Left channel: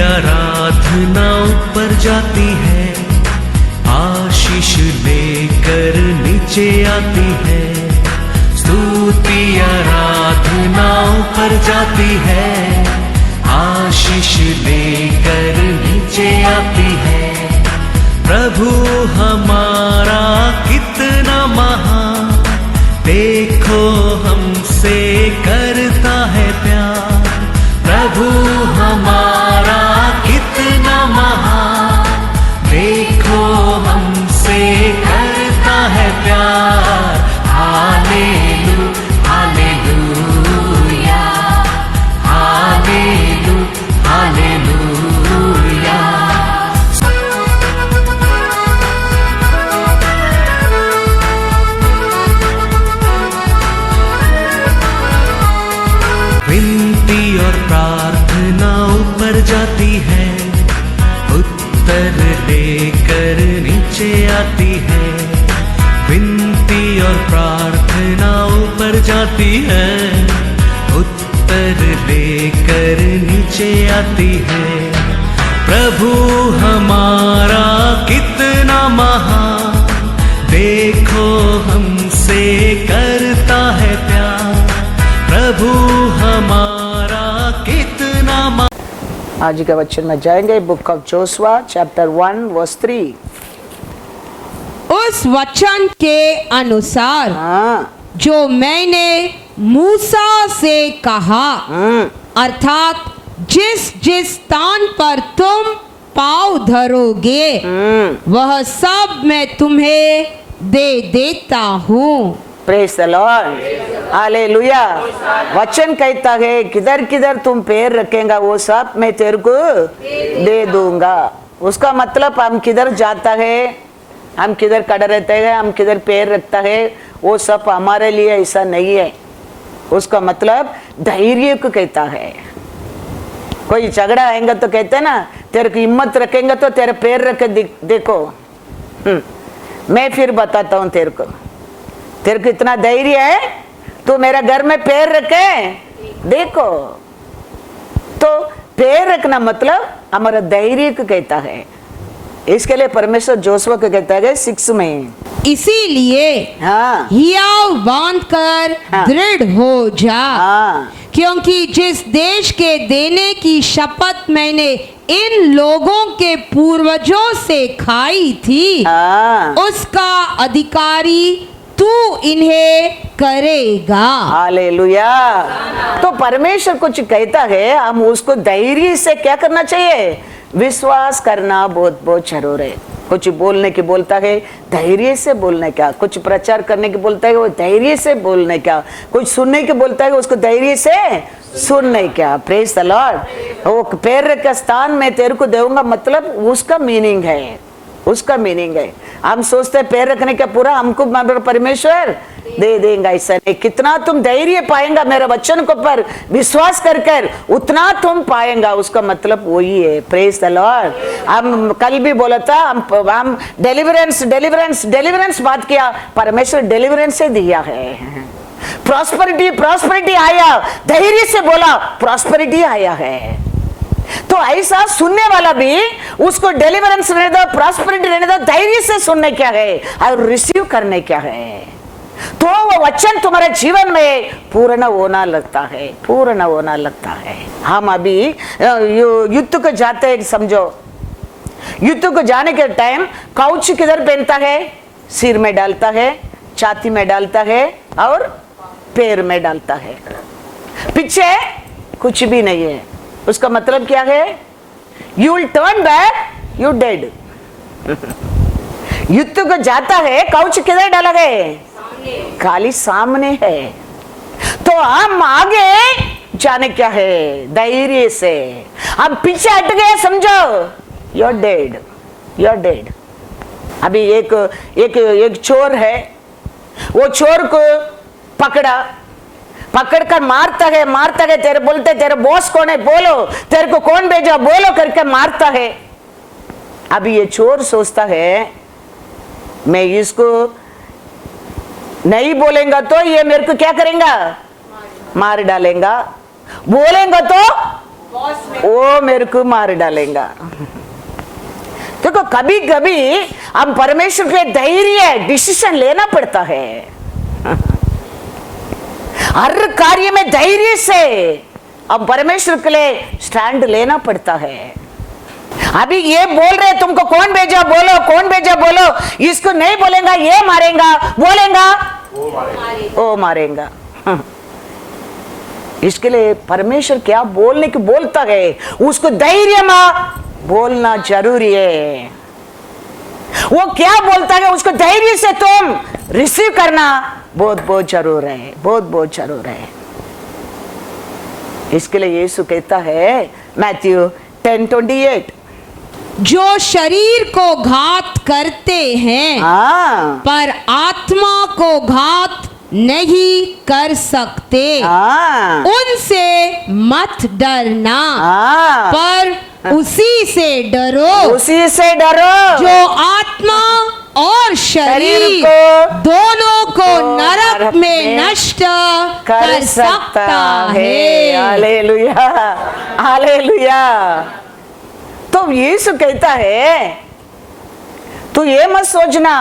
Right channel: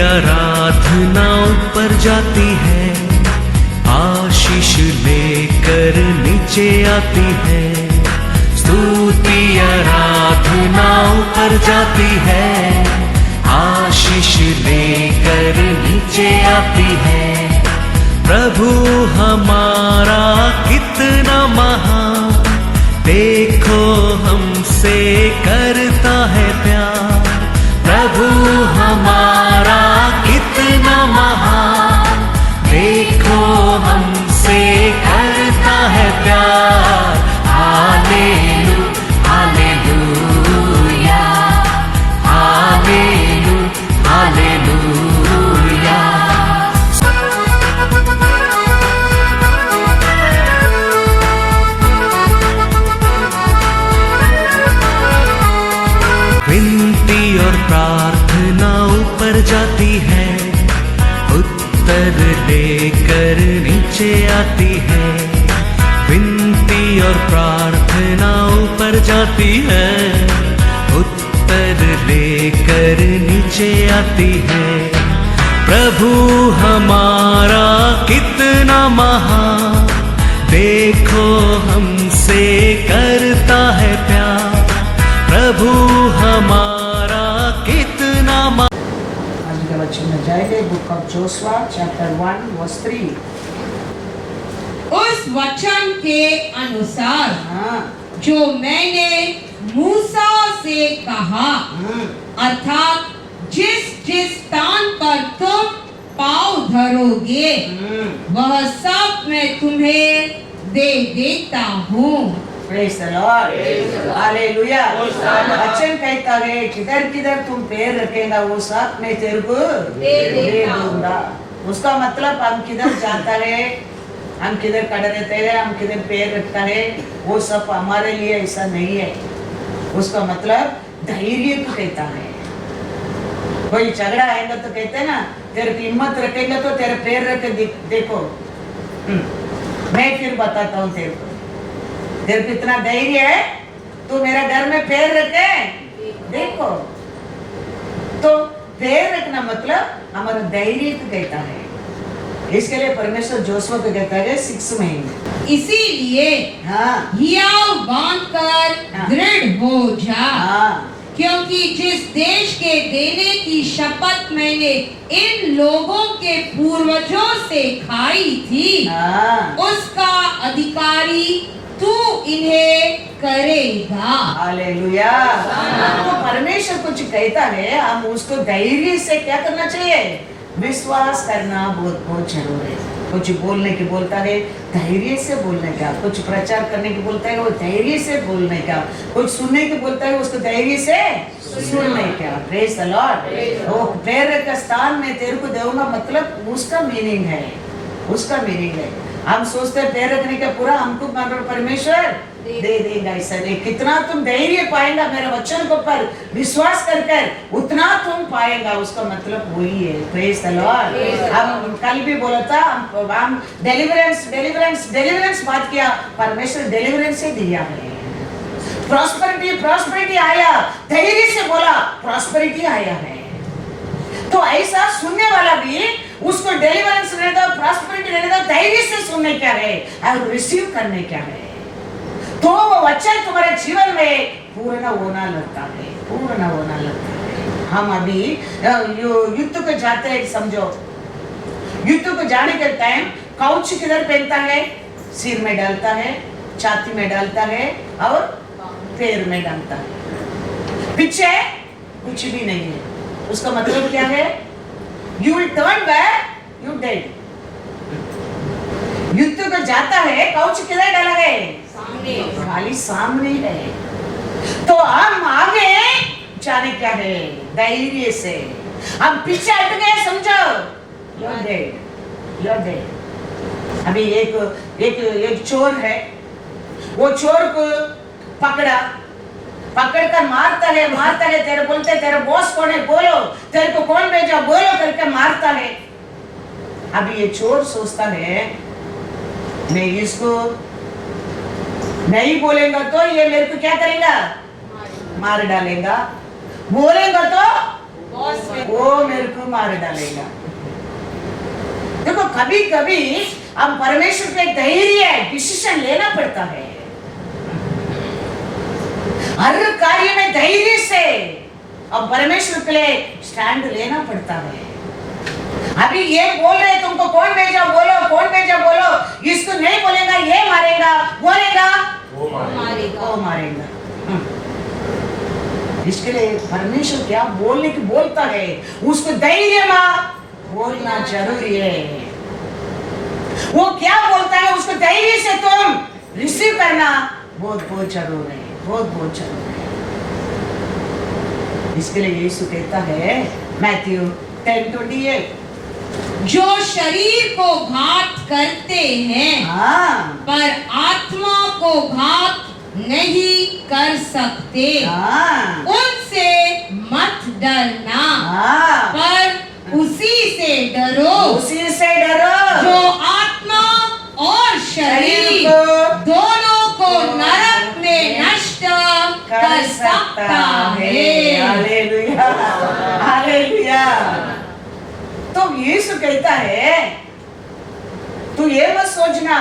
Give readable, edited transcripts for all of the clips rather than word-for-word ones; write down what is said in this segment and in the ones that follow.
आराधना ऊपर जाती है, आशीष लेकर नीचे आती है। स्तुति आराधना ऊपर जाती है, आशीष लेकर नीचे आती है। प्रभु हमारा कितना महान, देखो हमसे करता है प्यार। प्रभु हमारा कितना महान, देखो हमसे करता है प्यार। हालेलू हालेलूया, हालेलू हालेलूया। विनती और प्रार्थना ऊपर जाती है, उत्तर लेकर नीचे आती है। विनती और प्रार्थना ऊपर जाती है, उत्तर लेकर नीचे आती है। प्रभु हमारा कितना महान, देखो हमसे करता है प्यार। प्रभु हमारा कितना आज का वचन में जाएंगे book of Joshua chapter 1 verse 3। उस वचन के अनुसार जो मैंने मूसा से कहा, अर्थात जिस जिस स्थान पर तुम पाँव धरोगे वह सब मैं तुम्हें दे देता हूँ। Praise the lord, hallelujah. वचन कहता है किधर किधर तुम पैर रखेगा वो सब मैं तेरे को दे दूंगा। उसका मतलब हम किधर जाता है, हम किधर खड़े रहते हैं, हम किधर पैर रखता है, वो सब हमारे लिए ऐसा नहीं है। उसका मतलब धैर्य को कहता है। कोई झगड़ा आएगा तो कहते हैं ना, तेरे को हिम्मत रखेंगे तो तेरे पैर रख देखो, मैं फिर बताता हूँ तेरे को इतना धैर्य है, तू मेरे घर में पैर रखे देखो। तो पैर रखना मतलब हमारा धैर्य को कहता है। इसके लिए परमेश्वर जोशुआ को कहता है 6 में, इसीलिए हियाव बांधकर दृढ़ हो जा, क्योंकि जिस देश के देने की शपथ मैंने इन लोगों के पूर्वजों से खाई थी, उसका अधिकारी तू इन्हें करेगा। हालेलुया। तो परमेश्वर कुछ कहता है, हम उसको धैर्य से क्या करना चाहिए, विश्वास करना बहुत बहुत जरूर है। कुछ बोलने की बोलता है धैर्य से बोलने का, कुछ प्रचार करने की बोलता है वो धैर्य से बोलने का, कुछ सुनने की बोलता है उसको धैर्य से सुनने का। Praise the Lord. वो पैर का स्थान मैं तेरे को दूंगा, मतलब उसका मीनिंग है, उसका मीनिंग है। हम सोचते हैं पैर रखने का पूरा हमको परमेश्वर दे देंगे, ऐसा नहीं। कितना तुम धैर्य पाएंगा मेरे वचन को पर विश्वास कर उतना तुम पाएंगा, उसका मतलब वही है। Praise the Lord. हम कल भी बोला था, हम डिलीवरेंस बात किया, परमेश्वर डिलीवरेंस से दिया है। प्रॉस्पेरिटी आया, धैर्य से बोला प्रॉस्पेरिटी आया है। तो ऐसा सुनने वाला भी उसको डिलीवरेंस रहने दो, प्रॉस्पेरिटी रहने दो, धैर्य से सुनने क्या है और रिसीव करने क्या है, तो वो वचन तुम्हारे जीवन में पूर्ण होना लगता है, पूर्ण होना लगता है। हम अभी युद्ध को जाते हैं, समझो युद्ध को जाने के टाइम काउच किधर पहनता है, सिर में डालता है, छाती में डालता है और पैर में डालता है, पीछे कुछ भी नहीं है। उसका मतलब क्या है, you will turn back, you dead. युद्ध को जाता है, काउच किधर डाला है, खाली सामने है। तो हम आगे जाने क्या है, धैर्य से। हम पीछे हट गए समझो, you are dead, you are dead. अभी एक चोर है, वो चोर को पकड़ कर मारता है, तेरे बोलते तेरे बॉस कौन है बोलो, तेरे को कौन भेजा बोलो करके मारता है। अभी ये चोर सोचता है मैं इसको नहीं बोलेगा तो ये मेरे को क्या करेगा, मार डालेगा, बोलेगा तो वो मेरे को मार डालेगा। देखो कभी कभी हम परमेश्वर के धैर्य डिसीजन लेना पड़ता है। हर कार्य में धैर्य से हम परमेश्वर के लिए स्टैंड लेना पड़ता है। अभी ये बोल रहे तुमको कौन भेजा बोलो, कौन भेजा बोलो, इसको नहीं बोलेगा ये मारेगा, बोलेगा वो मारेगा। इसके लिए परमेश्वर क्या बोलने की बोलता है उसको धैर्य में बोलना जरूरी है। वो क्या बोलता है उसको धैर्य से तुम रिसीव करना बहुत बहुत जरूर है, बहुत बहुत जरूर है। इसके लिए यीशु कहता है मैथ्यू 10:28, जो शरीर को घात करते हैं पर आत्मा को घात नहीं कर सकते, उनसे मत डरना, पर उसी से डरो, उसी से डरो जो आत्मा और शरीर दोनों को नरक में नष्ट कर सकता है। Hallelujah, hallelujah. तो यीशु कहता है तू ये मत सोचना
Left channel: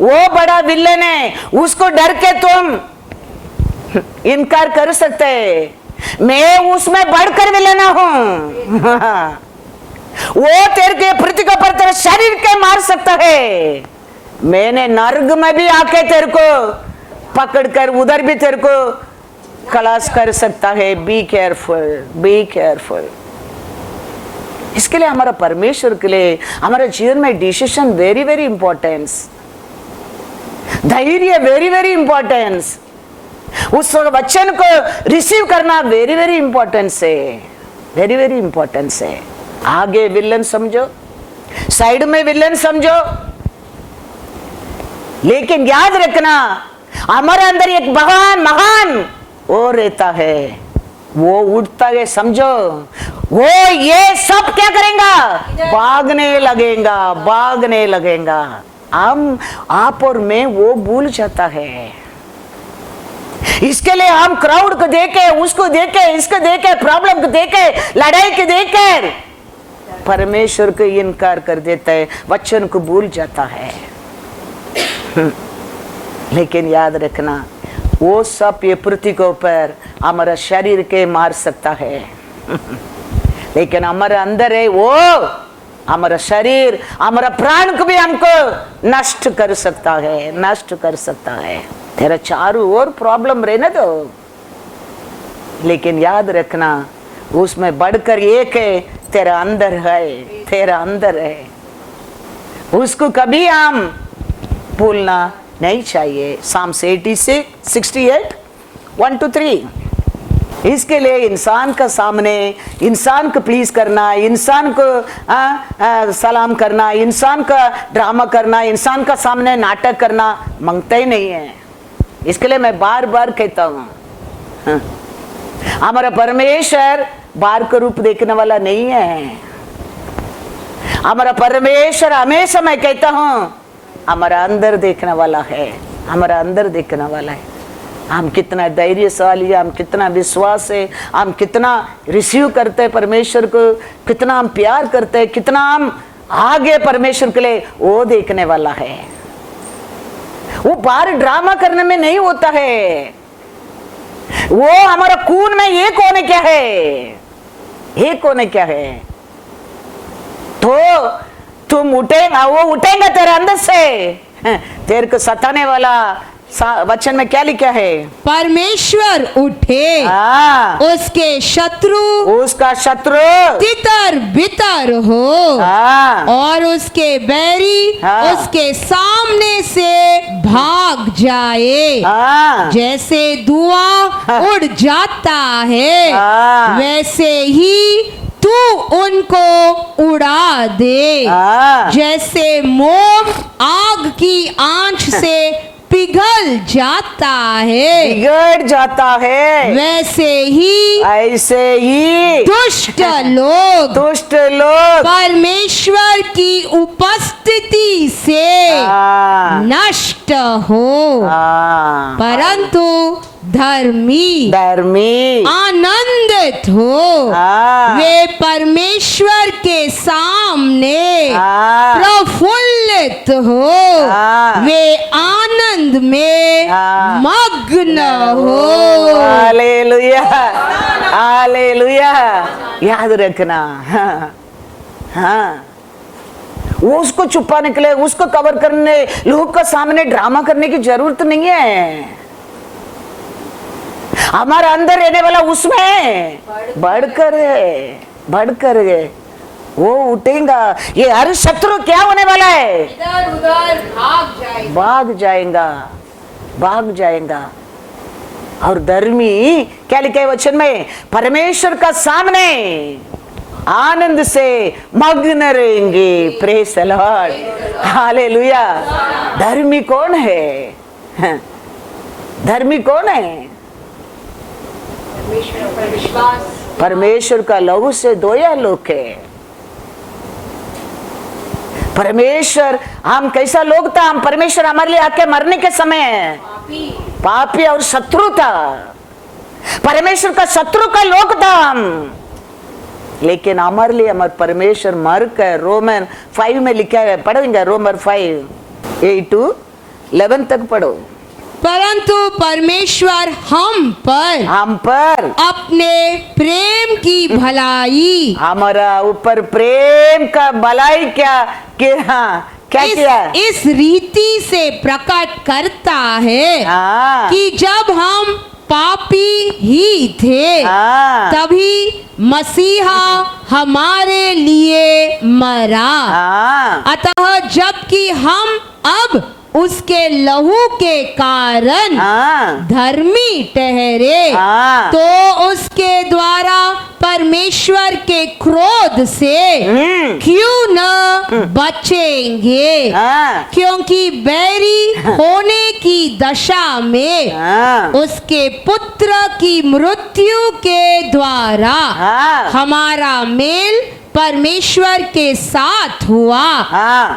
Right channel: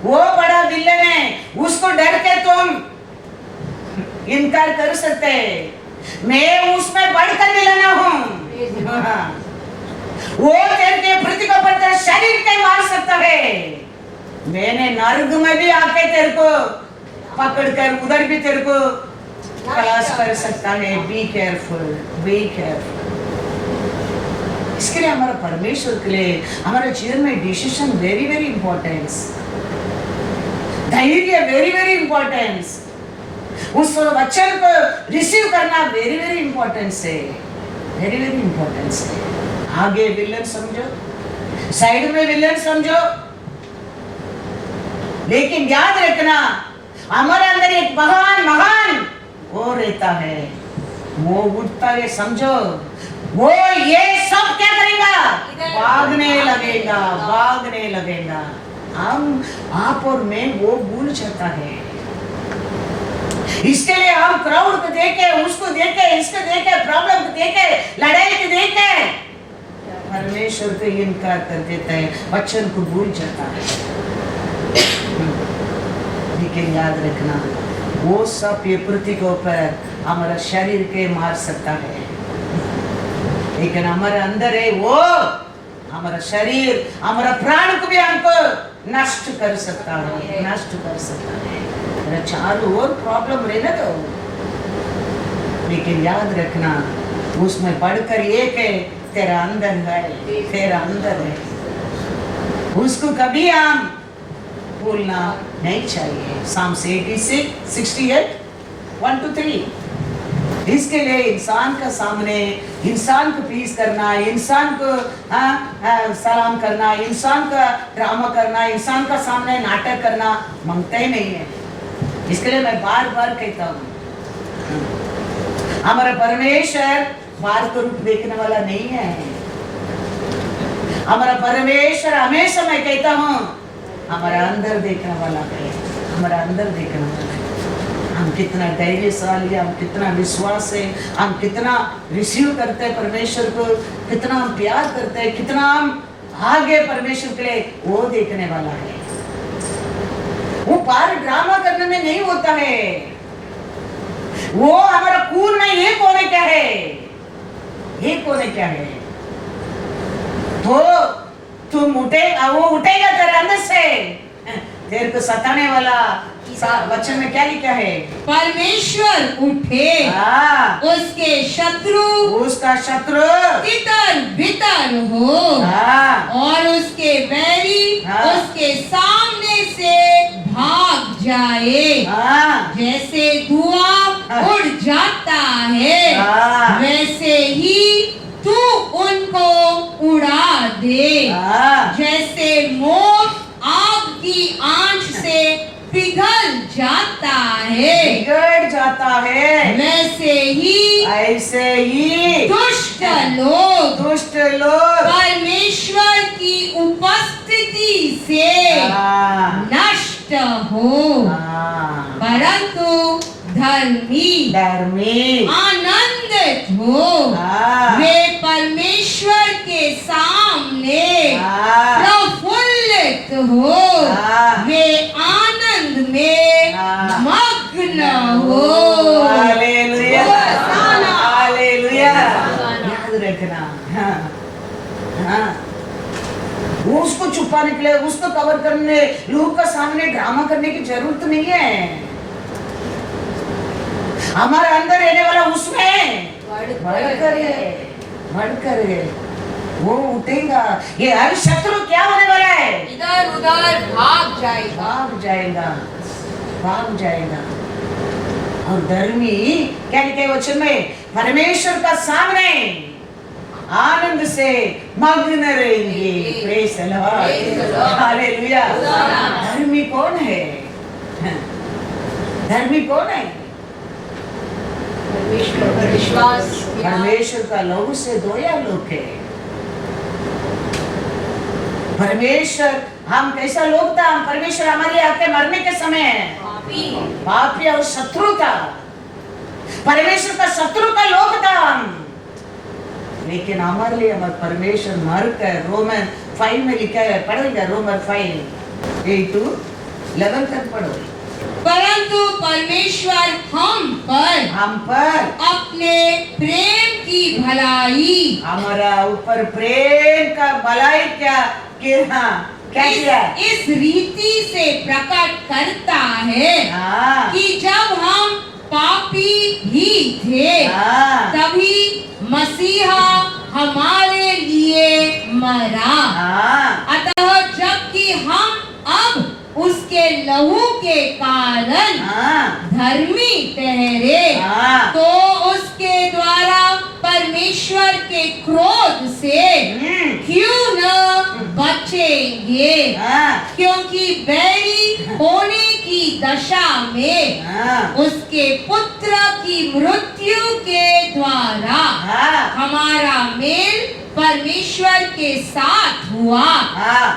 वो बड़ा विलन है उसको डर के तुम इनकार कर सकते, मैं उसमें बढ़कर विलन हूं। वो तेरे के प्रतिका पर तेरे शरीर के मार सकता है, मैंने नर्क में भी आके तेरे को पकड़कर उधर भी तेरे को खलास कर सकता है। Be careful, be careful. इसके लिए हमारा परमेश्वर के लिए हमारे जीवन में डिसीजन वेरी वेरी इंपॉर्टेंस, धैर्य वेरी वेरी इंपॉर्टेंस, उस वचन को रिसीव करना वेरी वेरी इंपॉर्टेंस है, वेरी वेरी इंपॉर्टेंस है। आगे विलन समझो, साइड में विलन समझो, लेकिन याद रखना हमारे अंदर एक महान महान वो रहता है, वो उठता है समझो, वो ये सब क्या करेगा, भागने लगेगा, भागने लगेगा। हम आप और मैं वो भूल जाता है। इसके लिए हम क्राउड को देखे, उसको देखे, इसको देखे, प्रॉब्लम को देखे, लड़ाई को देखे परमेश्वर को इनकार कर देता है, वचन को भूल जाता है। लेकिन याद रखना वो सब ये पृथ्वी के ऊपर हमारा शरीर के मार सकता है, लेकिन हमारे अंदर है वो हमारा शरीर, हमारा प्राण को भी हमको नष्ट कर सकता है, नष्ट कर सकता है। तेरा चारों ओर प्रॉब्लम रहने दो, लेकिन याद रखना उसमें बढ़कर एक है, तेरा अंदर है, तेरा अंदर है, उसको कभी हम भूलना नहीं चाहिए। Psalms 86:68 1-3। इसके लिए इंसान का सामने इंसान को प्लीज करना, इंसान को सलाम करना, इंसान का ड्रामा करना, इंसान का सामने नाटक करना मांगता ही नहीं है। इसके लिए मैं बार बार कहता हूँ हमारा परमेश्वर बाहर का रूप देखने वाला नहीं है। हमारा परमेश्वर हमेशा मैं कहता हूँ हमारा अंदर देखने वाला है, हमारा अंदर देखने वाला है। हम कितना धैर्यशाली है, हम कितना विश्वास है, हम कितना रिसीव करते हैं परमेश्वर को, कितना हम प्यार करते हैं, कितना हम आगे परमेश्वर के लिए वो देखने वाला है। वो बाहर ड्रामा करने में नहीं होता है, वो हमारा खून में एक होने क्या है, एक होने क्या है। तो तुम उठेगा, वो उठेगा तेरे अंदर से, तेरे को सताने वाला वचन में क्या लिखा है, परमेश्वर उठे उसके शत्रु, उसका शत्रु तितर बितर हो और उसके बैरी उसके सामने से भाग जाए। जैसे धुआं उड़ जाता है वैसे ही तू उनको उड़ा दे। जैसे मोम आग की आंच से पिघल जाता है, बिगड़ जाता है, वैसे ही ऐसे ही दुष्ट लोग परमेश्वर की उपस्थिति से नष्ट हो, परंतु धर्मी आनंदित हो। वे परमेश्वर याद रखना। हाँ, हाँ, उसको छुपाने के लिए, उसको कवर करने, लोगों का सामने ड्रामा करने की जरूरत नहीं है। हमारा अंदर रहने वाला उसमें बढ़कर है, बढ़कर है, वो उठेगा। ये हर शत्रु क्या होने वाला है? इधर उधर भाग जाएगा, भाग जाएगा, भाग जाएगा। और धर्मी क्या लिखा है वचन में? परमेश्वर का सामने आनंद से मग्न रहेंगे। Praise the lord, hallelujah. धर्मी कौन है? धर्मी कौन है? परमेश्वर का लहू से धोया लोग है। परमेश्वर, हम कैसा लोग था? हम परमेश्वर हमारे लिए आके मरने के समय पापी और शत्रु था, परमेश्वर का शत्रु का लोग था हम, लेकिन हमारे लिए हमारे परमेश्वर मर कर, रोमन 5 में लिखा है, पढ़ेंगे रोमन 5 8 to 11 तक पढ़ो। परंतु परमेश्वर हम पर अपने प्रेम की भलाई, हमारा ऊपर प्रेम का भलाई क्या किया? इस रीति से प्रकट करता है कि जब हम पापी ही थे तभी मसीहा हमारे लिए मरा। अतः जबकि हम अब उसके लहू के कारण धर्मी ठहरे, तो उसके द्वारा परमेश्वर के क्रोध से क्यों न बचेंगे? क्योंकि बैरी होने की दशा में उसके पुत्र की मृत्यु के द्वारा हमारा मेल परमेश्वर के साथ हुआ,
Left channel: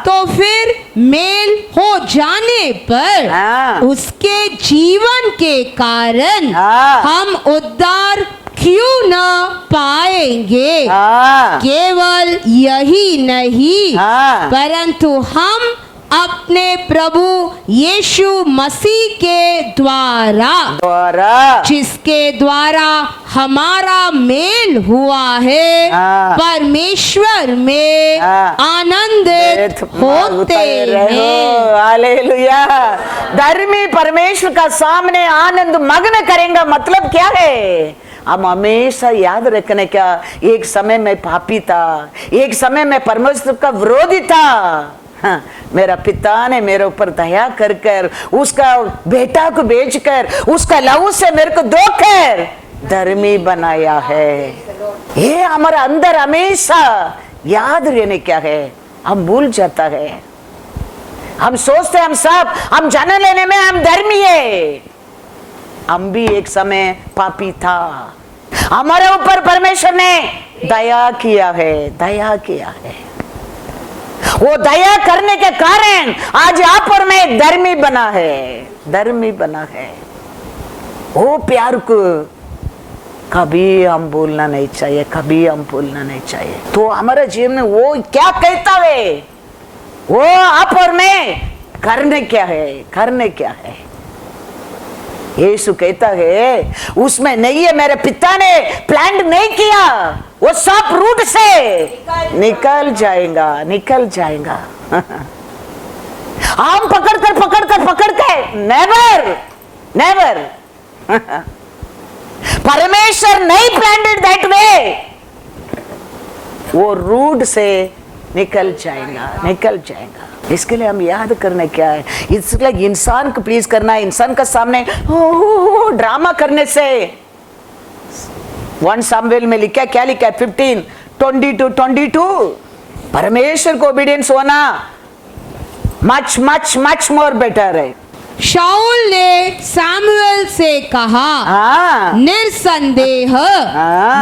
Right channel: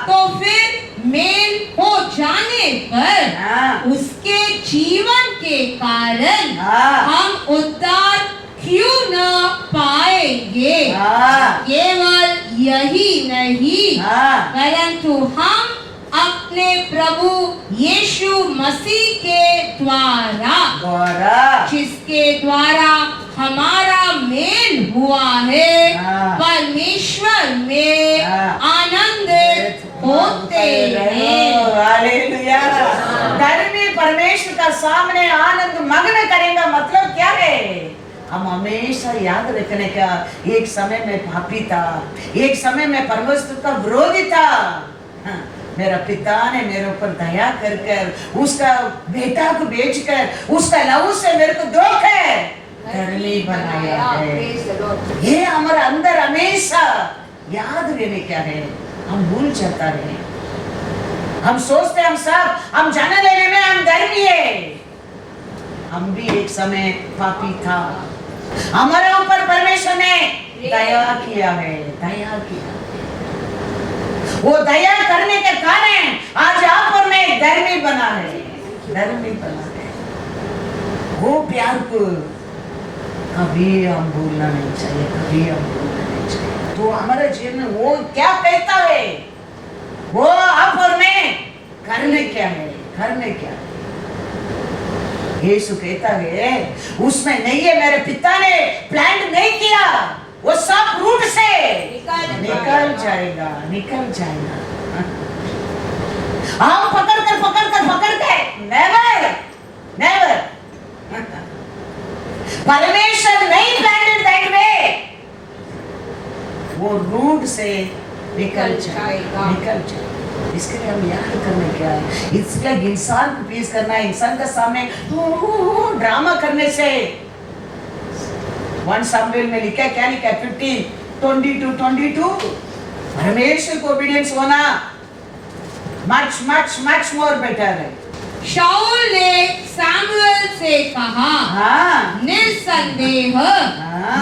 तो फिर मेल हो जाने पर उसके जीवन के कारण हम उद्धार क्यों न पाएंगे? केवल यही नहीं, परंतु हम अपने प्रभु यीशु मसीह के द्वारा जिसके द्वारा हमारा मेल हुआ है, परमेश्वर में आनंदित होते हैं। हालेलुया। धर्मी परमेश्वर का सामने आनंद मग्न करेंगे, मतलब क्या है? हम हमेशा याद रखने का, एक समय में पापी था, एक समय में परमेश्वर का विरोधी था। मेरा पिता ने मेरे ऊपर दया कर कर उसका बेटा को बेचकर उसका लहू से मेरे को धोकर धर्मी बनाया है। ये हमारे अंदर हमेशा याद रहने क्या है, हम भूल जाता है। हम सोचते हैं हम सब, हम जान लेने में हम धर्मी है। हम भी एक समय पापी था, हमारे ऊपर परमेश्वर ने दया किया है, दया किया है। वो दया करने के कारण आज आप और मैं धर्मी बना है, धर्मी बना है। वो प्यार को कभी हम भूलना नहीं चाहिए, कभी हम भूलना नहीं चाहिए। तो हमारा जीवन में वो क्या कहता है, वो आप और मैं करने क्या है, करने क्या है? यीशु कहता है उसमें नहीं है, मेरे पिता ने प्लान नहीं किया, वो सब रूट से निकल जाएगा, निकल जाएगा। हम पकड़ कर नेवर नेवर। परमेश्वर नहीं प्लान्ड दैट वे, वो रूट से निकल जाएगा, निकल जाएगा। इसके लिए हम याद करना क्या है, इसलिए इंसान को प्लीज करना है। इंसान का सामने ड्रामा करने से 1 सामुएल में लिखा, क्या लिखा है 15:20-22, परमेश्वर को ओबीडियंस होना much much much more better है। शाऊल ने सामुएल से कहा, निर्संदेह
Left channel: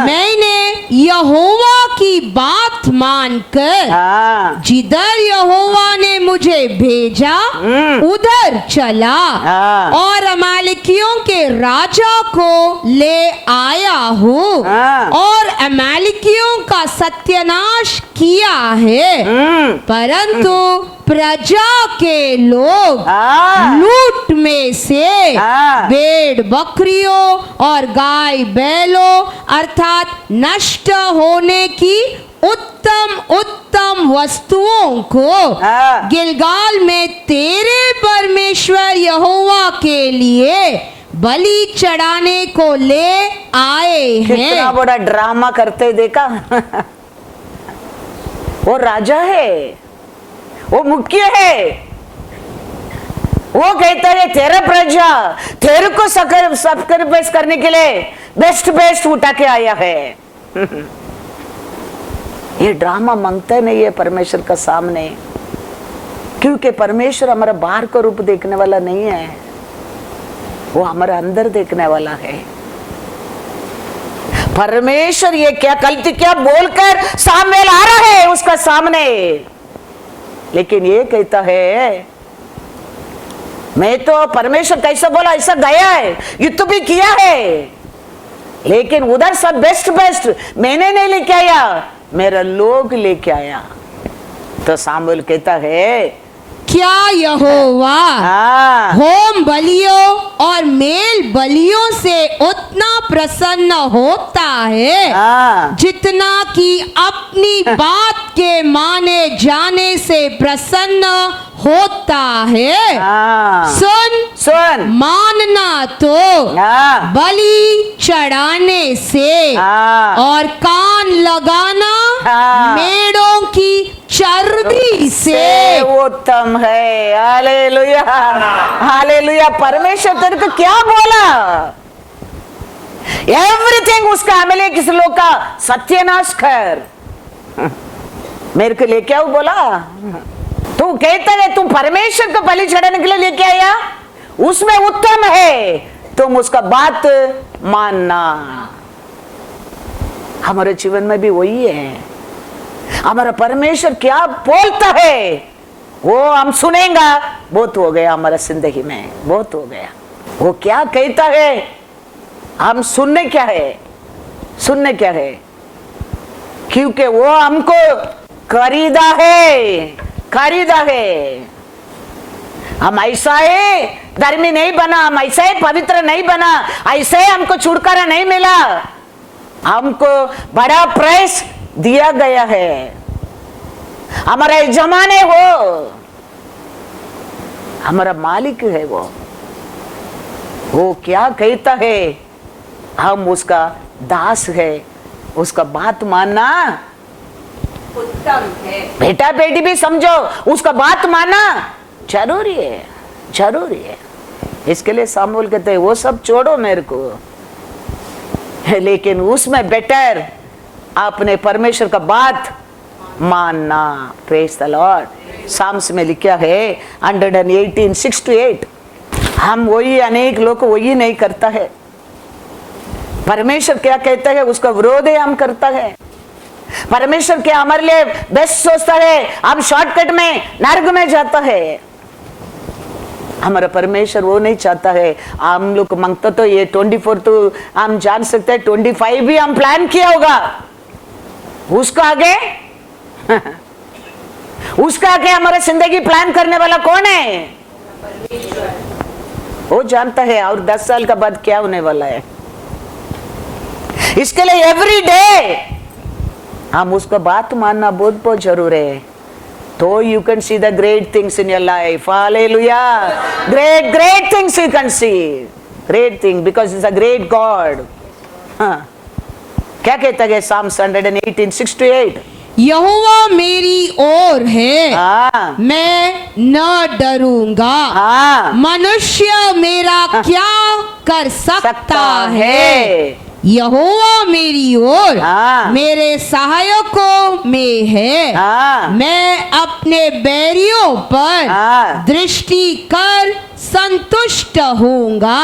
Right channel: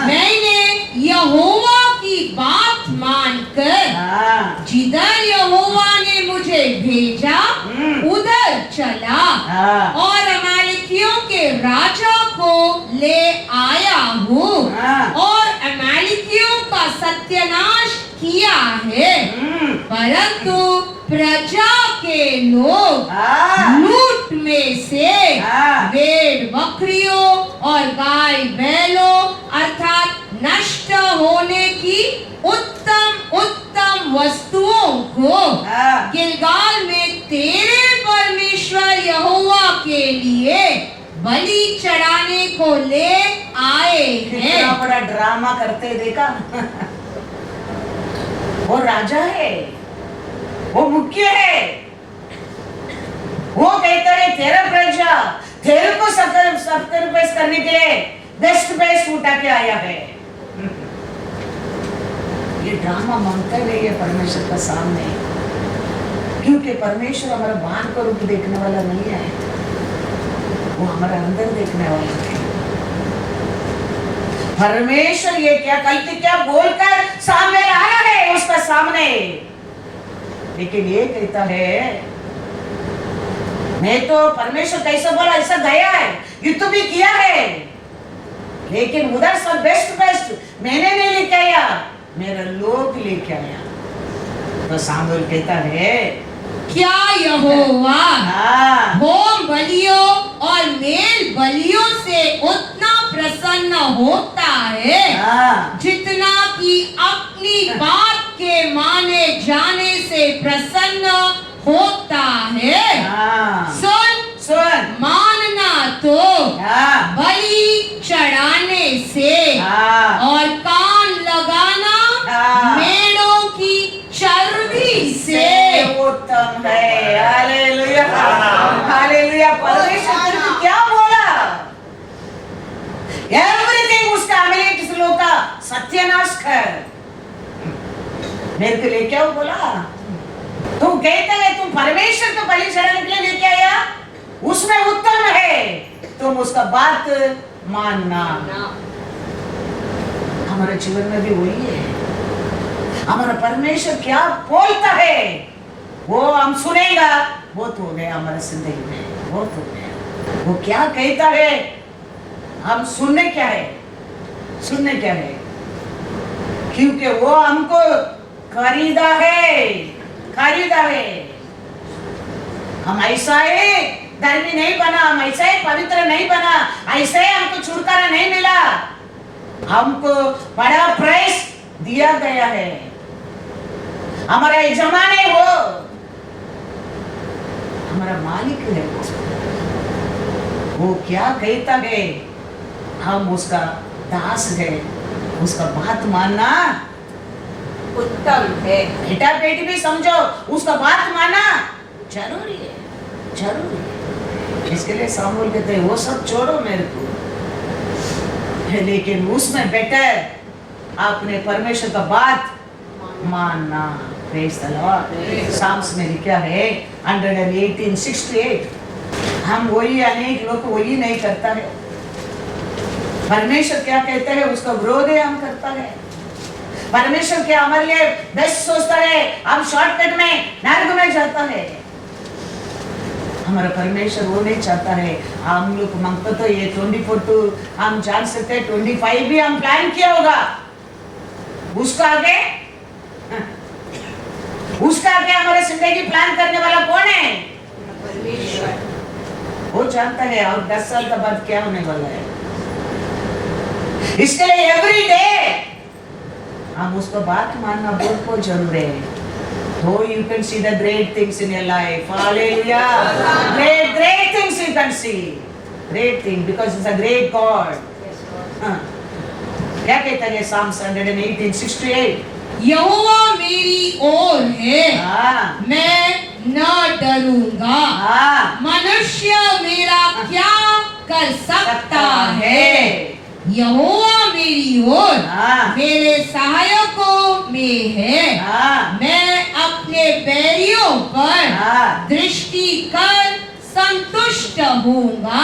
मैंने यहोवा की बात मानकर जिधर यहोवा ने मुझे भेजा उधर चला और अमालेकियों के राजा को ले आया हूँ और अमालेकियों का सत्यानाश किया है। परंतु प्रजा के लोग हाँ। लूट में से हाँ। भेड़ बकरियों और गाय बैलों अर्थात नष्ट होने की उत्तम उत्तम वस्तुओं को हाँ। गिलगाल में तेरे परमेश्वर यहोवा के लिए बलि चढ़ाने को ले आए कितना हैं। बड़ा ड्रामा करते देखा। वो राजा है, वो मुख्य है, वो कहते हैं तेरा प्रजा तेरे को सैक्रिफाइस करने के लिए बेस्ट उठा के आया है। ये ड्रामा मांगता नहीं है परमेश्वर का सामने, क्योंकि परमेश्वर हमारा बाहर को रूप देखने वाला नहीं है, वो हमारा अंदर देखने वाला है। परमेश्वर ये क्या गलती क्या बोलकर सामवेल आ रहा है उसका सामने, लेकिन ये कहता है मैं तो परमेश्वर कैसा बोला ऐसा गया है, युद्ध भी किया है, लेकिन उधर सब बेस्ट मैंने नहीं लेके आया, मेरा लोग लेके आया। तो सामुएल कहता है क्या यहोवा हाँ। होम बलियों और मेल बलियों से उतना प्रसन्न होता है हाँ। जितना कि अपनी बात के माने जाने से प्रसन्न होता है। हाँ। सुन मानना तो हाँ। बलि चढ़ाने से हाँ। और कान लगाना हाँ। मेढ़ों की चर्बी से उत्तम है। Hallelujah hallelujah. परमेश्वर तेरे को क्या बोला? एवरीथिंग उसका अमले किस लोग का सत्यानाश कर, मेरे को लेके आओ बोला। तू कहता है तू परमेश्वर को बलि चढ़ाने के लिए लेके आया, उसमें उत्तम है तुम उसका बात मानना। हमारे जीवन में भी वही है, हमारा परमेश्वर क्या बोलता है वो हम सुनेगा। बहुत हो गया हमारा जिंदगी में, बहुत हो गया। वो क्या कहता है हम सुनने क्या है, सुनने क्या है, क्योंकि वो हमको खरीदा है, खरीदा है। हम ऐसा है धर्मी नहीं बना, हम ऐसा है पवित्र नहीं बना, ऐसा है हमको छुटकारा नहीं मिला, हमको बड़ा प्राइस दिया गया है, हमारा यजमान है वो, हमारा मालिक है वो क्या कहता है हम उसका दास है, उसका बात मानना उत्तम है। बेटा बेटी भी समझो उसका बात मानना जरूरी है, जरूरी है। इसके लिए सामुएल कहते हैं वो सब छोड़ो मेरे को, लेकिन उसमें बेटर आपने परमेश्वर का बात मानना। Praise the Lord. साम्स में लिखा है 118:6-8। हम वही, अनेक लोग वही नहीं करता है। परमेश्वर क्या कहता है उसका विरोध है हम करता है। परमेश्वर क्या हमारे लिए बेस्ट सोचता है, हम शॉर्टकट में नरक में जाता है। हमारा परमेश्वर वो नहीं चाहता है। हम लोग मांगता तो ये 24 तो हम जान सकते हैं, 25 भी हम प्लान किया होगा, उसका आगे उसका आगे हमारे जिंदगी प्लान करने वाला कौन है? वो जानता है और 10 साल का बाद क्या होने वाला है। इसके लिए एवरी डे हम उसका बात मानना बहुत बहुत जरूरी है, तो you can see the great things in your life. Hallelujah. Great things you can see. Great thing because it's a great God. हाँ। क्या कहता है Psalms 118:6-8? यहोवा मेरी ओर है, हाँ। मैं न डरूंगा। हाँ। मनुष्य मेरा क्या कर सकता है? यहोवा मेरी ओर हाँ। मेरे सहायकों में है। हाँ। मैं अपने बैरियों पर हाँ। दृष्टि कर संतुष्ट होऊंगा।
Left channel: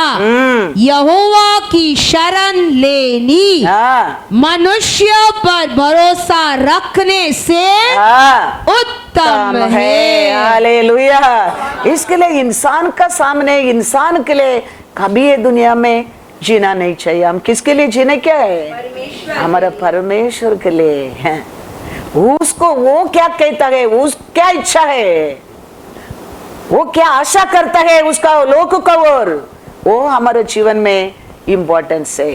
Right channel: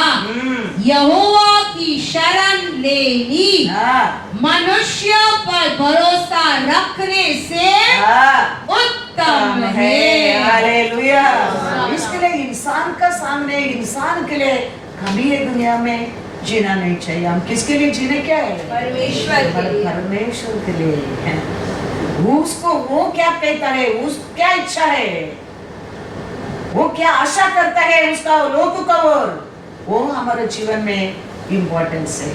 यहोवा की शरण लेनी हाँ। मनुष्य पर भरोसा रखने से हाँ। उत्तम है। हालेलुया। इसके लिए इंसान का सामने, इंसान के लिए कभी ये दुनिया में जीना नहीं चाहिए। हम किसके लिए जीने क्या है? हमारा परमेश्वर के लिए है। उसको वो क्या कहता है, उस क्या इच्छा है वो क्या आशा करता है उसका लोक का ओर, वो हमारे जीवन में इंपॉर्टेंस है।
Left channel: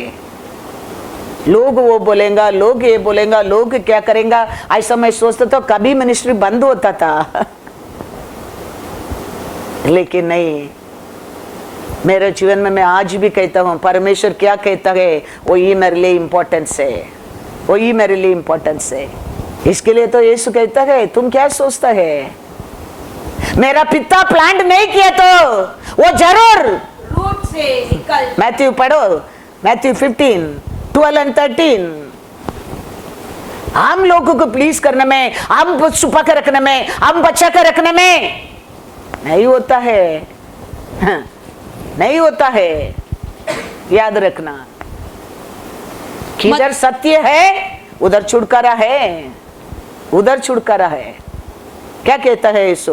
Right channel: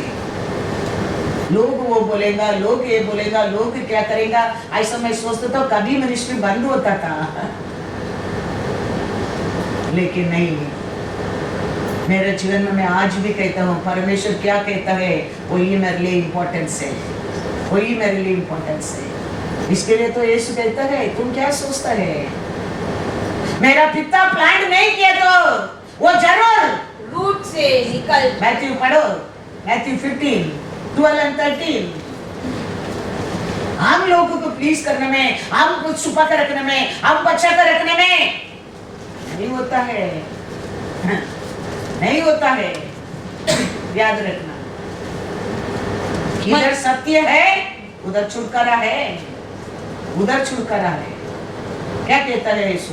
लोग वो बोलेगा, लोग ये बोलेगा, लोग क्या करेंगे, ऐसा मैं सोचता तो कभी मिनिस्ट्री बंद होता था लेकिन नहीं, मेरे जीवन में मैं आज भी कहता हूँ परमेश्वर क्या कहता है वही मेरे लिए इंपॉर्टेंस है, वही मेरे लिए इंपॉर्टेंस है। इसके लिए तो यीशु कहता है तुम क्या सोचता है, मेरा पिता प्लान नहीं किया तो वो जरूर रूट से निकल। मैथ्यू पढ़ो, मैथ्यू 15:12 और 13। हम लोगों को प्लीज करने में, हम छुपा कर रखने में, हम बचा कर रखने में नहीं होता है, नहीं होता है। याद रखना, किधर सत्य है उधर छुटकारा है, उधर छुटकारा है। क्या कहता है यीशु?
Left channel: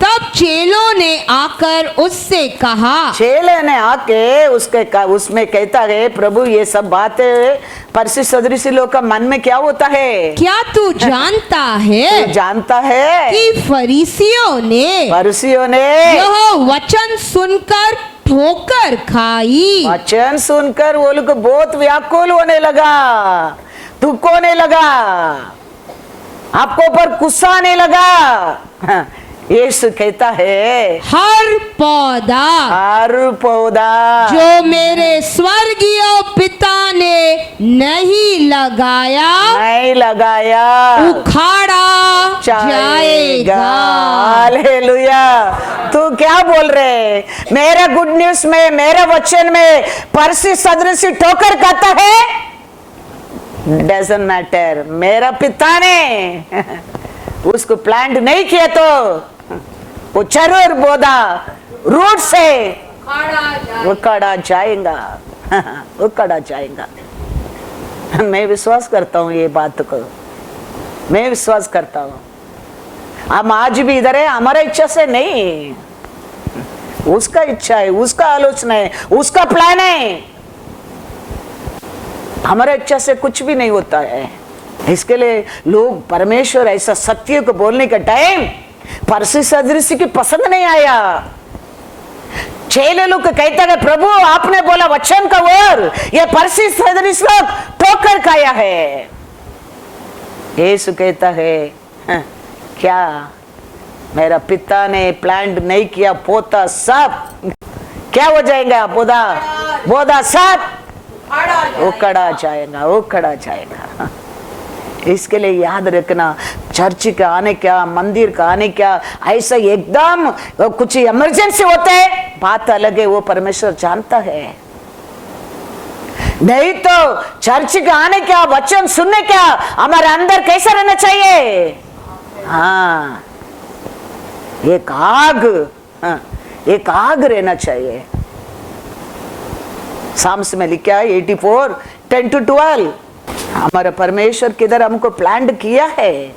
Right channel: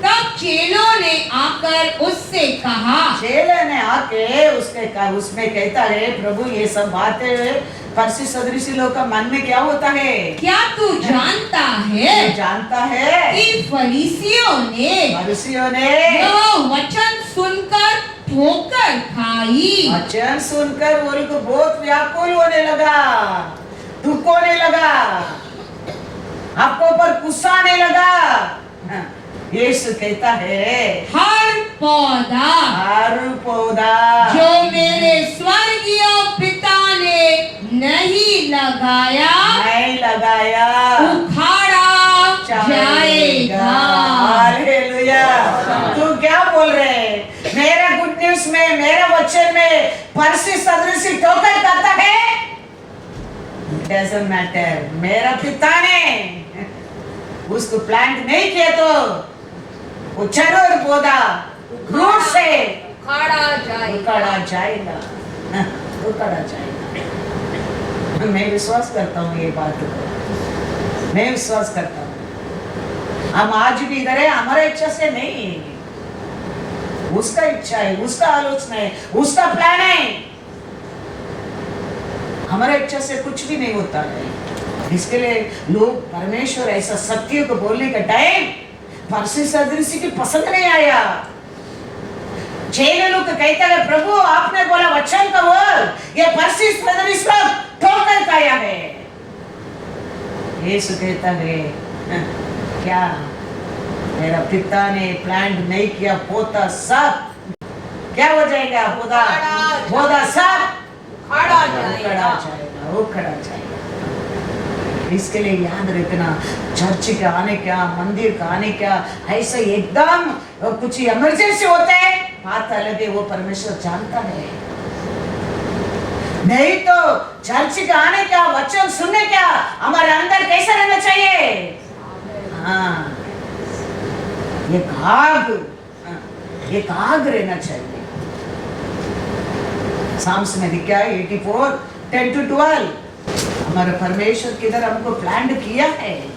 तब चेलों ने आकर उससे कहा, चेले ने आके उसमें कहता है प्रभु ये सब बातें परसी सदृशी लोग का मन में क्या होता है, क्या तू जानता है, तू जानता है कि फरीसियों ने यह वचन सुनकर ठोकर खाई। वचन सुनकर वो लोग बहुत व्याकुल होने लगा, दुख होने लगा, आपको ऊपर गुस्सा आने लगा। यीशु कहता है हर पौधा जो मेरे स्वर्गीय पिता ने नहीं लगाया उखाड़ा जाएगा। हालेलुया। तू क्या बोल रहे, मेरे गुड न्यूज में, मेरे वचन में परसी सदृशी ठोकर खाता है, डजंट मैटर, मेरा पिता ने उसको प्लांट नहीं किया तो वो जरूर पौधा रूट से उखाड़ा जाएगा, उखाड़ा जाएगा। मैं विश्वास करता हूँ ये बात को, मैं विश्वास करता हूँ। हम आज भी इधर है हमारा इच्छा से नहीं, उसका इच्छा है, उसका आलोचना है, उसका प्लान है। हमारा इच्छा से कुछ भी नहीं होता है। इसके लिए लोग परमेश्वर ऐसा सत्य को बोलने का टाइम परसी सदृशी की पसंद नहीं आया। चेले लोग कहता है प्रभु आपने बोला वचन का ओर, ये परसी सदृश लोग ठोकर खाया है। यीशु कहता है क्या मेरा पिता ने प्लांट नहीं किया, पौधा सब क्या हो जाएगा, पौधा सब उखड़ा जाएगा, उखड़ा जाएगा। इसके लिए याद रखना, चर्च का आने क्या, मंदिर का आने क्या, ऐसा एकदम कुछ इमरजेंसी होता है, बात अलग है, वो परमेश्वर जानता है। नहीं तो चर्च का आने क्या, वचन सुनने क्या, हमारे अंदर कैसा रहना चाहिए, हाँ एक आग, एक आग रहना चाहिए। साम्स में लिखा है 84:10-12, हमारा परमेश्वर किधर हमको प्लान किया है,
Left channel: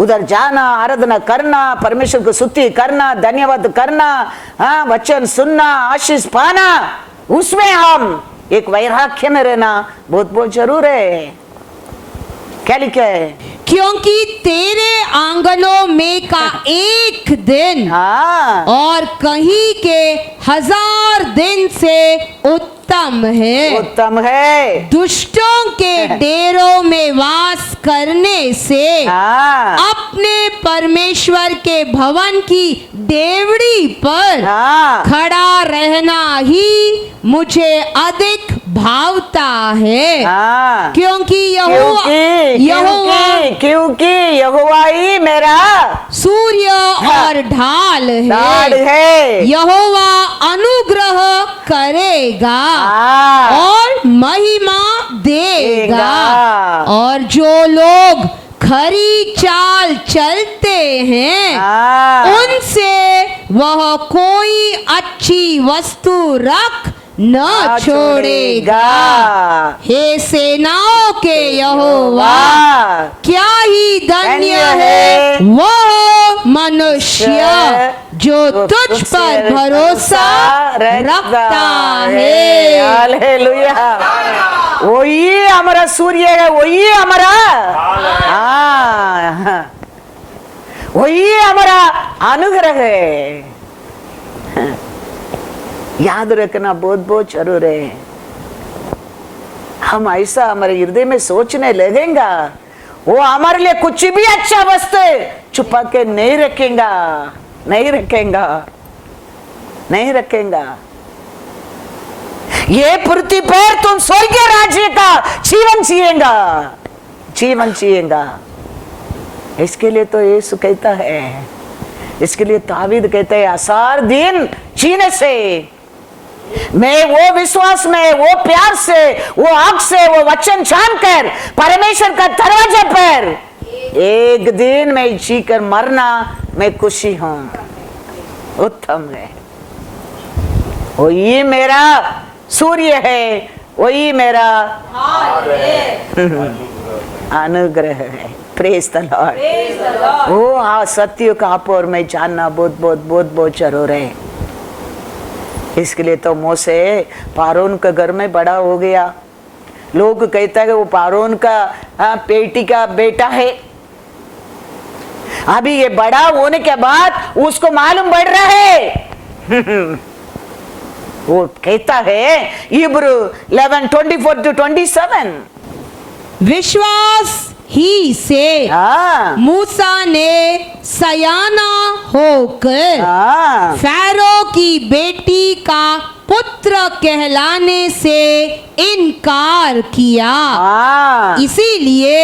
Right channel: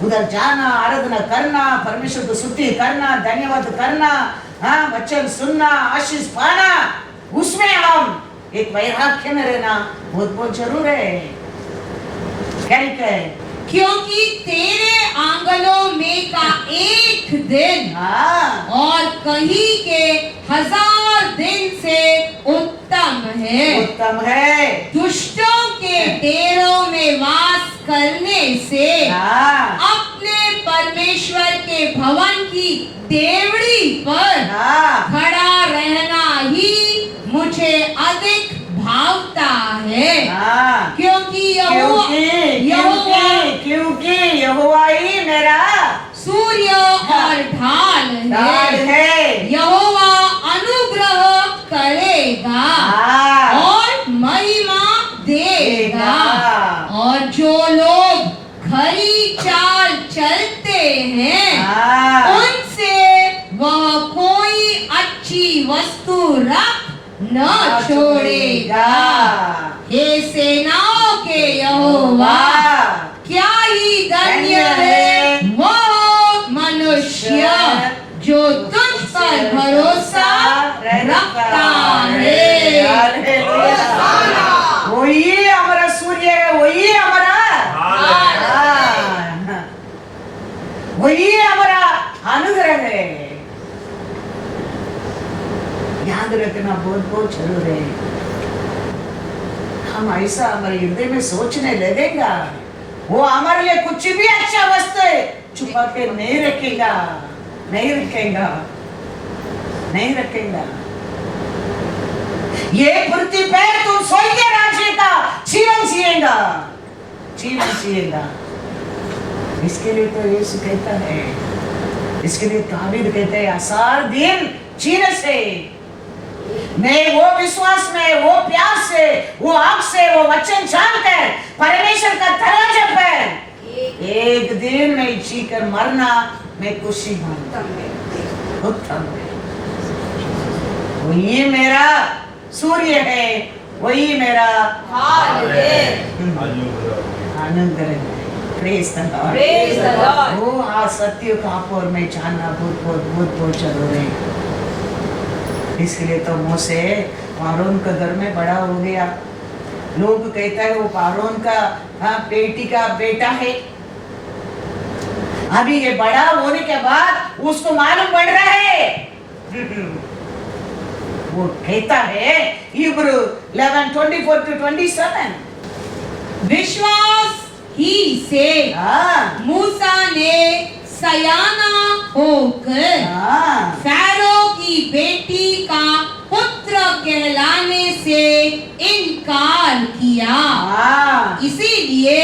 उधर जाना, आराधना करना, परमेश्वर को स्तुति करना, धन्यवाद करना, हाँ वचन सुनना, आशीष पाना, उसमें हम एक वैराग्य में रहना बहुत बहुत जरूर है। क्या लिखा है? क्योंकि तेरे आंगनों में का एक दिन और कहीं के 1000 दिन से उत्तम है, उत्तम है। दुष्टों के डेरों में वास करने से अपने परमेश्वर के भवन की डेवड़ी पर खड़ा रहना ही मुझे अधिक भावता है। क्योंकि यहोवा ही मेरा सूर्य और ढाल है। यहोवा अनुग्रह करेगा और महिमा देगा, और जो लोग खरी चाल चलते हैं उनसे वह कोई अच्छी वस्तु रख न छोड़ेगा। हे सेनाओं के यहोवा, क्या ही धन्य है वह मनुष्य जो तुझ पर भरोसा रखता है। हालेलुया। वही हमारा सूर्य है, वही हमारा, वही हमारा अनुग्रह है। याद रखना बहुत बहुत जरूर है। हम ऐसा हमारे हृदय में सोचने लगेगा, वो हमारे लिए कुछ भी अच्छा वस्तु छुपा के नहीं रखेगा, नहीं रखेगा, नहीं रखेगा। ये पृथ्वी पर तुम स्वर्गीय राज्य का जीवन जिएगा, जीवन जिएगा। इसके लिए तो यीशु कहता है, इसके लिए तावीद कहते हैं, आसार दिन जीने से मैं वो विश्वास में, वो प्यार से, वो आग से, वो वचन जानकर परमेश्वर का दरवाजे पर एक दिन मैं जी कर मरना मैं खुशी हूं, उत्तम है। वही मेरा सूर्य है, वही मेरा अनुग्रह है। Praise the Lord. वो सत्य का आप और मैं जानना बहुत बहुत बहुत बहुत जरूर है। इसके लिए तो मोसे पारोन के घर में बड़ा हो गया। लोग कहता है वो पारोन का बेटी का बेटा है। अभी ये बड़ा होने के बाद उसको मालूम पड़ रहा है वो कहता है इब्रू 11:24-27 विश्वास ही से मूसा ने सयाना होकर फैरो की बेटी का पुत्र कहलाने से इनकार किया, इसीलिए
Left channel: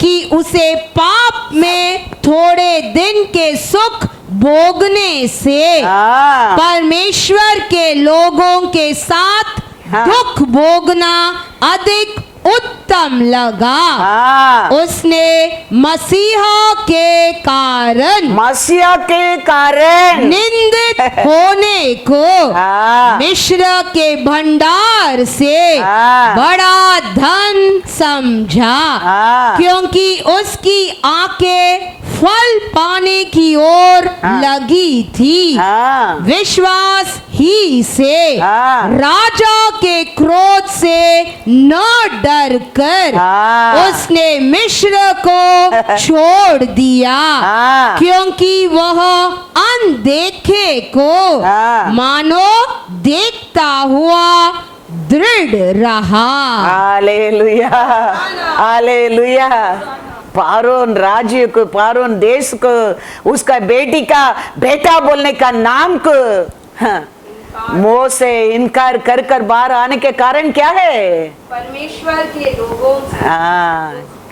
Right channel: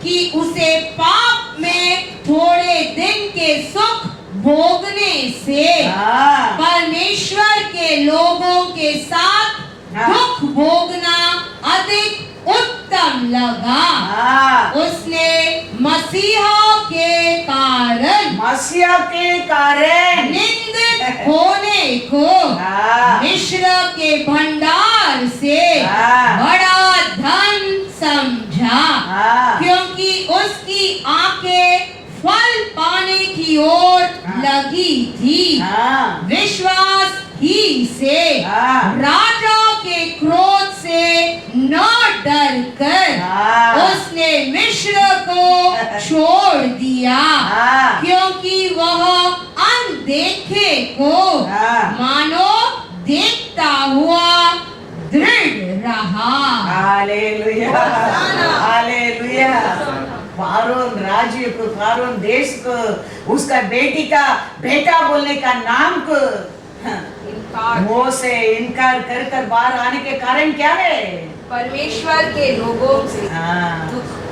कि उसे पाप में थोड़े दिन के सुख भोगने से परमेश्वर के लोगों के साथ दुख भोगना अधिक उत्तम लगा। उसने मसीहा के कारण निंदित होने को मिस्र के भंडार से बड़ा धन समझा, क्योंकि उसकी आंखें फल पाने की ओर लगी थी। विश्वास ही से राजा के क्रोध से न डर कर उसने मिस्र को छोड़ दिया, क्योंकि वह अनदेखे को मानो देखता हुआ दृढ़ रहा। Hallelujah, hallelujah. पारोन राज्य को, पारोन देश को, उसका बेटी का बेटा बोलने का नाम को मोह से इनकार कर कर बाहर आने के कारण क्या है? परमेश्वर के लोगों से।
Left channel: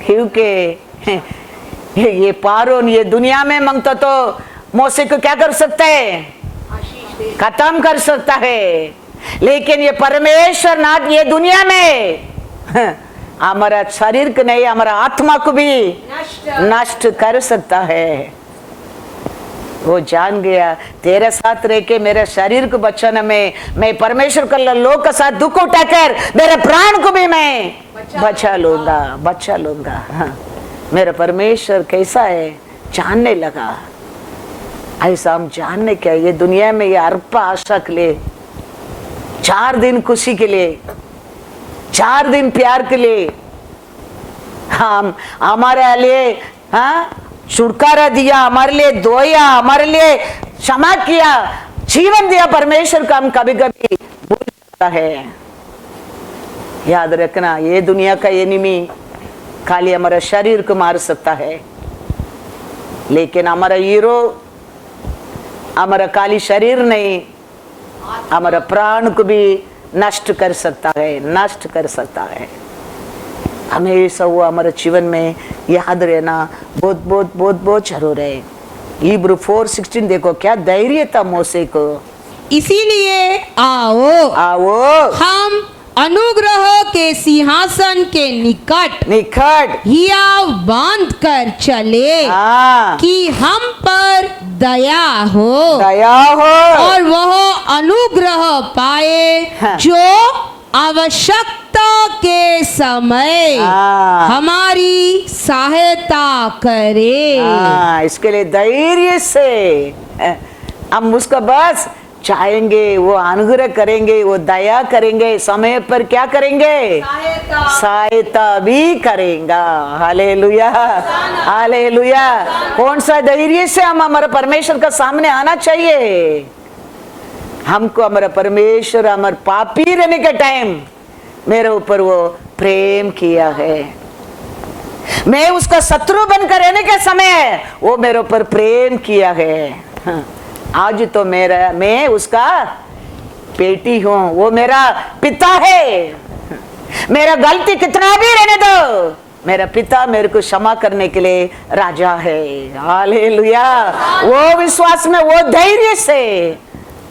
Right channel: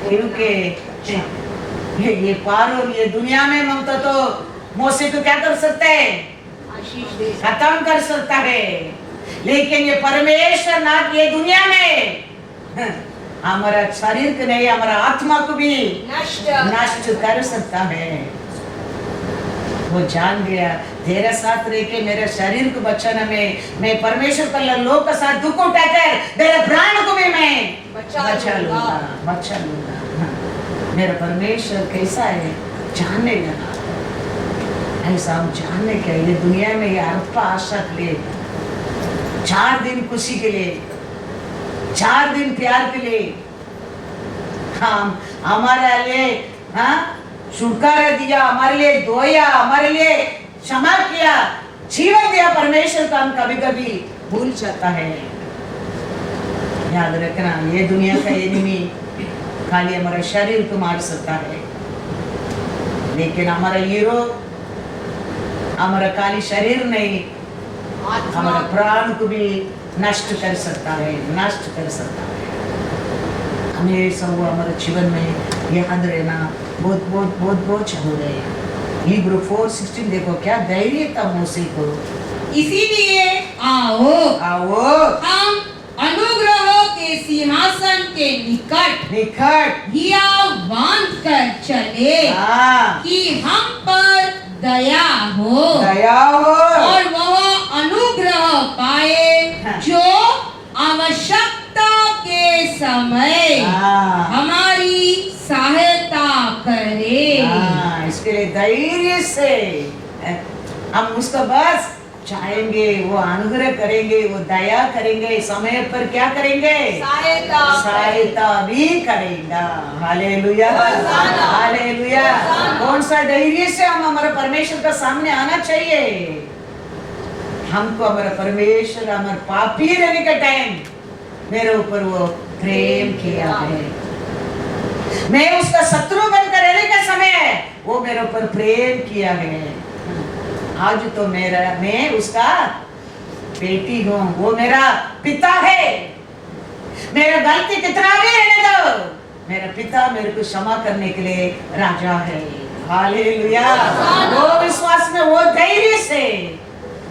क्योंकि ये पारोन ये दुनिया में मांगता तो मोसे को क्या कर सकता है? खत्म कर सकता है। लेकिन ये परमेश्वर नाथ ये दुनिया में हमारा शरीर को नहीं, हमारा आत्मा को भी नष्ट कर सकता है। वो जान गया तेरे साथ रह के मेरे शरीर को बचाने में मैं परमेश्वर का लोग के साथ दुख उठाकर मेरे प्राण को भी मैं बचा लूंगा, बचा लूंगा। मेरा परमेश्वर कैसा है जानने लगा। ऐसा हम जानने क्या, ये दुनिया में ये अल्प आशा के लिए, 4 दिन खुशी के लिए, 4 दिन प्यार के लिए हम हमारे लिए छुटकारा दिया, हमारे लिए धोया, हमारे लिए क्षमा किया, जीवन दिया परमेश्वर का हम कभी कभी भूल जाता है। याद रखना ये दुनिया का एनिमी खाली हमारा शरीर को मार सकता है, लेकिन हमारा हीरो हमारा खाली शरीर नहीं, हमारा प्राण को भी नष्ट कर सकता है, नष्ट कर सकता है। हमेशा वो हमारे जीवन में याद रहना बहुत बहुत बहुत बहुत जरूर है। इब्रू 4:16 देखो क्या धैर्य था मोसे को। इसीलिए आओ हम अनुग्रह के सिंहासन के निकट हियाव बांध कर चले कि हम पर दया हो और वह अनुग्रह पाए जो आवश्यकता के समय हमारी सहायता करे। इसके लिए धैर्य से हम उसका बस चाहेंगे, वो अनुग्रह करेंगे, वो दया करेंगे, समय पर क्या करेंगे? सहायता भी करेगा। Hallelujah, hallelujah. कौन सा धैर्य से हम हमारे परमेश्वर का सामने आना चाहिए? हमको हमारा परमेश्वर हमारे पापी रहने के टाइम मेरे ऊपर वो प्रेम किया है। मैं उसका शत्रु बनकर रहने के समय वो मेरे ऊपर प्रेम किया है। आज तो मैं उसका बेटी हूं, वो मेरा पिता है। मेरा गलती कितना भी रहने दो, मेरा पिता मेरे को क्षमा करने के लिए राजा है। हालेलुया। वो विश्वास में, वो धैर्य से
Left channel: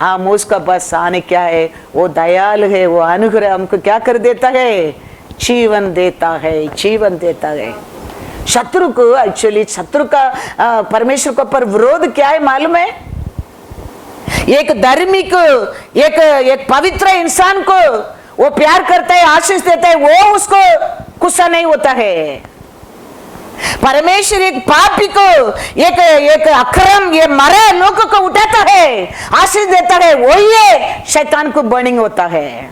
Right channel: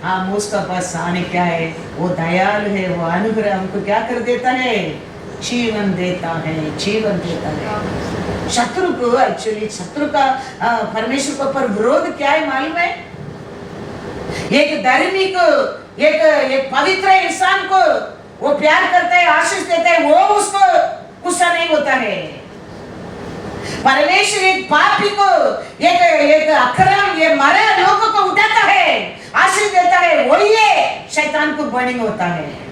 हम उसका पास आने क्या है, वो दयालु है, वो अनुग्रह हमको क्या कर देता है, जीवन देता है, जीवन देता है। शत्रु को एक्चुअली शत्रु का परमेश्वर के ऊपर विरोध क्या है मालूम है? एक धर्मी को, एक पवित्र इंसान को वो प्यार करता है, आशीष देता है, वो उसको गुस्सा नहीं होता है। परमेश्वर एक पापी को, एक अक्रम, ये मरे लोगों को उठाता है, आशीष देता है, वो ये शैतान को बर्निंग होता है।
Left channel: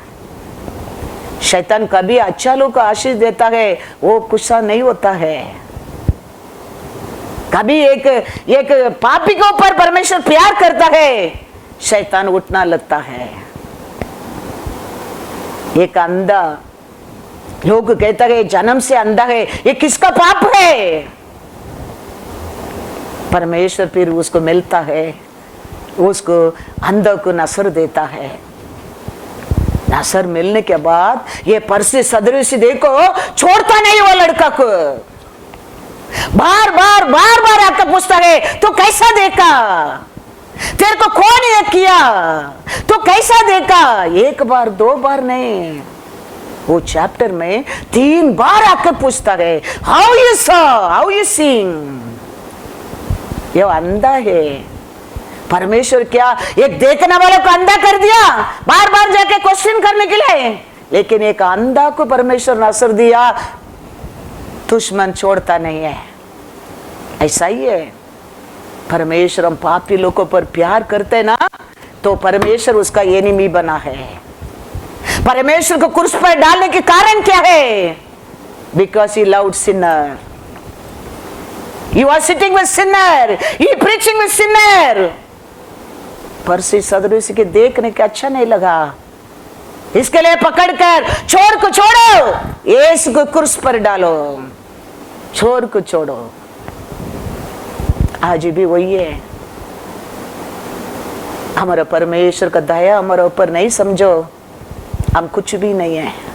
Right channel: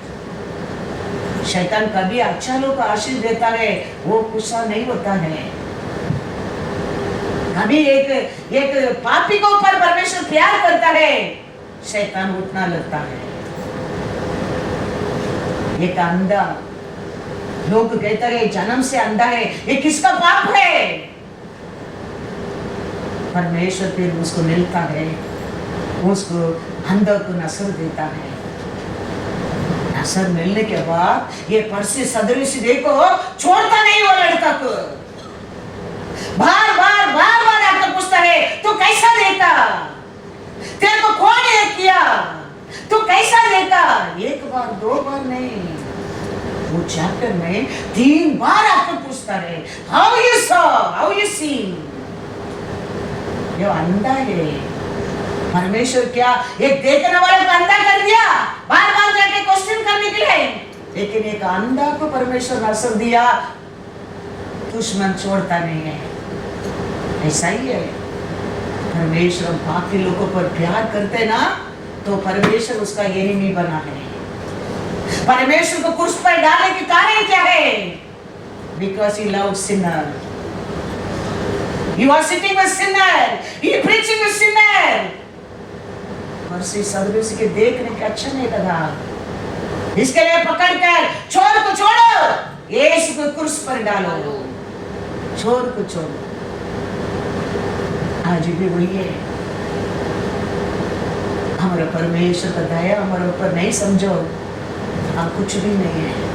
शैतान कभी अच्छा लोग को आशीष देता है, वो गुस्सा नहीं होता है। कभी एक पापी के ऊपर परमेश्वर प्यार करता है, शैतान उठना लगता है। एक अंधा, लोग कहता है जन्म से अंधा है, ये किसका पाप है? परमेश्वर फिर उसको मिलता है, उसको अंधा को नसर देता है। नसर मिलने के बाद ये परसी सदृश देखो छोड़ता नहीं वो लड़का को, बार बार आकर पूछता है तो कैसा देखा, तेरे को कौन ये किया, तो कैसा देखा? एक बार दो बार नहीं, वो चैप्टर में 3 बार आकर पूछता है, how you saw, how you seeing. ये अंधा है। परमेश्वर क्या एक देखने वालों को अंधा कर दिया, बार बार जाके क्वेश्चन करने के लिए, लेकिन एक अंधा को परमेश्वर नसर दिया, दुश्मन छोड़ता नहीं है। ऐसा ही है परमेश्वर, हम पापी लोगों पर प्यार करते ना, तो परमेश्वर उसका एनिमी बना है। परमेश्वर को क्रूस पर डालने के कारण क्या है? Because he loved Sinner, he was sitting with sinner, he preaching with sinner। परसी सदृश के देखने के अच्छा नहीं लगा, इसके लिए पकड़कर चोर को छोड़ो, यीशु को क्रूस पर डालो, चोर को छोड़ो। आज भी वही है। हमारा परमेश्वर का दया हमारे ऊपर नहीं समझो, हम कुछ भी नहीं है।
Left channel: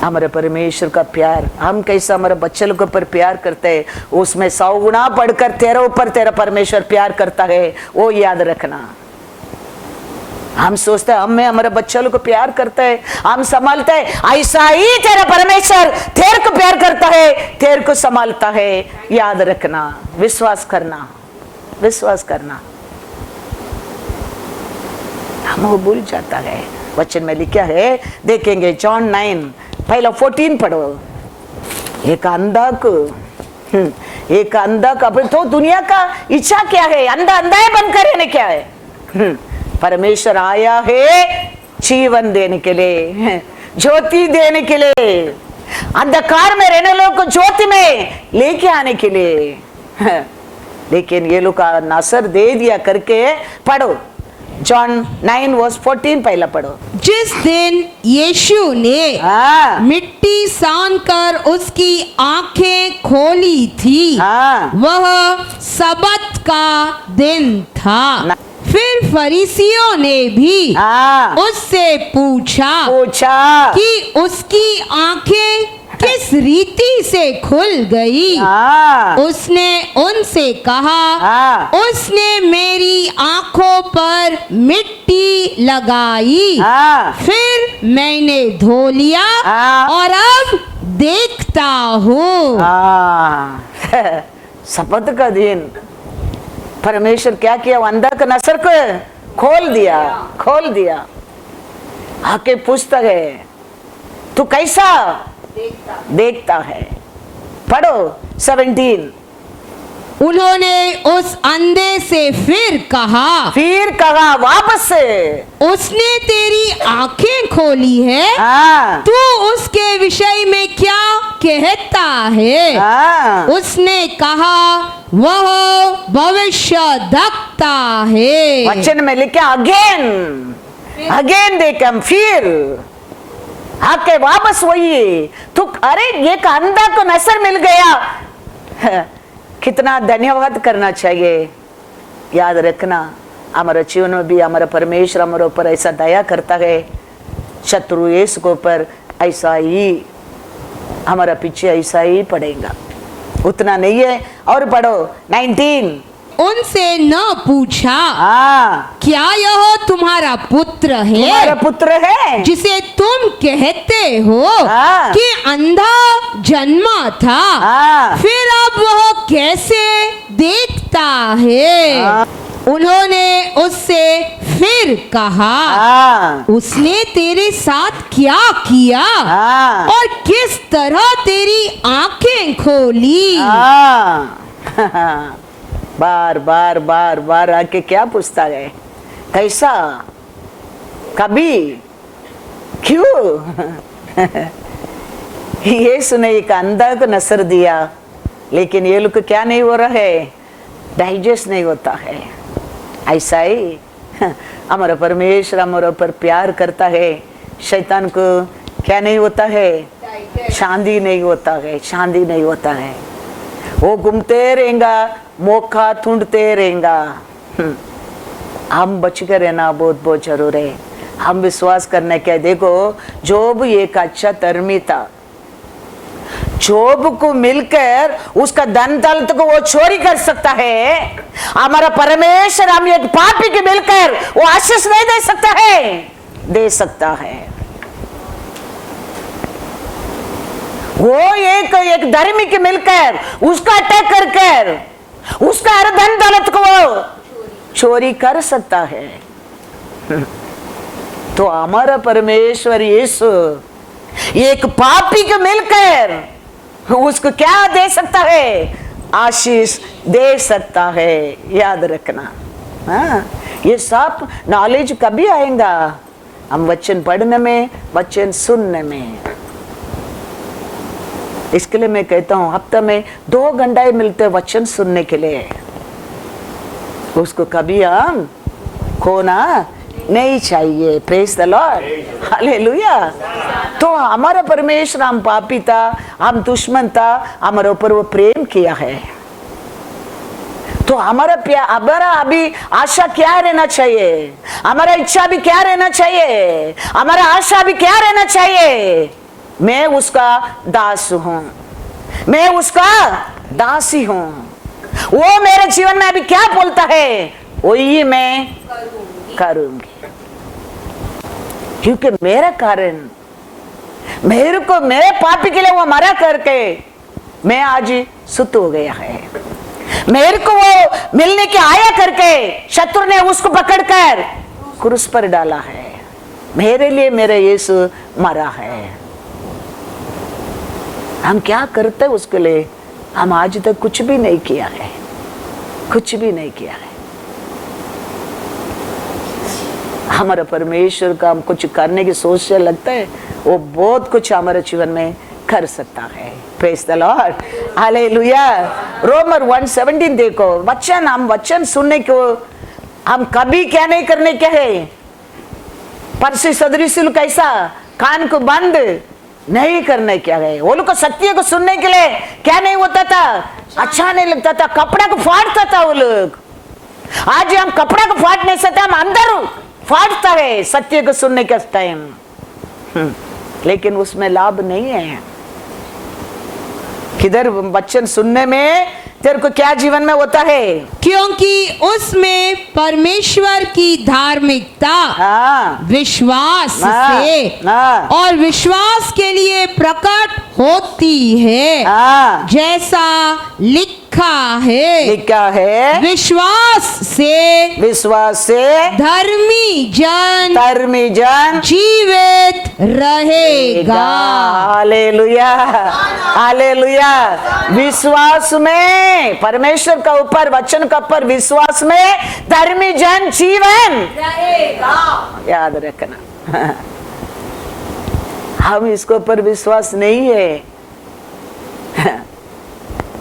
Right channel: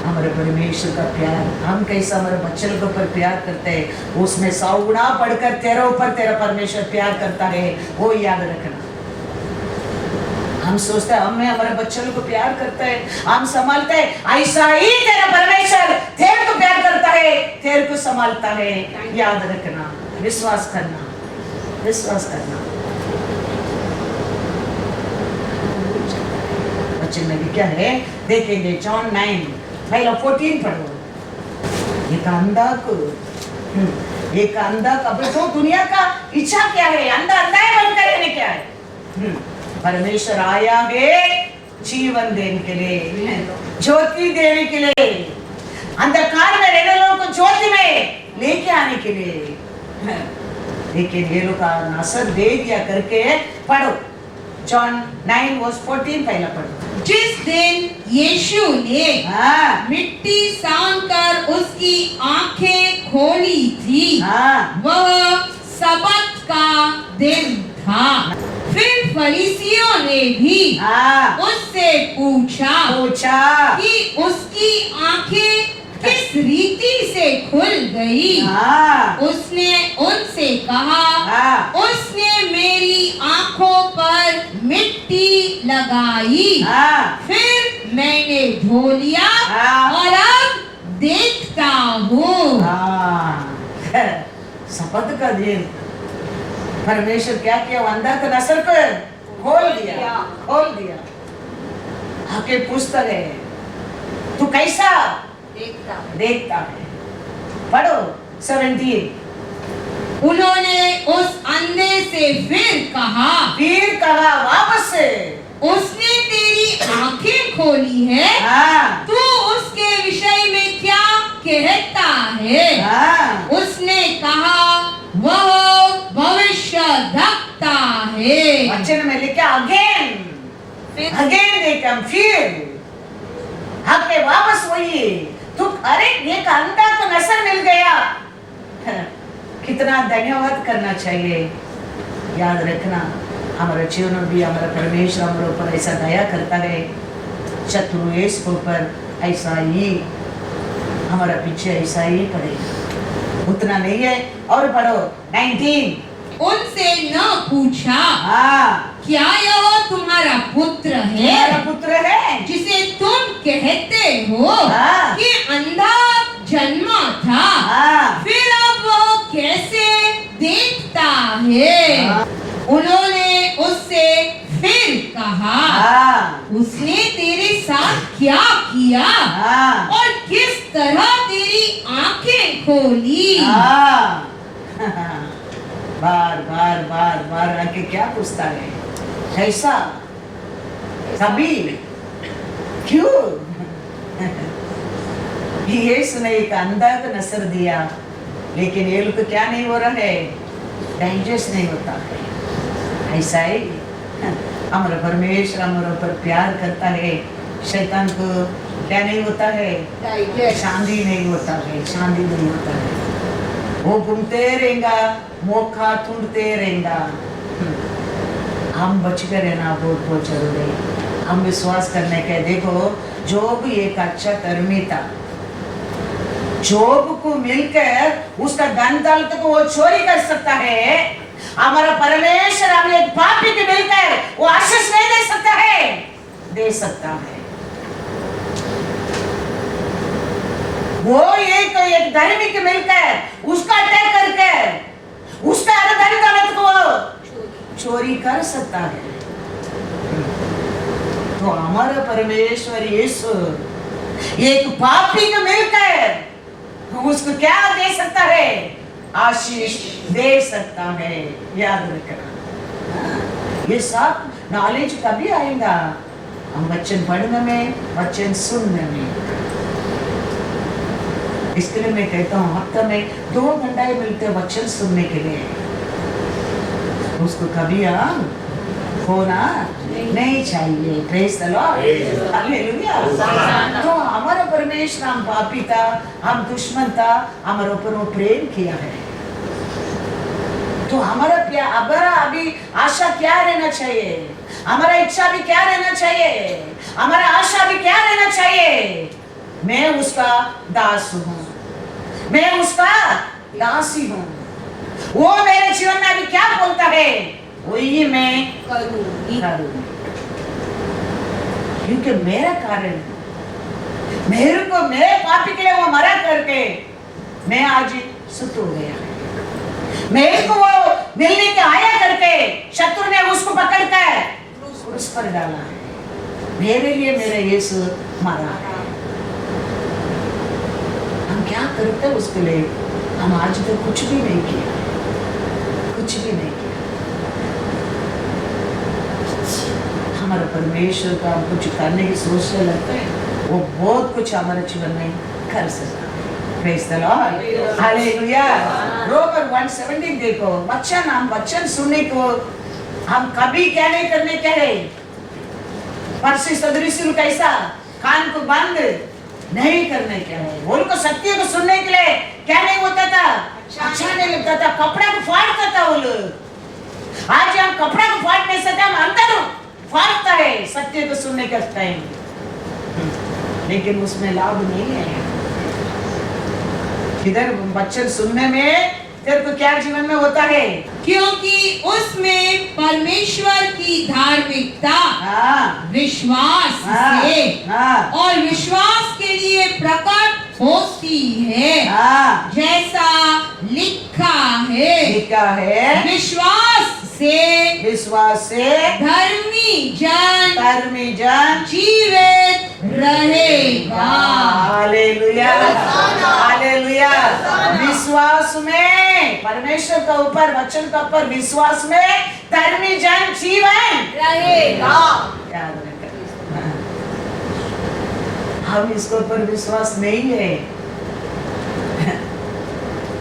हमारे परमेश्वर का प्यार, हम कैसा हमारे बच्चे लोग पर प्यार करते हैं, उसमें 100 गुना बढ़कर तेरे ऊपर तेरा परमेश्वर प्यार करता है, वो याद रखना। हम सोचते हैं हमें हमारे बच्चों लोग को प्यार करता है, हम संभालते हैं, ऐसा ही तेरा परमेश्वर तेरे को प्यार करता है, तेरे को संभालता है। याद रखना, विश्वास करना, विश्वास करना। हम वो भूल जाता है। वचन में लिखा है, देखेंगे जॉन 9 पहला 14 पढ़ो। एक अंधा को, एक अंधा का, तो दुनिया का इच्छा क्या है? अंधा अंधा बनकर रहने क्या है? परमेश्वर आया है जीवन देने के लिए, ज्योति देने के लिए, अंधकार में रहने लोगों को ज्योति में लेके आने के लिए। लेकिन ये लोग का नसर दे दिया करके पढ़ो, जॉन 9 वर्स 14 पहला पढ़ो। जिस दिन यीशु ने मिट्टी सानकर उसकी आंखें खोली थी, वह सबत का दिन था। फिर फरीसियों ने भी उससे पूछा कि उसकी आंखें किस रीति से खुल गई? उसने उनसे कहा, उसने मेरी आंखों पर मिट्टी लगाई, फिर मैंने धो लिया और अब देखता हूँ। शपथ का दिन परमेश्वर क्या किया? अंदर का नसर को खोल दिया, खोल दिया। आके पूछता है तू कैसा देखता है? पढ़ो 17। उन्होंने उस अंधे से फिर कहा वापस से, उसने तेरी आंखें खोली है, तू उसके विषय में क्या कहता है? उसने कहा, वह भविष्यद्वक्ता है। वचन में लिखा अगेन दे कम, फिर आके वापस वही तो, अरे ये अंधा को नजर मिल गया, कितना धन्यवाद करना चाहिए। याद रखना, हमारे जीवन में भी हमारा परमेश्वर हमारे ऊपर ऐसा दया करता है, शत्रु यीशु के ऊपर ऐसा ही हमारा पीछे ऐसा ही पड़ेगा। उतना नहीं है, और पढ़ो 19। उनसे न पूछा क्या यह तुम्हारा पुत्र है, तुम्हारा पुत्र है जिसे तुम कहते हो कि अंधा जन्मा था, फिर अब वह कैसे देखता है। उन्होंने उससे फिर कहा, उसने तेरे साथ क्या किया और किस तरह तेरी आंखें खोली। बार बार बार बार आके क्या पूछता है, कैसा, कभी, क्यों। यीशु ने एक अंधा को नजर दिया, लेकिन ये लोग क्या नहीं हो रहा है, डाइजेस्ट नहीं होता है। ऐसा ही हमारा परमेश्वर हमारे ऊपर प्यार करता है, शैतान को क्या नहीं होता है, शांति नहीं होता है, शांति नहीं होता है। वो घूमते रहेगा, मौका ढूंढते रहेगा। हम बच कर रहना बहुत बहुत जरूर है। हम विश्वास करने के, देखो जोब एक अच्छा धर्मी था, जोब को मिलकर उसका धन दौलत को वो चोरी कर सकता है। हमारा परमेश्वर हम एक पापी के मिलकर वो आशीष नहीं दे सकता है, दे सकता है। वो एक धर्मी के मिलकर उसका अटैक करके उसका हर धन दौलत को वो चोरी कर सकता है। तो हमारा परमेश्वर यीशु एक पापी को मिलकर उसको क्या दे सकता है, आशीष दे सकता है। याद रखना, ये सब नॉलेज कभी आएगा, हम वचन पढ़ने में, वचन सुनने में। इसके लिए मैं कहता हूँ हफ्ते में 2 घंटे मिलते वचन सुनने के लिए, उसको कभी हम खोना नहीं चाहिए। Praise the lord, hallelujah. तो हमारा परमेश्वर, हम पापी था, हम दुश्मन था, हमारे ऊपर वो प्रेम किया है। तो हमारा प्यार, हमारा अभी आशा क्या रहना चाहिए, हमारा इच्छा भी क्या रहना चाहिए, हमारा आशा भी क्या रहना चाहिए, मैं उसका दास हूं, मैं उसका दासी हूं। वो मेरे जीवन में अभी क्या बोलता है वही मैं करूंगी, क्योंकि मेरा कारण, मेरे को, मेरे पापी के लिए वो मरा करके मैं आज सुत हो गया है। मेरे को वो मिलने के आया करके शत्रु ने उसको पकड़कर क्रूस पर डाला है। मेरे लिए मेरा यीशु मरा है। हम क्या करते हैं उसके लिए? हम आज तक कुछ भी नहीं किया है, कुछ भी नहीं किया है। हमारा परमेश्वर का हम कुछ करने की सोच से लगता है वो बहुत कुछ हमारे जीवन में कर सकता है। Praise the lord, hallelujah. रोमर 1:17 देखो, वचन, हम वचन सुनने को हम कभी क्या नहीं करने क्या है, पंछी सदृश कैसा कान को बंद नहीं करने क्या है। वो लोग को सत्य को सुनने के लिए क्या नहीं होता था, अच्छा नहीं लगता था, कपड़ा को फाड़ता था वो लोग। आज हम कपड़ा को फाड़ नहीं सकते, हम अंदर फाड़ता है सत्य को सुनने के टाइम, लेकिन उसमें लाभ नहीं है। किधर वचन सुनने में तेरे को क्या जीवन में होता है, क्योंकि उसमें परमेश्वर की धार्मिकता विश्वास से और विश्वास के लिए प्रकट होती है। जैसा लिखा है, विश्वास से धर्मी जन जीवित रहेगा। Hallelujah, hallelujah. विश्वास में, परमेश्वर का ऊपर, वचन का ऊपर विश्वास में धर्मी जन जीवन रहेगा। याद रखना, हम इसके ऊपर विश्वास नहीं है,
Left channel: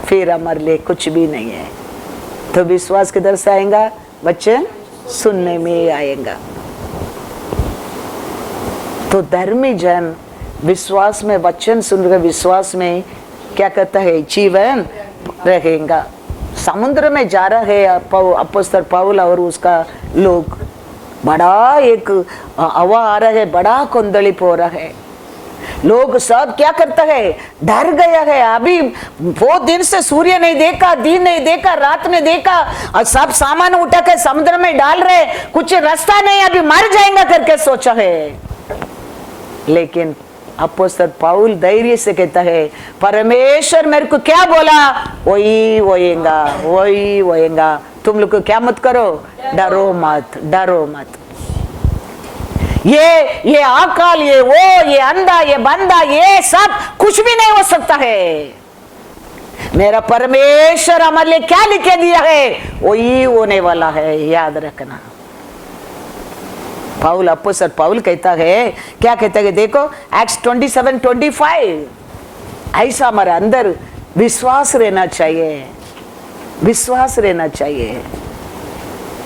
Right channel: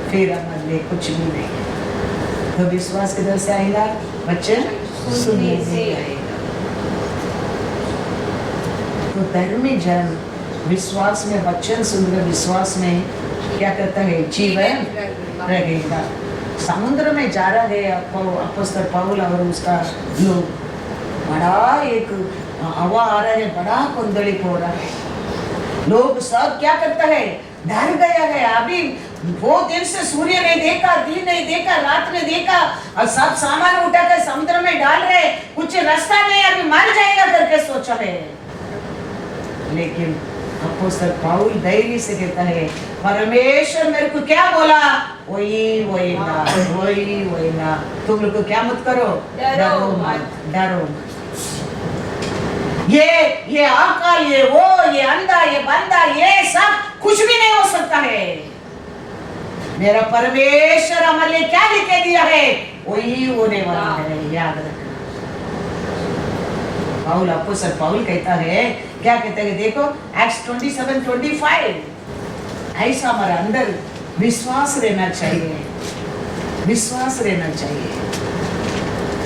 फिर हमारे लिए कुछ भी नहीं है। तो विश्वास किधर से आएगा? वचन सुनने में आएगा। तो धर्मी जन विश्वास में, वचन सुनकर विश्वास में क्या करता है? जीवन रहेगा। समुद्र में जा रहा है अपोस्तल पौल और उसका लोग, बड़ा एक हवा आ रहा है, बड़ा कुंदलिप हो रहा है, लोग सब क्या करता है? डर गया है। अभी वो दिन से सूर्य नहीं देखा, दिन नहीं देखा, रात नहीं देखा, और सब सामान उठाकर समुद्र में डाल रहे, कुछ रास्ता नहीं, अभी मर जाएगा करके सोचा है। लेकिन अपोस्तल पौल धैर्य से कहता है, परमेश्वर मेरे को क्या बोला वही होएगा, वही होएगा। तुम लोग को क्या मत करो, डरो मत, डरो मत। ये अकाल, ये वो, ये अंधा, ये बंदा, ये सब कुछ भी नहीं हो सकता है। मेरा परमेश्वर हमारे लिए क्या लिखे दिया है वही होने वाला है, याद रखना। पौल, अपोस्तल पौल कहता है, क्या कहता है? देखो एक्ट्स 27:25, ऐसा हमारे अंदर विश्वास रहना चाहिए, विश्वास रहना चाहिए।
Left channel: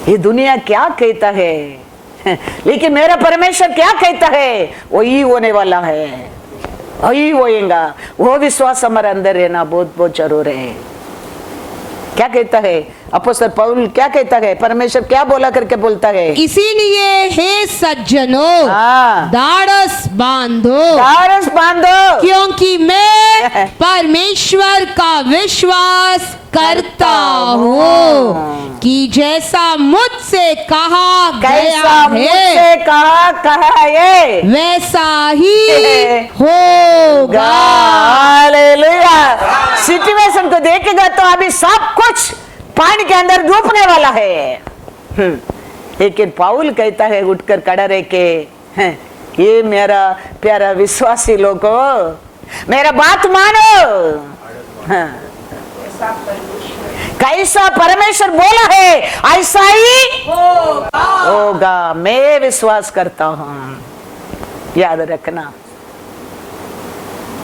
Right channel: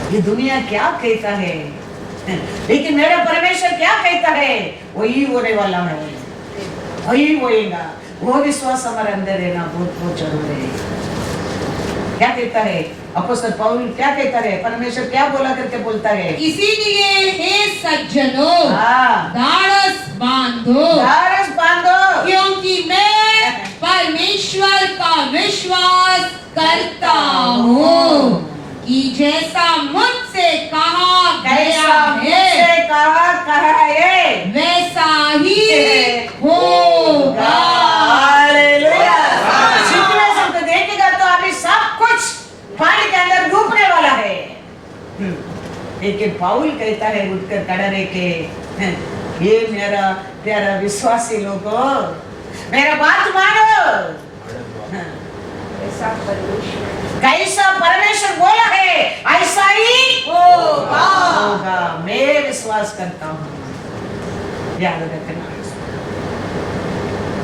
ये दुनिया क्या कहता है, लेकिन मेरा परमेश्वर क्या कहता है वही होने वाला है, वही होएगा। वो विश्वास हमारे अंदर रहना बहुत बहुत जरूर है। क्या कहता है अपोस्तल पौल? क्या कहता है? परमेश्वर क्या बोला करके बोलता है? इसीलिए हे सज्जनों, दारस बांधो, दारस बांधो, क्योंकि मैं परमेश्वर का विश्वास करता हूँ कि जैसा मुझसे कहा गया है, कहा ये वैसा ही होगा। हालेलुया। सिचुएशन तो देखेगा तो अभी सब कुछ पानी के अंदर डूबने वाला है। लेकिन पौल कहता है उठकर खड़ा रह के, ये मेरा प्यारा विश्वासी लोगों, मेरा बात मानो। कैसा परमेश्वर बोला है ऐसा ही होगा। मैं विश्वास करता हूँ, याद रखना।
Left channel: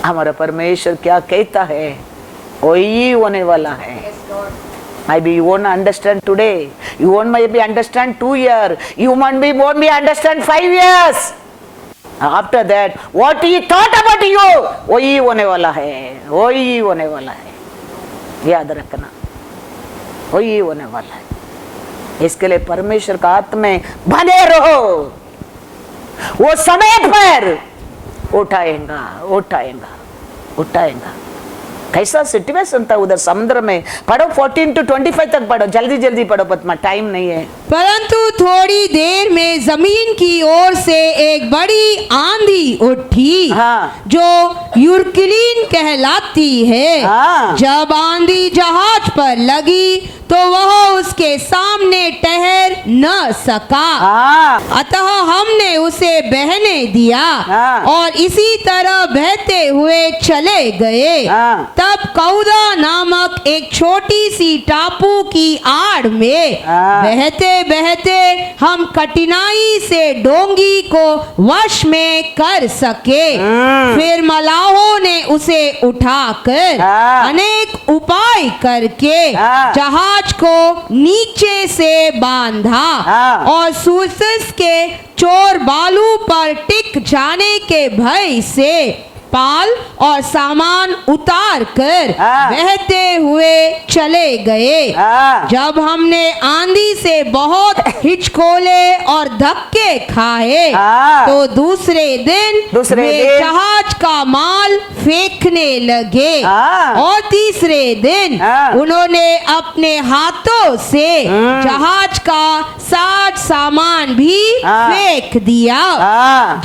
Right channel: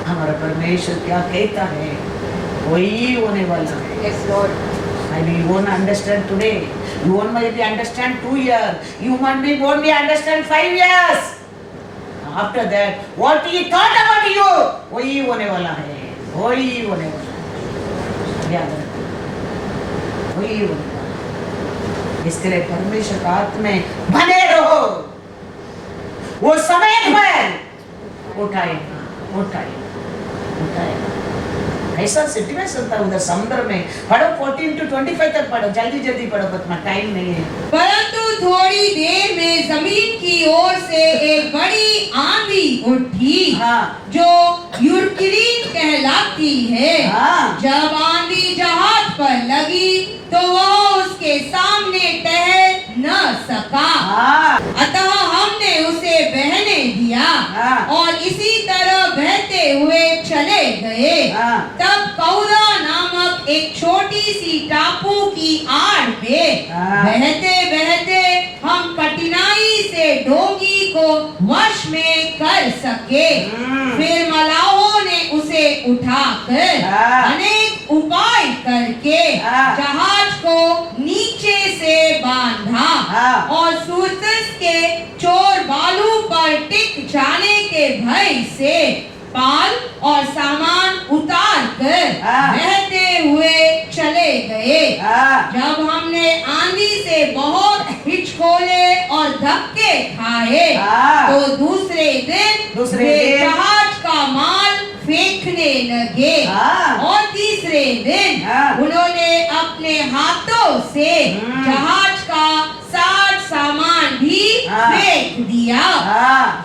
हमारा परमेश्वर क्या कहता है वही होने वाला है। Maybe you won't understand today, you won't maybe understand 2 years, you won't be understand 5 years. After that, what he thought about you, वही होने वाला है, वही होने वाला है, याद रखना, वही होने वाला है। इसके लिए परमेश्वर का हाथ में बने रहो, वो समय पर उठाएगा, उठाएगा, उठाएगा। कैसा सिचुएशन था उधर समुद्र में? पढ़ो 14-25 तक पढ़ो, जल्दी जल्दी पढ़ो, पत्मा टाइम नहीं है। परंतु थोड़ी देर में जमीन की ओर से एक बड़ी आंधी उठी, जो यूरकुलीन कहलाती है। जब आंधी जहाज पर लगी तो वह उसके सामने ठहर न सका, अतः हमने उसे बहने दिया और इसी तरह बहते हुए चले गए। तब कौदा नामक एक छोटी सी टापू की आड़ में बहते बहते हम कठिनाई से डोंगी को वश में कर सके। फिर मलाहों ने उसे उठाकर अनेक उपाय करके जहाज को नीचे से बांधा और सूरज के चोर बालू पर टिक जाने के भय से पाल और सामान उतार कर बहते हुए चले गए। जब हमने आंधी से बहुत हिचकोले और धक्के खाए तो दूसरे दिन वे जहाज का माल फेंकने लगे और तीसरे दिन उन्होंने अपने हाथों से जहाज का साज सामान भी फेंक दिया।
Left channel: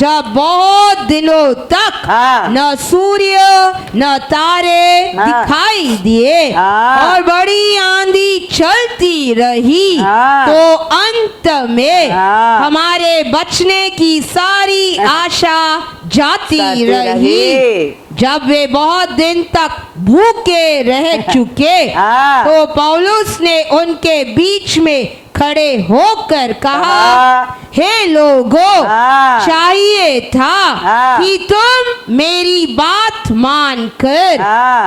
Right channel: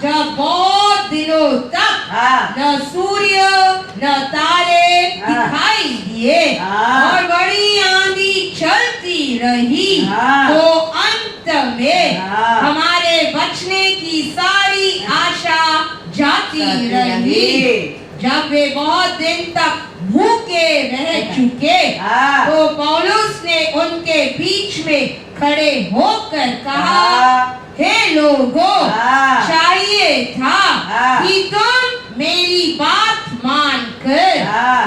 जब बहुत दिनों तक न सूर्य न तारे दिखाई दिए और बड़ी आंधी चलती रही, तो अंत में हमारे बचने की सारी आशा जाती रही। जब वे बहुत दिन तक भूखे रह चुके तो पौलुस ने उनके बीच में खड़े होकर कहा, हे लोगों, चाहिए था कि तुम मेरी बात मानकर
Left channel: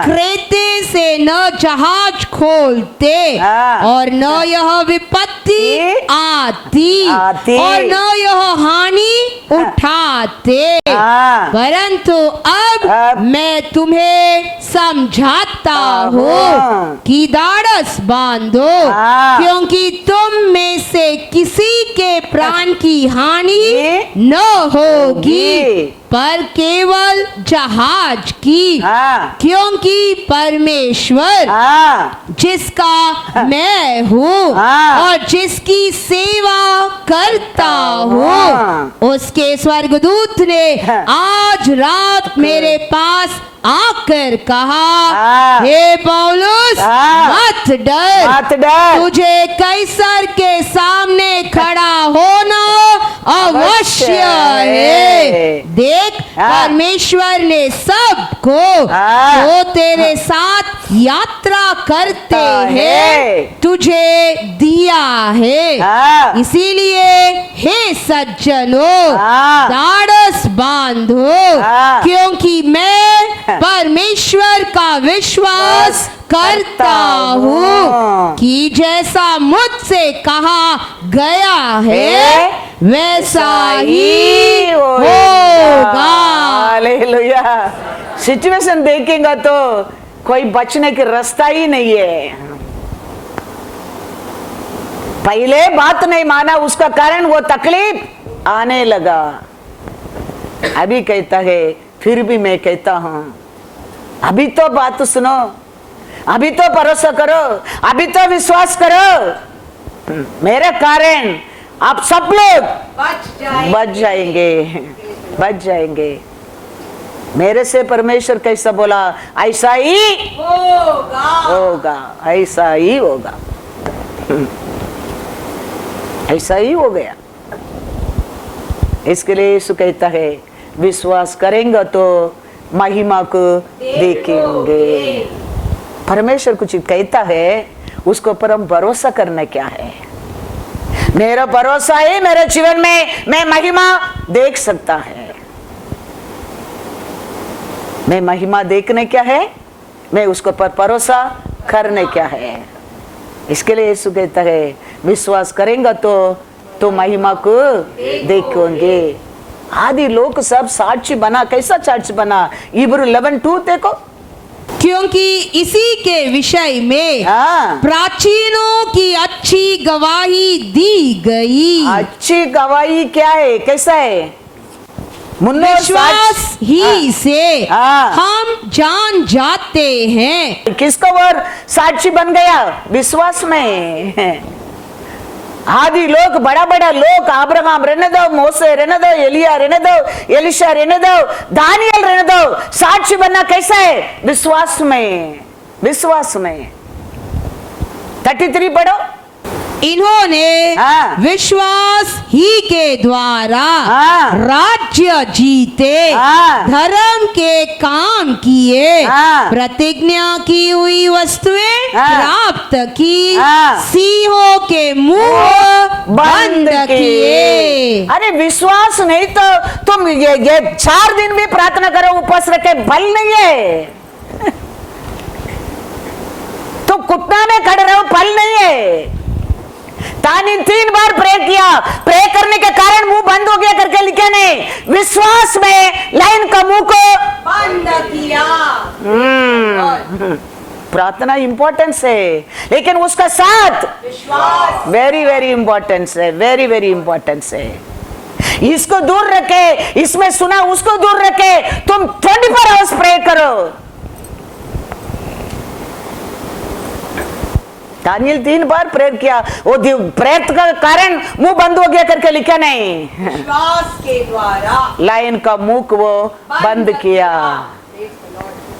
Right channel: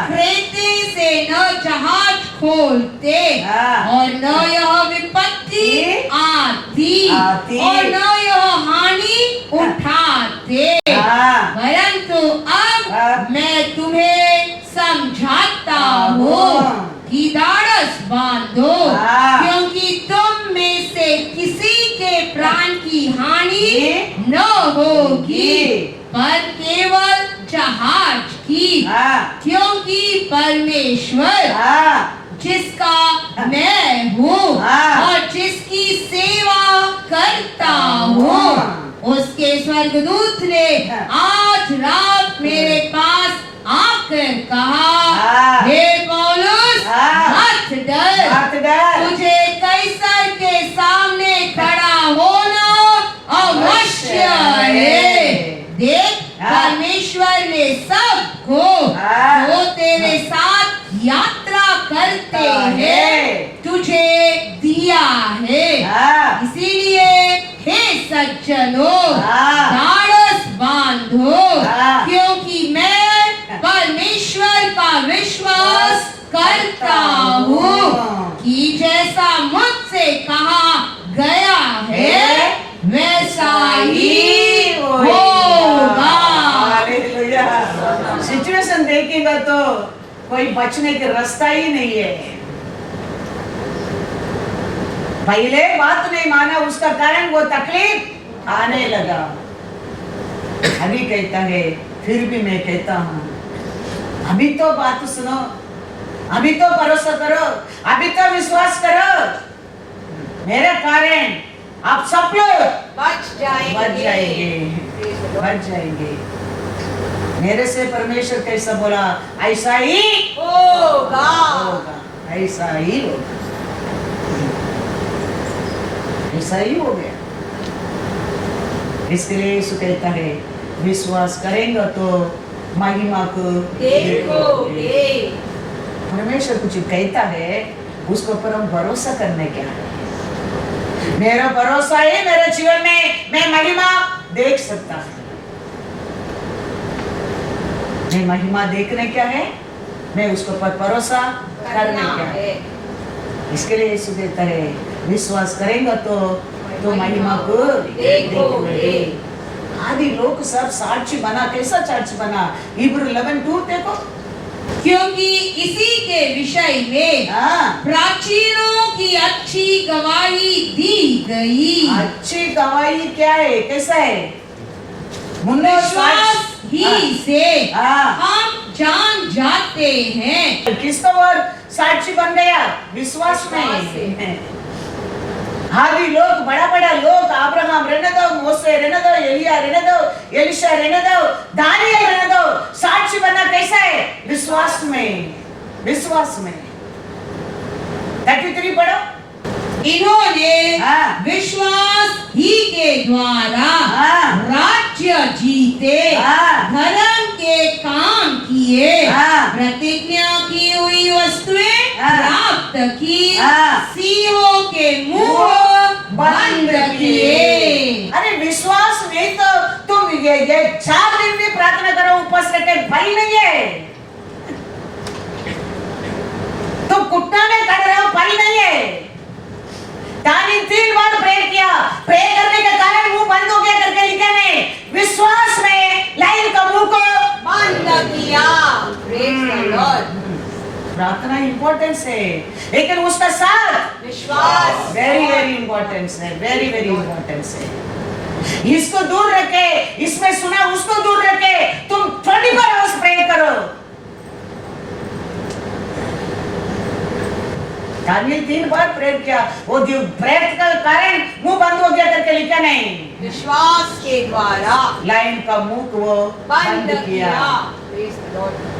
क्रेते से न जहाज खोलते हाँ। और न यह विपत्ति आती और न यह हानि उठाते, हाँ। परंतु अब मैं तुम्हें समझाता हूँ कि ढाढ़स बांधो, हाँ। क्योंकि तुम में से किसी के प्राण की हानि न होगी, पर केवल जहाज की, हाँ। क्योंकि परमेश्वर हाँ। जिसका मैं हूँ हाँ। और जिसकी सेवा करता हूँ, हाँ। उसके स्वर्गदूत ने हाँ। आज रात मेरे पास आकर कहा, हाँ। हे पौलुस, हाँ। मत डर, मत डर। तुझे कैसर के सामने खड़ा होना अवश्य है। देख, हाँ। परमेश्वर ने सबको हाँ। जो तेरे साथ यात्रा करते हाँ, हैं है। तुझे दिया है। हाँ। इसीलिए हे सज्जनों, हाँ। ढाढ़स बांधो, हाँ। क्योंकि मैं परमेश्वर का विश्वास करता हूँ कि जैसा मुझसे कहा गया है वैसा ही होगा। हालेलुया। सिचुएशन देखेंगे तो कोई बचने के रास्ता ही नहीं है। पहले बात नहीं माना, उसका कारण वो तकलीफ आने लगा। अभी कहता है, फिर भी मैं कहता हूं, अभी तो बात सुनो, अभी तो भरोसा करो, अभी तो विश्वास करो, मेरे कारण आप सब लोग बच जाएंगे। मेरे से परमेश्वर कैसा बोला, ऐसा ही होगा, ऐसा ही होगा, ऐसा ही हो गया। इसके लिए यीशु कहता है, विश्वास करेंगे तो महिमा को देखेंगे। परमेश्वर कुछ कहता है, उसको पर हम भरोसा करना क्या है। मेरा भरोसा है मेरे जीवन में मैं महिमा देख सकता है। मैं महिमा देखने क्या है, मैं उसको पर भरोसा करने क्या है। इसके लिए यीशु कहता है, विश्वास करेंगे तो महिमा को देखोगे। आदि लोग सब साक्षी बना, कैसा साक्षी बना, इब्रू 11:2 देखो। क्योंकि इसी के विषय में हाँ। प्राचीनों की अच्छी गवाही दी गई। अच्छी गवाही क्या है, कैसा है, विश्वास ही से हाँ। हम जान जाते हैं। किसको और साक्षी बन गया, विश्वास में। आदि लोग, बड़ा बड़ा लोग, अब्राहम रहने दो, मोसे रहने दो, एलिया रहने दो, एलिशा रहने दो, दानियल रहने दो, साक्षी बनना कैसा है, विश्वास में। विश्वास में 33 पढ़ो। इन्होंने हाँ। विश्वास ही के द्वारा हाँ। राज्य जीते, हाँ। धर्म के काम किए, हाँ। प्रतिज्ञा की हुई वस्तुएं हाँ। प्राप्त की, हाँ। सिंहों के मुंह बंद किए। अरे विश्वास नहीं तो तुम ये 4 दिन भी प्रार्थना करो, उपवास रखे, बल नहीं है। तुम घुटना में खड़े रहो, फल नहीं है। तानी 3 बार प्रे किया, प्रे करने के कारण मुंह बंद हो गया करके लिखे नहीं, विश्वास में लाइन का मुंह को बंद किया। प्रार्थना इंपॉर्टेंस है, लेकिन उसका साथ विश्वास वेरी वेरी इंपॉर्टेंस है, वेरी वेरी इंपॉर्टेंस है। इसको दूर रखे, इसमें सुना उसको दूर रखे, तुम 24 आवर्स प्रे करो। दानियल 3 बार प्रेयर किया, वो प्रेयर का कारण मुंह बंद हो गया करके लिखा नहीं, विश्वास के द्वारा लाइन का मुंह को वो बंद किया।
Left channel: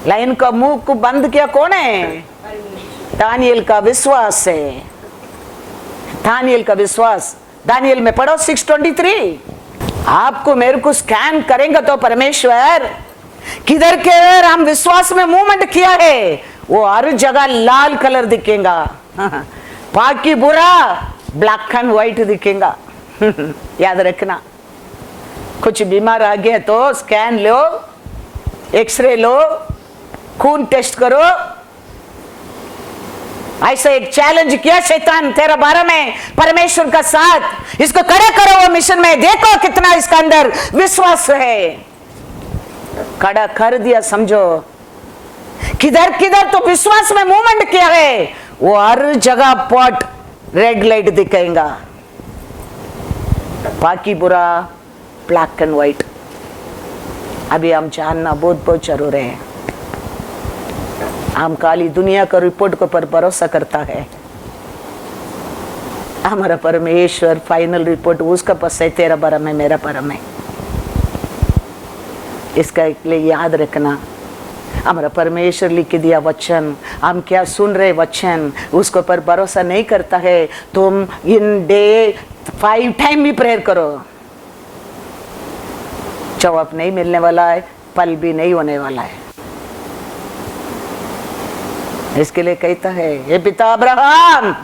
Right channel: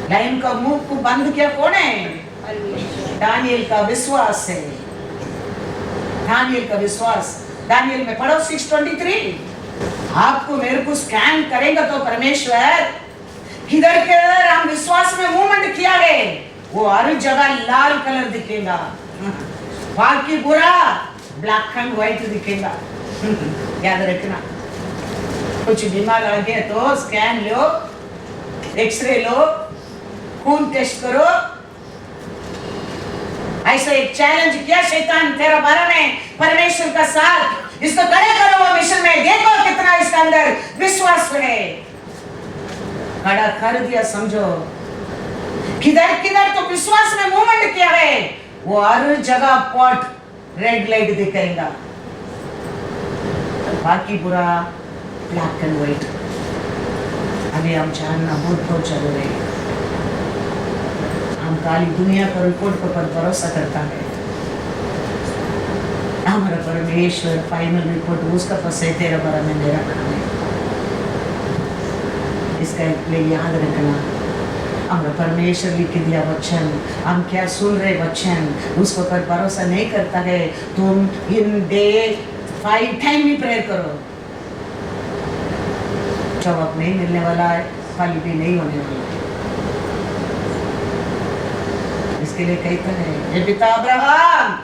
लाइन का मुंह को बंद किया कौन है, दानियल का विश्वास है। दानियल का विश्वास, दानियल में पढ़ो 6:23। आपको मेरे को स्कैन करेंगे तो परमेश्वर किधर के हम विश्वास में मूवमेंट किया है, वो हर जगह लाल कलर दिखेगा, बाकी बुरा ब्लैक एंड व्हाइट दिखेगा। याद रखना, कुछ बीमार आ गया तो स्कैन लो, एक्सरे लो, खून टेस्ट करो, ऐसा एक चैलेंज किया शैतान तेरे बारे में, परमेश्वर का साथ इसको खड़े करो वो मिशन में, देखो कितना इसका अंदर विश्वास है। खड़ा कर दिया, समझो किधर किधर तो विश्वास में मूवमेंट किया है, वो हर जगह पॉट रेड लाइट दिखेगा, बाकी पूरा ब्लैक एंड व्हाइट। अभी हम जानना बहुत बहुत जरूर है। हम खाली दुनिया का रिपोर्ट के पर भरोसा करता है, हमारा परमेश्वर फाइनल रिपोर्ट उसका पास है, तेरा बारे में मेरा बारे में। इसका लिए याद रखना, हमारा परमेश्वर लिख के दिया वचन, हम क्या सुन रहे वचन, उसको पर भरोसा नहीं करता है। तुम इन डे 5 टाइम भी प्रेयर करो, जवाब नहीं मिलने वाला है, पल भी नहीं होने वाला है। इसके लिए कहता है, ये पिता अब्राहम,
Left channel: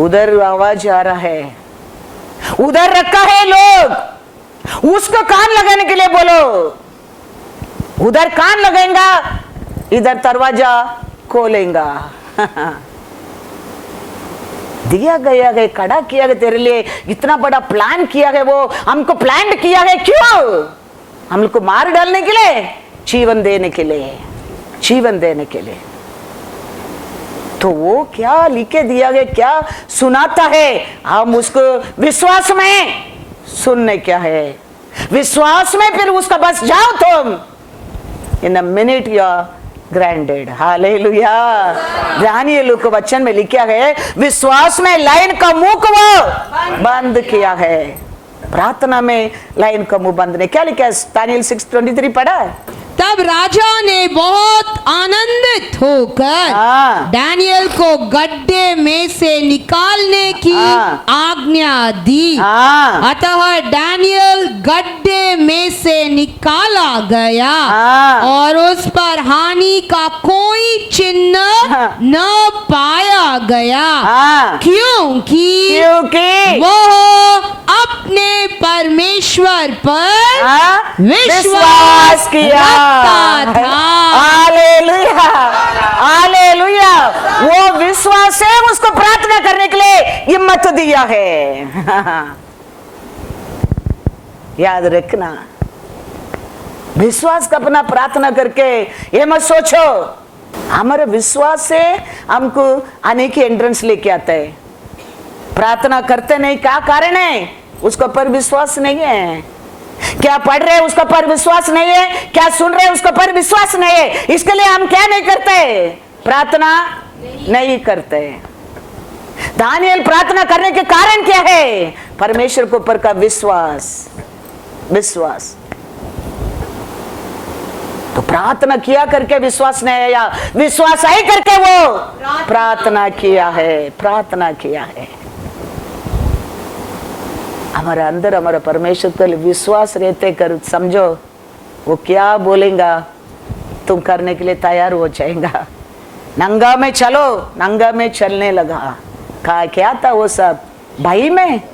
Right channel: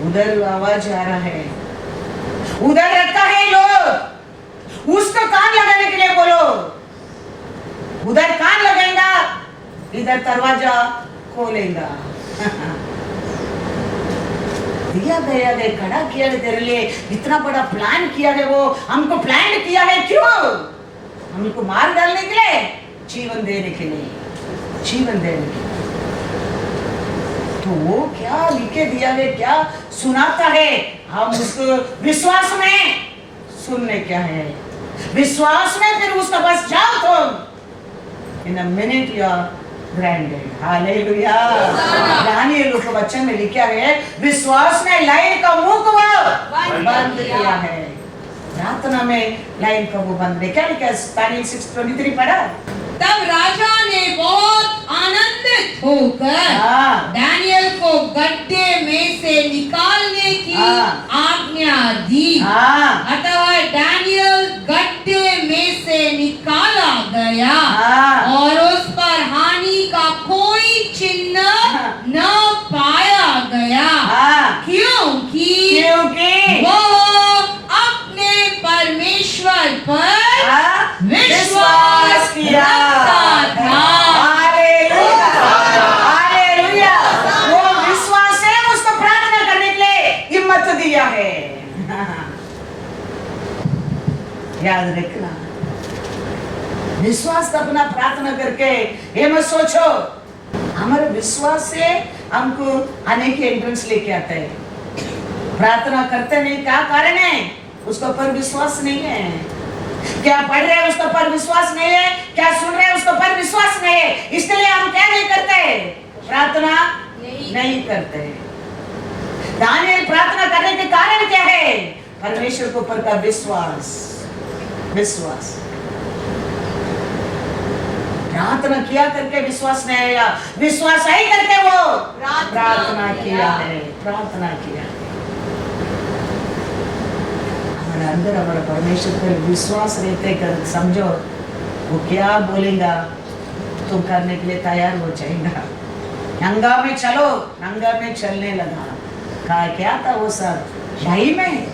उधर आवाज आ रहा है, उधर रखा है लोग, उसको कान लगाने के लिए बोलो, उधर कान लगाएगा, इधर दरवाजा खोलेगा। दिया गया है, खड़ा किया गया तेरे लिए, इतना बड़ा प्लान किया है, वो हमको प्लान किया है, क्यों? हम लोग को मार डालने के लिए, जीवन देने के लिए, जीवन देने के लिए। तो वो क्या लिखे दिया गया, क्या सुनाता है, हम उसको विश्वास में सुनने क्या है, विश्वास में फिर उसका बस जाओ तुम, in a minute you are granted. Hallelujah. Daniel को वचन में लिखा है, विश्वास में लाइन का मुंह को बंद किया है, प्रार्थना में लाइन का मुंह बंद नहीं। क्या लिखा है? दानियेल 6:23 पढ़ा। तब राजा ने बहुत आनंदित होकर दानियेल को गड्ढे में से निकालने की आज्ञा दी। अतः दानियेल गड्ढे में से निकाला गया और उस पर हानि का कोई चिन्ह न पाया गया, क्योंकि वो अपने परमेश्वर पर विश्वास किया था। Hallelujah, hallelujah. वो विश्वास से उसको प्रार्थना करने के लिए हिम्मत दिया है। याद रखना, विश्वास का अपना प्रार्थना करके ये मत सोचो हमारे विश्वास से हमको आने की एंट्रेंस लेके आता है। प्रार्थना करते नहीं, क्या कारण है? उसका पर विश्वास नहीं है। क्या पढ़ रहे हैं उसका पर विश्वास नहीं है, क्या सुन रहे हैं उसका पर विश्वास नहीं है, इसके लिए हम क्या नहीं करते? प्रार्थना नहीं करते। दानियेल प्रार्थना करने के कारण क्या है? परमेश्वर को ऊपर का विश्वास, विश्वास। तो प्रार्थना किया करके विश्वास नहीं आया, विश्वास आई करके वो प्रार्थना किया है, प्रार्थना किया है। हमारे अंदर हमारा परमेश्वर का विश्वास रहते कर समझो, वो क्या बोलेगा तुम करने के लिए तैयार हो जाएगा। नंगा में चलो, नंगा में चलने लगा। कहा क्या था वो सब? भाई में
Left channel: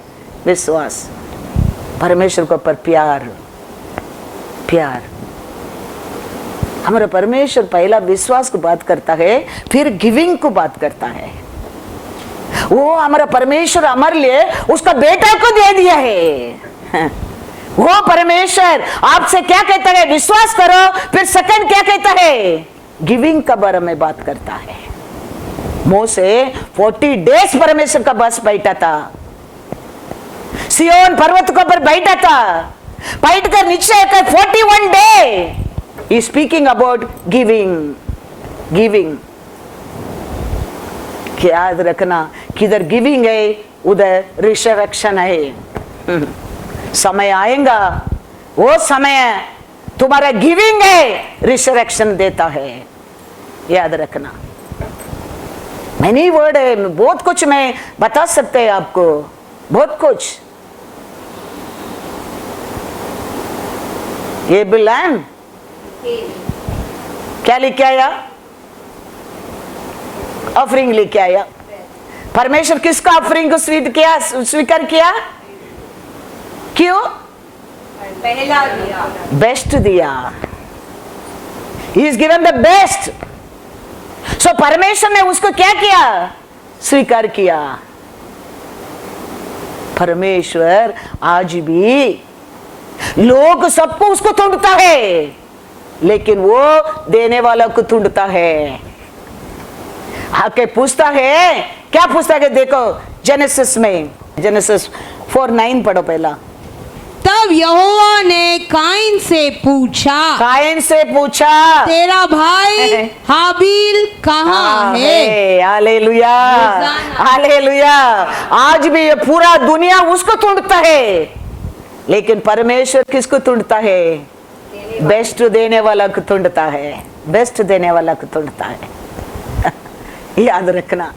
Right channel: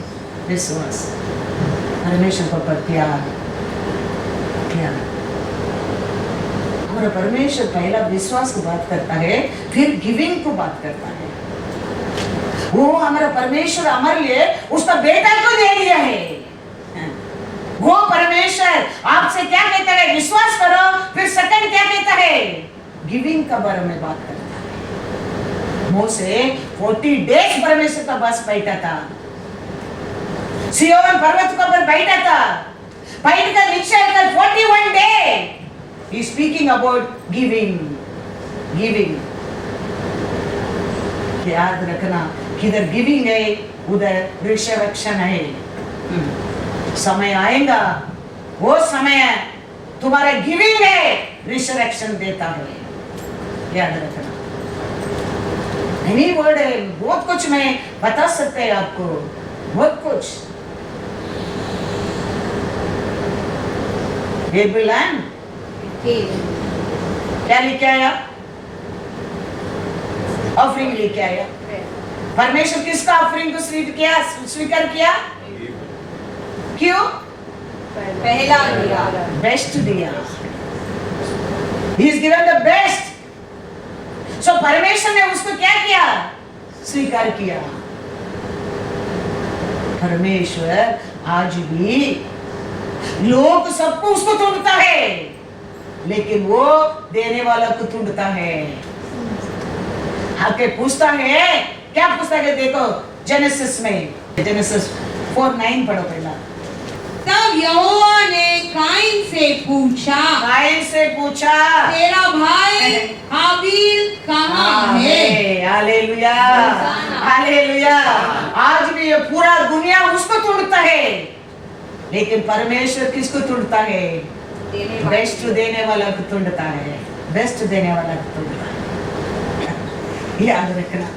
विश्वास, परमेश्वर को पर प्यार, प्यार। हमारा परमेश्वर पहला विश्वास को बात करता है, फिर गिविंग को बात करता है। वो हमारा परमेश्वर हमारे लिए उसका बेटा को दे दिया है। वो परमेश्वर आपसे क्या कहता है? विश्वास करो। फिर सेकंड क्या कहता है? गिविंग का बारे में बात करता है। मोसे 40 डेज परमेश्वर का बस बैठा था, सियोन पर्वत को पर बैठा था, बैठ कर नीचे 41 day he is speaking about giving, giving। याद रखना, किधर गिविंग है उधर रिसरेक्शन है। समय आएगा, वो समय तुम्हारा गिविंग है, रिसरेक्शन देता है। याद रखना। मैनी वर्ड है, बहुत कुछ मैं बता सकते हैं आपको, बहुत कुछ। ये बिलान क्या लेके आया? ऑफरिंग लेके आया। परमेश्वर किसका ऑफरिंग को स्वीकार किया? क्यों? पहला दिया, बेस्ट दिया। He is given the best। सो परमेश्वर ने उसको क्या किया? स्वीकार किया। परमेश्वर आज भी लोग सबको उसको ढूंढता है, लेकिन वो देने वाला को ढूंढता है। आके पूछता है, क्या पूछता है? देखो जेनेसिस में, जेनेसिस 4:9 पढ़ो पहला। तब यहोवा ने काइन से पूछा, तेरा भाई हाबिल कहाँ है? Hallelujah, hallelujah. आज भी ये पूरा दुनिया उसको ढूंढता है, लेकिन परमेश्वर किसको ढूंढता है? बेस्ट देने वाला को ढूंढता है, बेस्ट देने वाला को ढूंढता है। याद रखना,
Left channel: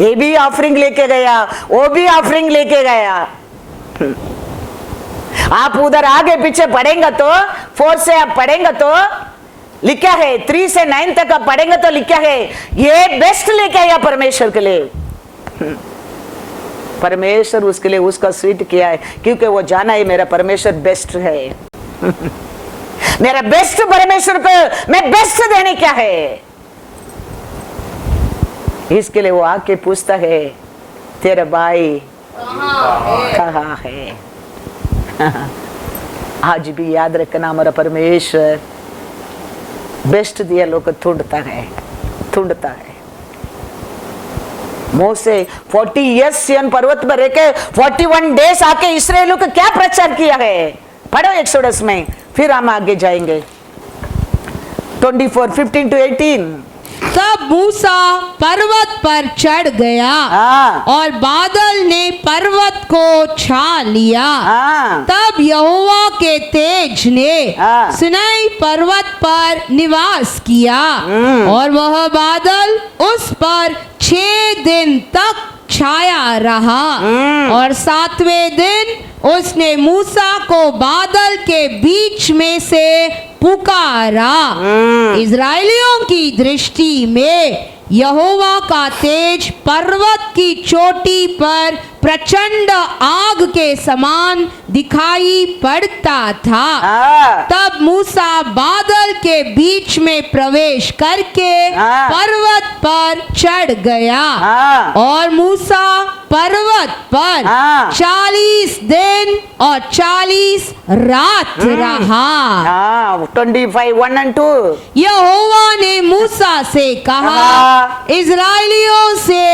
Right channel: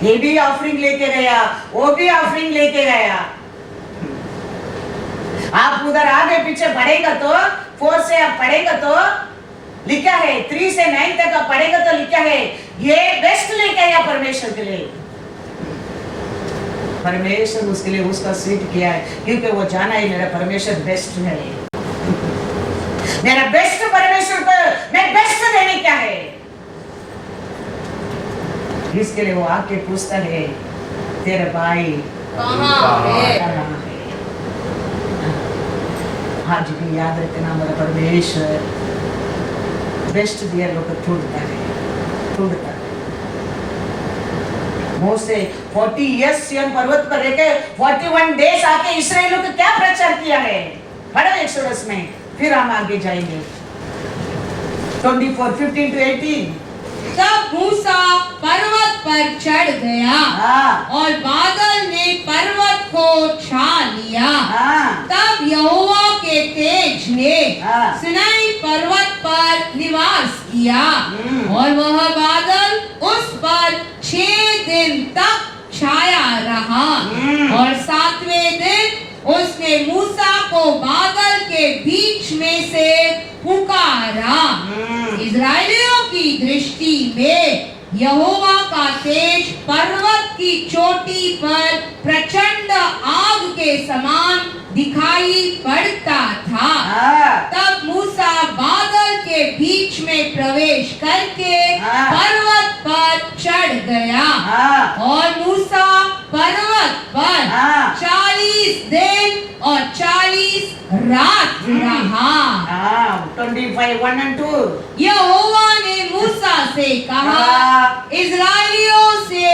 ये भी ऑफरिंग लेके गया, वो भी ऑफरिंग लेके गया। आप उधर आगे पीछे पढ़ेंगे तो 4 से आप पढ़ेंगे तो लिखा है, 3 से 9 तक आप पढ़ेंगे तो लिखा है ये बेस्ट लेके आया परमेश्वर के लिए। परमेश्वर उसके लिए उसका सीट किया है, क्योंकि वो जाना है मेरा परमेश्वर बेस्ट है। मेरा बेस्ट परमेश्वर को मैं बेस्ट देने क्या है, इसके लिए वो आके पूछता है तेरे भाई कहाँ है? आज भी याद रखना, हमारा परमेश्वर बेस्ट दिया लोग ढूंढता है, ढूंढता है। मोसे 40 इयर्स सियन पर्वत पर रह के 41 डेज आके इस्राएलियों को क्या प्रचार किया है? पढ़ो एक्सोडस में, फिर हम आगे जाएंगे। 24:15 to 18। तब मूसा पर्वत पर चढ़ गया और बादल ने पर्वत को छा लिया। तब यहोवा के तेज ने सिनाई पर्वत पर निवास किया और वह बादल उस पर 6 दिन तक छाया रहा और 7वें दिन उसने मूसा को बादल के बीच में से पुकारा। इजराइलियों की दृष्टि में यहोवा का तेज पर्वत की चोटी पर प्रचंड आग के समान दिखाई पड़ता था। तब मूसा बादल के बीच में प्रवेश करके पर्वत पर चढ़ गया और मूसा पर्वत पर 40 दिन और 40 रात रहा। 25:1 and 2। यहोवा ने मूसा से कहा, इजराइलियों से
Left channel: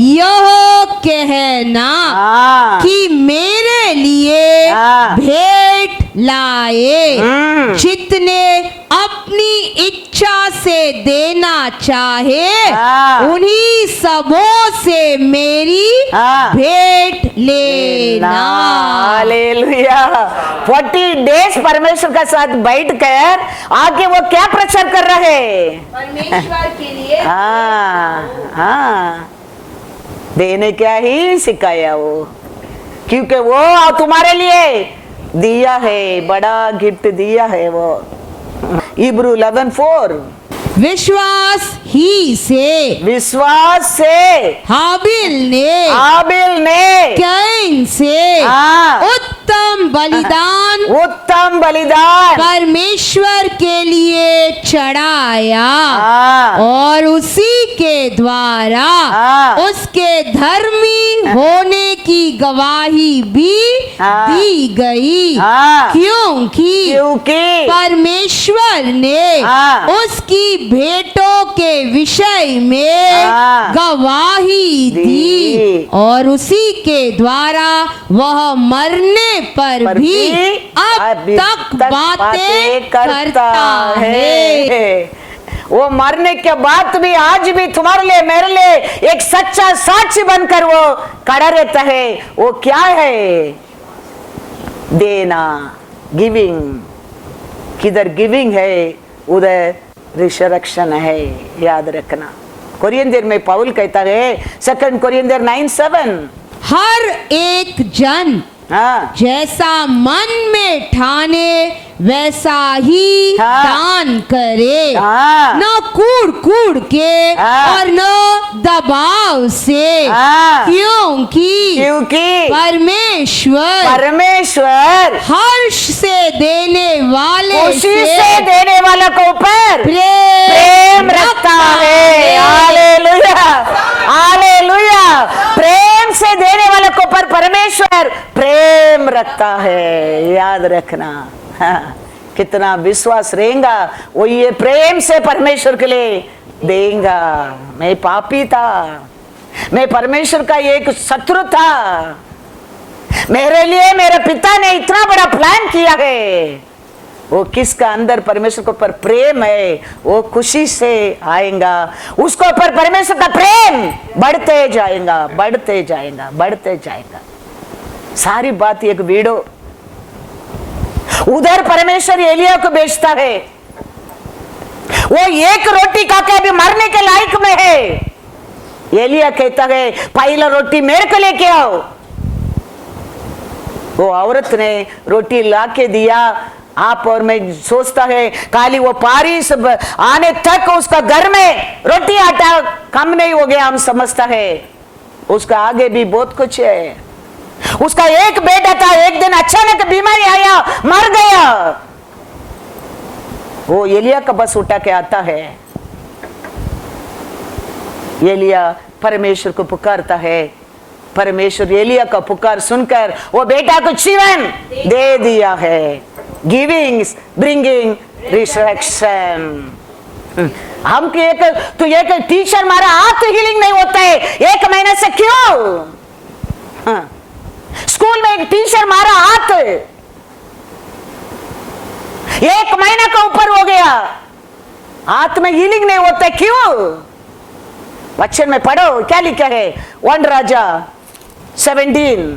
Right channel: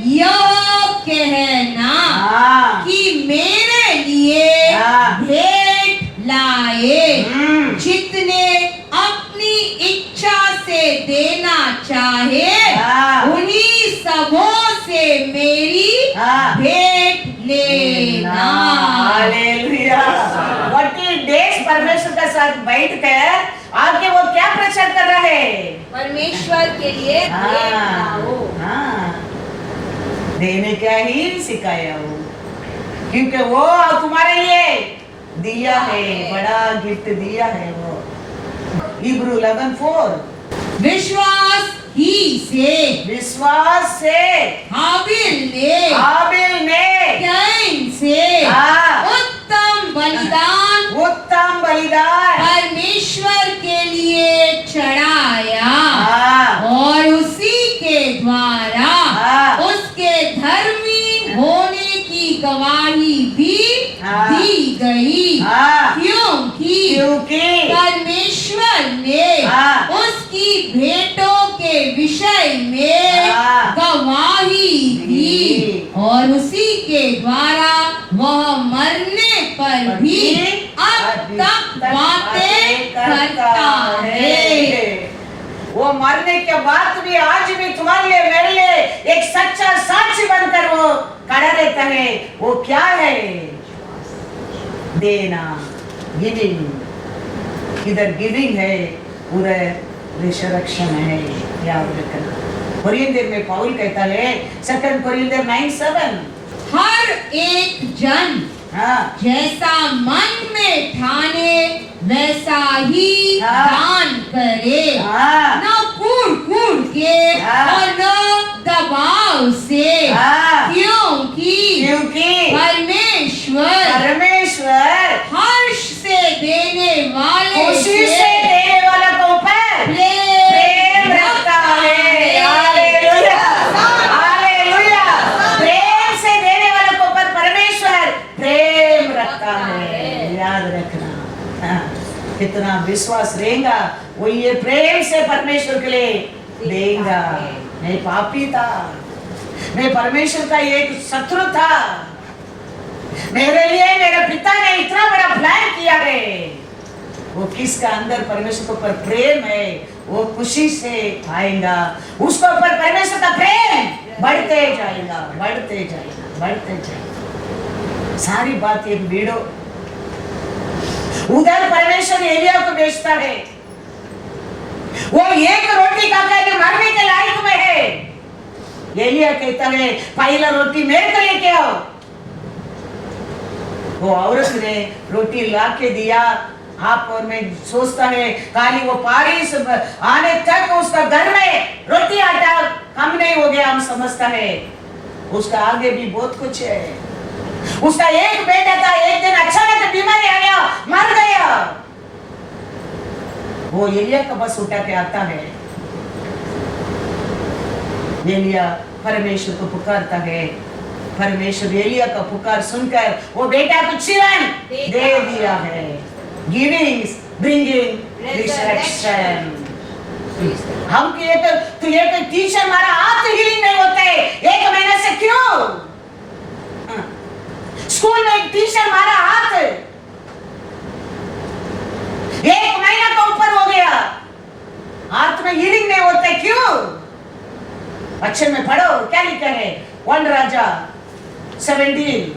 यह कहना कि मेरे लिए भेंट लाए, जितने अपनी इच्छा से देना चाहे उन्हीं सबों से मेरी भेंट लेना। हालेलुया। 40 डेज परमेश्वर के साथ बैठ कर आगे वो क्या प्रचार कर रहे? परमेश्वर के लिए देने क्या ही सिखाया वो, क्योंकि वो तुम्हारे लिए दिया है, बड़ा गिफ्ट दिया है वो। इब्रू 11:4। विश्वास से हाबिल ने कैन से उत्तम बलिदान परमेश्वर के लिए चढ़ाया और उसी के द्वारा उसके धर्मी होने की गवाही भी दी गई, क्योंकि परमेश्वर ने उसकी भेंटों के विषय में गवाही दी और उसी के द्वारा वह मरने पर भी अब तक बातें करता है। वो मरने के बाद भी आज भी तुम्हारे लिए मेरे लिए एक सच्चा साक्षी बनकर वो खड़ा रहता है। वो क्या है? देना, गिविंग। किधर गिविंग है उधर रिसरेक्शन है, याद रखना। कोरिन्थियर में पौल कहता है 2 कोरिन्थियर 9:7, हर एक जन जैसा मन में ठाने वैसा ही दान करे, न कूड़ के और न दबाव से, क्योंकि परमेश्वर हर्ष से देने वाले खुशी से देने वालों के ऊपर प्रेम रखता आता है, याद रखना। हाँ, कितना विश्वास रहेगा वो ये प्रेम से परमेश्वर के लिए देगा। मैं पापी था, मैं परमेश्वर का एक शत्रु था, मेरे लिए मेरे पिता ने इतना बड़ा प्लान किया है। वो किसका अंदर परमेश्वर के ऊपर प्रेम है वो खुशी से आएगा, उसको ऊपर परमेश्वर का प्रेम बढ़ते जाएगा, बढ़ते जाएगा, बढ़ते जाएगा। सारी बात एक वीडियो। उधर परमेश्वर एलिया को बेचता है, वो एक रोटी खाकर भी मरने के लायक में है। एलिया कहता है पहला रोटी मेरे को लेके आओ। वो औरत ने रोटी लाके दिया। आप और मैं सोचता है खाली वो पारिस आने तक उसका घर में रोटी आटा कम नहीं हो गया, हम समझता है उसका आगे भी बहुत कुछ है। उसका एक बेटा था, एक दिन अचानक बीमारी आया, मर गया। वो एलिया का बस उठा के आता है। एलिया परमेश्वर को पुकारता है, परमेश्वर एलिया का पुकार सुनकर वो बेटा को जीवन दे दिया है। Giving bringing resurrection. हम तो एक टीचर मारा हाथ हीलिंग नहीं होता है 1 महीने से, क्यों? हाँ, स्कूल में एक टीचर मारा हाथ 1 महीना का ऊपर हो गया, हाथ में हीलिंग नहीं होता है, क्यों? वचन में पढ़ो क्या लिखा है। 1 राजा 17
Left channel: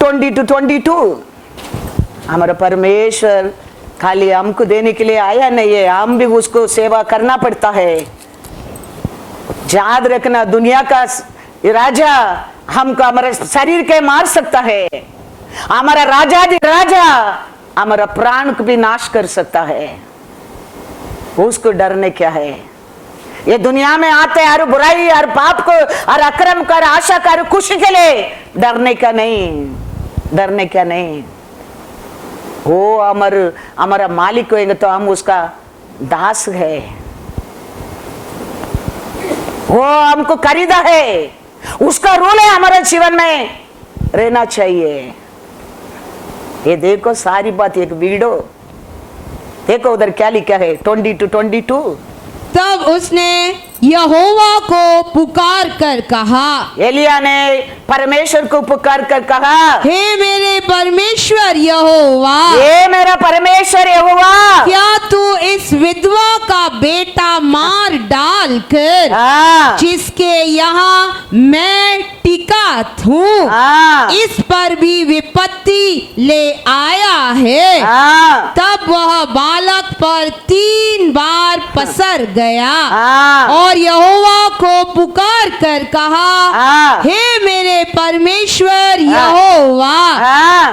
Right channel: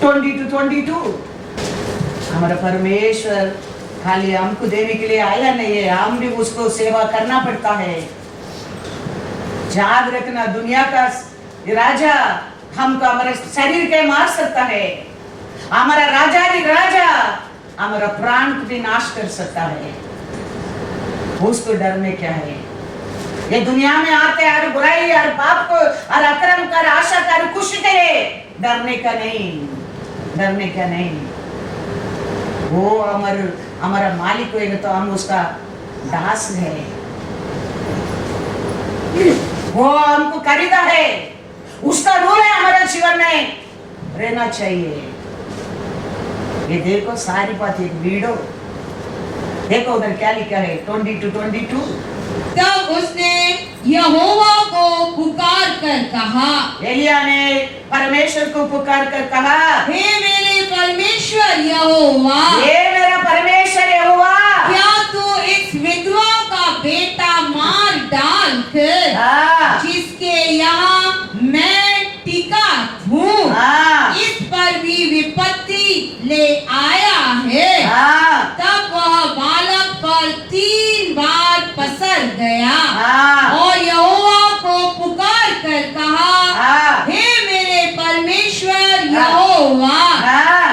20-22। हमारा परमेश्वर खाली हमको देने के लिए आया नहीं है, हम भी उसको सेवा करना पड़ता है। याद रखना, दुनिया का राजा हमको हमारे शरीर के मार सकता है, हमारा राजा हमारा प्राण को भी नाश कर सकता है। उसको डरने क्या है? ये दुनिया में आते हर बुराई, हर पाप को, हर अक्रम कर, आशा कर, खुशी के लिए डरने का नहीं, डरने का नहीं। वो हमारा मालिक होगा तो हम उसका दास है, वो हमको खरीदा है, उसका रोल है हमारे जीवन में रहना चाहिए। ये देखो सारी बात एक वीडियो देखो, उधर क्या लिखा है 20-22। तब उसने यहोवा को पुकार कर कहा, एलिया ने परमेश्वर को पुकार कर कहा, हे मेरे परमेश्वर यहोवा, हे मेरा परमेश्वर यहोवा, क्या तू इस विधवा का बेटा मार डाल कर जिसके यहाँ मैं टिका हूँ इस पर भी विपत्ति ले आया है। तब वह बालक पर 3 बार पसर गया और यहोवा को पुकार कर कहा, हे मेरे परमेश्वर यहोवा,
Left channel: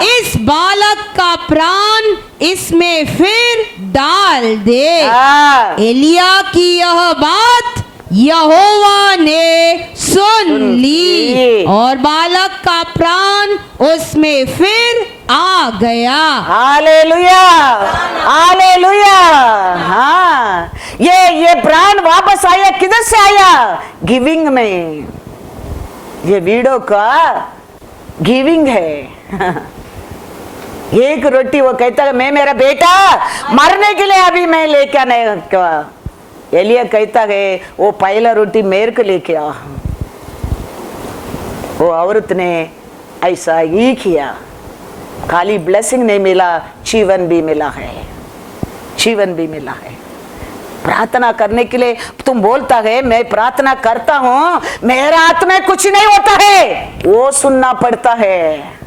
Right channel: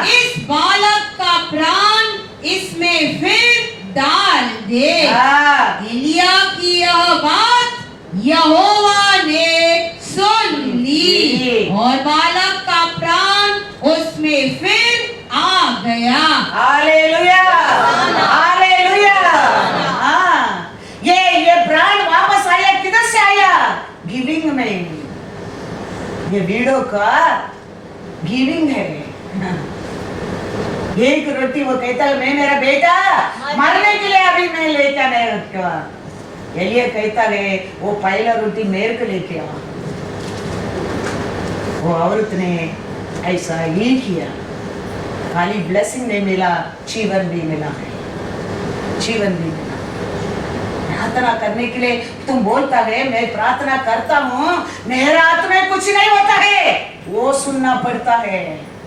इस बालक का प्राण इसमें फिर डाल दे। एलिया की यह बात यहोवा ने सुन ली और बालक का प्राण उसमें फिर आ गया। Hallelujah, hallelujah. हाँ, ये प्राण वापस आया, किधर से आया? गिविंग में। ये वीडियो का गिविंग है। एक रोटी वो कहता है मैं मेरा बेटा मरने के लिए अभी मैं लेके नहीं रखा। एलिया कहता है वो पहला रोटी मेरे को लेके आ। वो औरत ने ऐसा ही किया, खाली ब्लेसिंग नहीं मिला, जीवन भी मिला है, जीवन भी मिला है। प्रार्थना करने के लिए तुम बोलता है मैं प्रार्थना करता हूं, मेरा हाथ में कुछ नहीं होता है, वो सुनना पड़ता है।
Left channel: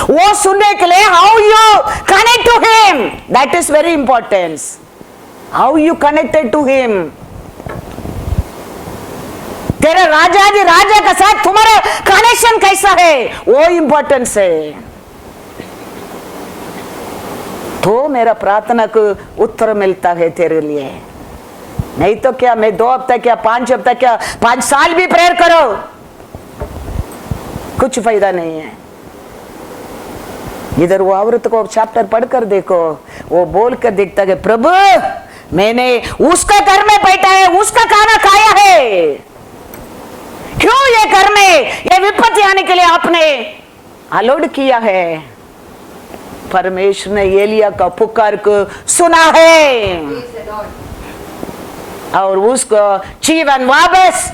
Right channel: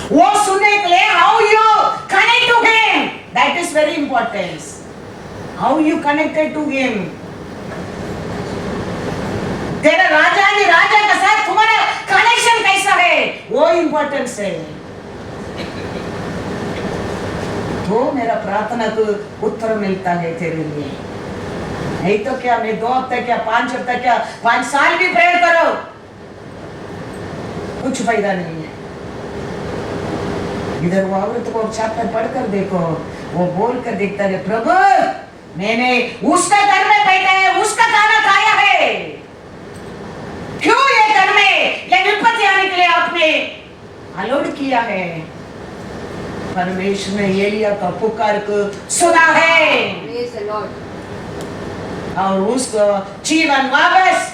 वो सुनने के लिए how you connect to him, that is very important. How you connected to him, तेरे राजा के साथ तुम्हारा कनेक्शन कैसा है, वो इंपॉर्टेंस है। तो मेरा प्रार्थना को उत्तर मिलता है तेरे लिए। नहीं तो क्या मैं 2 हफ्ता क्या 5 हफ्ता क्या 5 साल भी प्रेयर करो, कुछ फायदा नहीं है। इधर वो औरत को चैप्टर पढ़कर देखो, वो बोल कर देखता है प्रभु मैंने उसका घर में बैठा है, उसका खाना खाया है, क्यों ये घर में ये विपत्ति आने के लिए आपने अलाउड किया है। परमेश्वर ने एलिया का पुकार को सुना है और उसको जीवन वापस।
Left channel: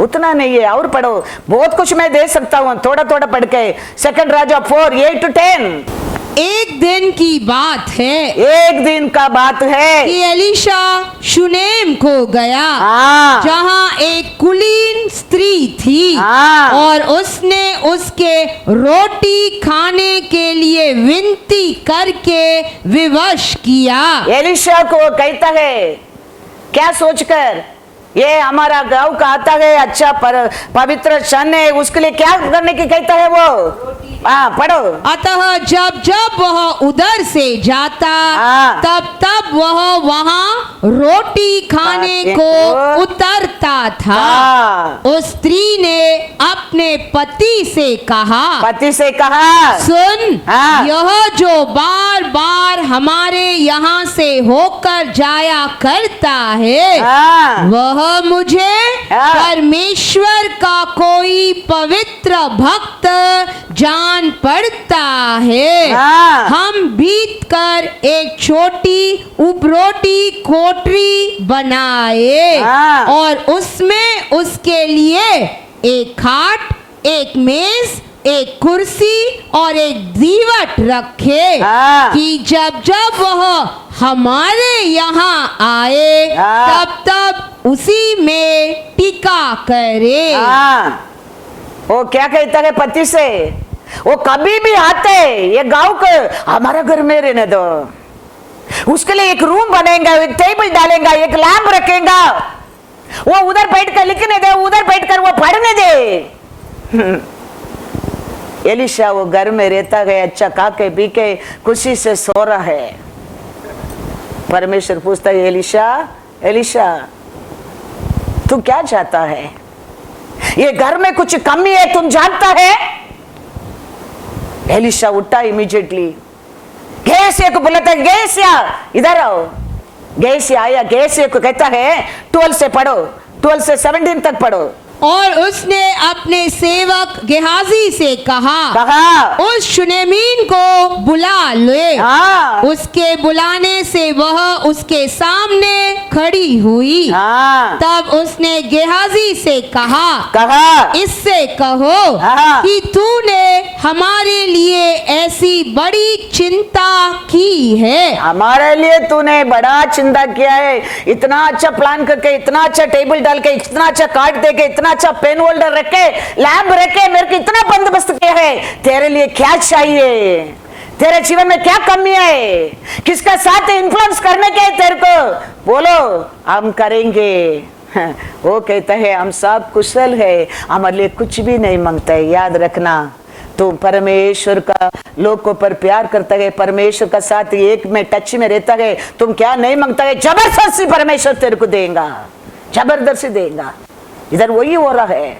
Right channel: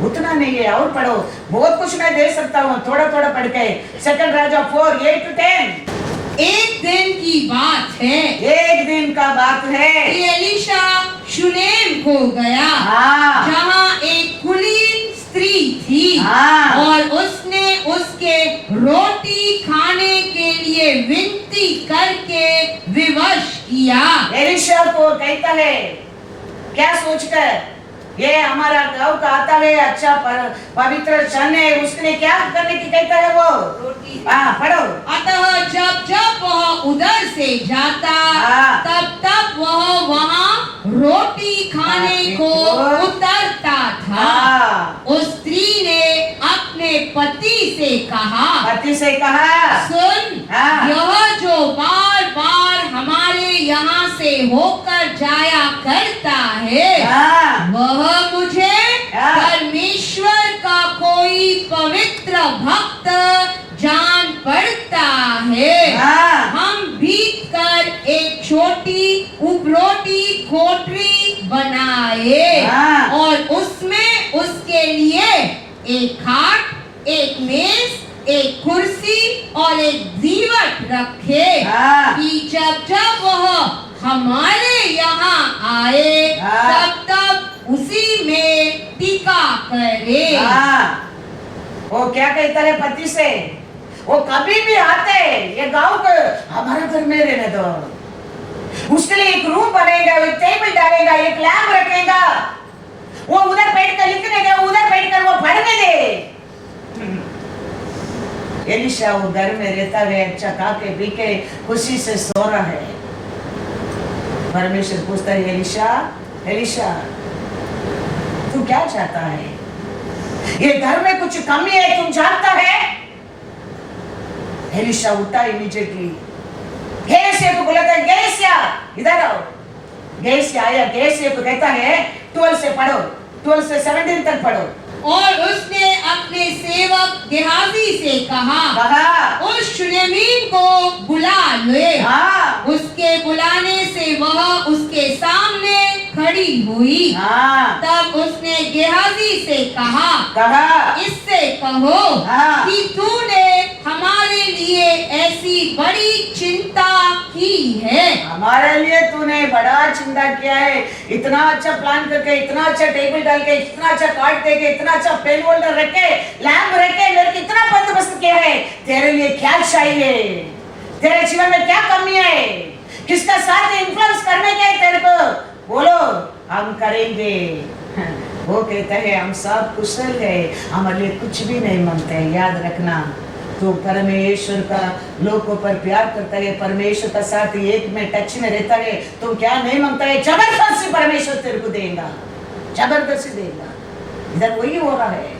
उतना नहीं है, और पढ़ो, बहुत कुछ मैं दे सकता हूँ, थोड़ा थोड़ा पढ़ के। 2 राजा 4:8-10। एक दिन की बात है, एक दिन का बात है कि एलीशा शुनेम को गया, हाँ। जहाँ एक कुलीन स्त्री थी, हाँ। और उसने उसके रोटी खाने के लिए विनती करके विवश किया। एलिशा को कहता है, क्या सोचकर, ये हमारा गांव का आता है, अच्छा पवित्र क्षण है, उसके लिए क्या करने की कहता है वो? हाँ, पढ़ो। अतः जब जब वह उधर से जाता, हाँ। तब तब वह वहाँ रोटी खाने को उतरता था। हाँ। उस स्त्री ने अपने पति से कहा, सुन, हाँ। यह जो बार बार हमारे यहाँ से होकर जाया करता है, हाँ। वह मुझे हाँ। परमेश्वर का कोई पवित्र भक्त जान पड़ता है। हाँ। हम बीत कर एक छोटी उपरोटी कोठरी बनाए, हाँ। और उसमें उसके लिए एक खाट, एक मेज, एक कुर्सी और एक दीवट रखे, हाँ। कि जब जब वह हमारे यहाँ आए, हाँ। तब तब उसी में टिका करे। हाँ। वो क्या कहता है पति से? वो कभी भी आते, ये गांव को हमारा घर में रहने दो, उसके लिए एक रूम बनेगा, एक टेबल डालेगा, एक लैंप रखेगा, वो उधर बैठ कर लिखने दे, उधर बैठ कर वो पढ़ने दे। एलिशा वो घर में रहता है, अच्छा खा के पी के खुशी से सो रहा है। परमेश्वर पूछता है, एलिशा, एलिशा, तू क्या चाहता है? ये घर में कुछ कमी है, तुम जानता है? एलिशा उठा इमीडिएटली, गेहसिया को बुलाता है, गेहसिया इधर आओ। गेहसिया आया, गेहसिया को कहता है 12 से पढ़ो, 12 से 17 तक पढ़ो। और उसने अपने सेवक गेहाजी से कहा, उस शुनेमीन को बुला ले। हाँ। उसके बुलाने से वह उसके सामने खड़ी हुई। हाँ। तब उसने गेहाजी से कहा, इससे कहो, हाँ। कि तूने हमारे लिए ऐसी बड़ी चिंता की है। हमारे लिए तूने बड़ा चिंता किया है, इतना अच्छा प्लान करके, इतना अच्छा टेबल डाल के, इतना अच्छा कार्ड दे के, इतना अच्छा पेन होल्डर रखे, लैंप रखे, मेरे को इतना बंदोबस्त किया है। तेरे लिए क्या चाहिए? तेरे जीवन में क्या कमी है? किसका साथ इन्फ्लुएंस करने के है तेरे को? बोलो, हम करेंगे। वो कहता है, हम सब कुशल है, हमारे लिए कुछ भी नहीं मांगता है। याद रखना, तो परमेश्वर का लोगों पर प्यार करता है, परमेश्वर का साथ एक में टच में रहता है, तुम क्या नहीं मांगता है, जबरदस्ती परमेश्वर तेरे को देगा, जबरदस्ती देगा। इधर वही हो रहा है।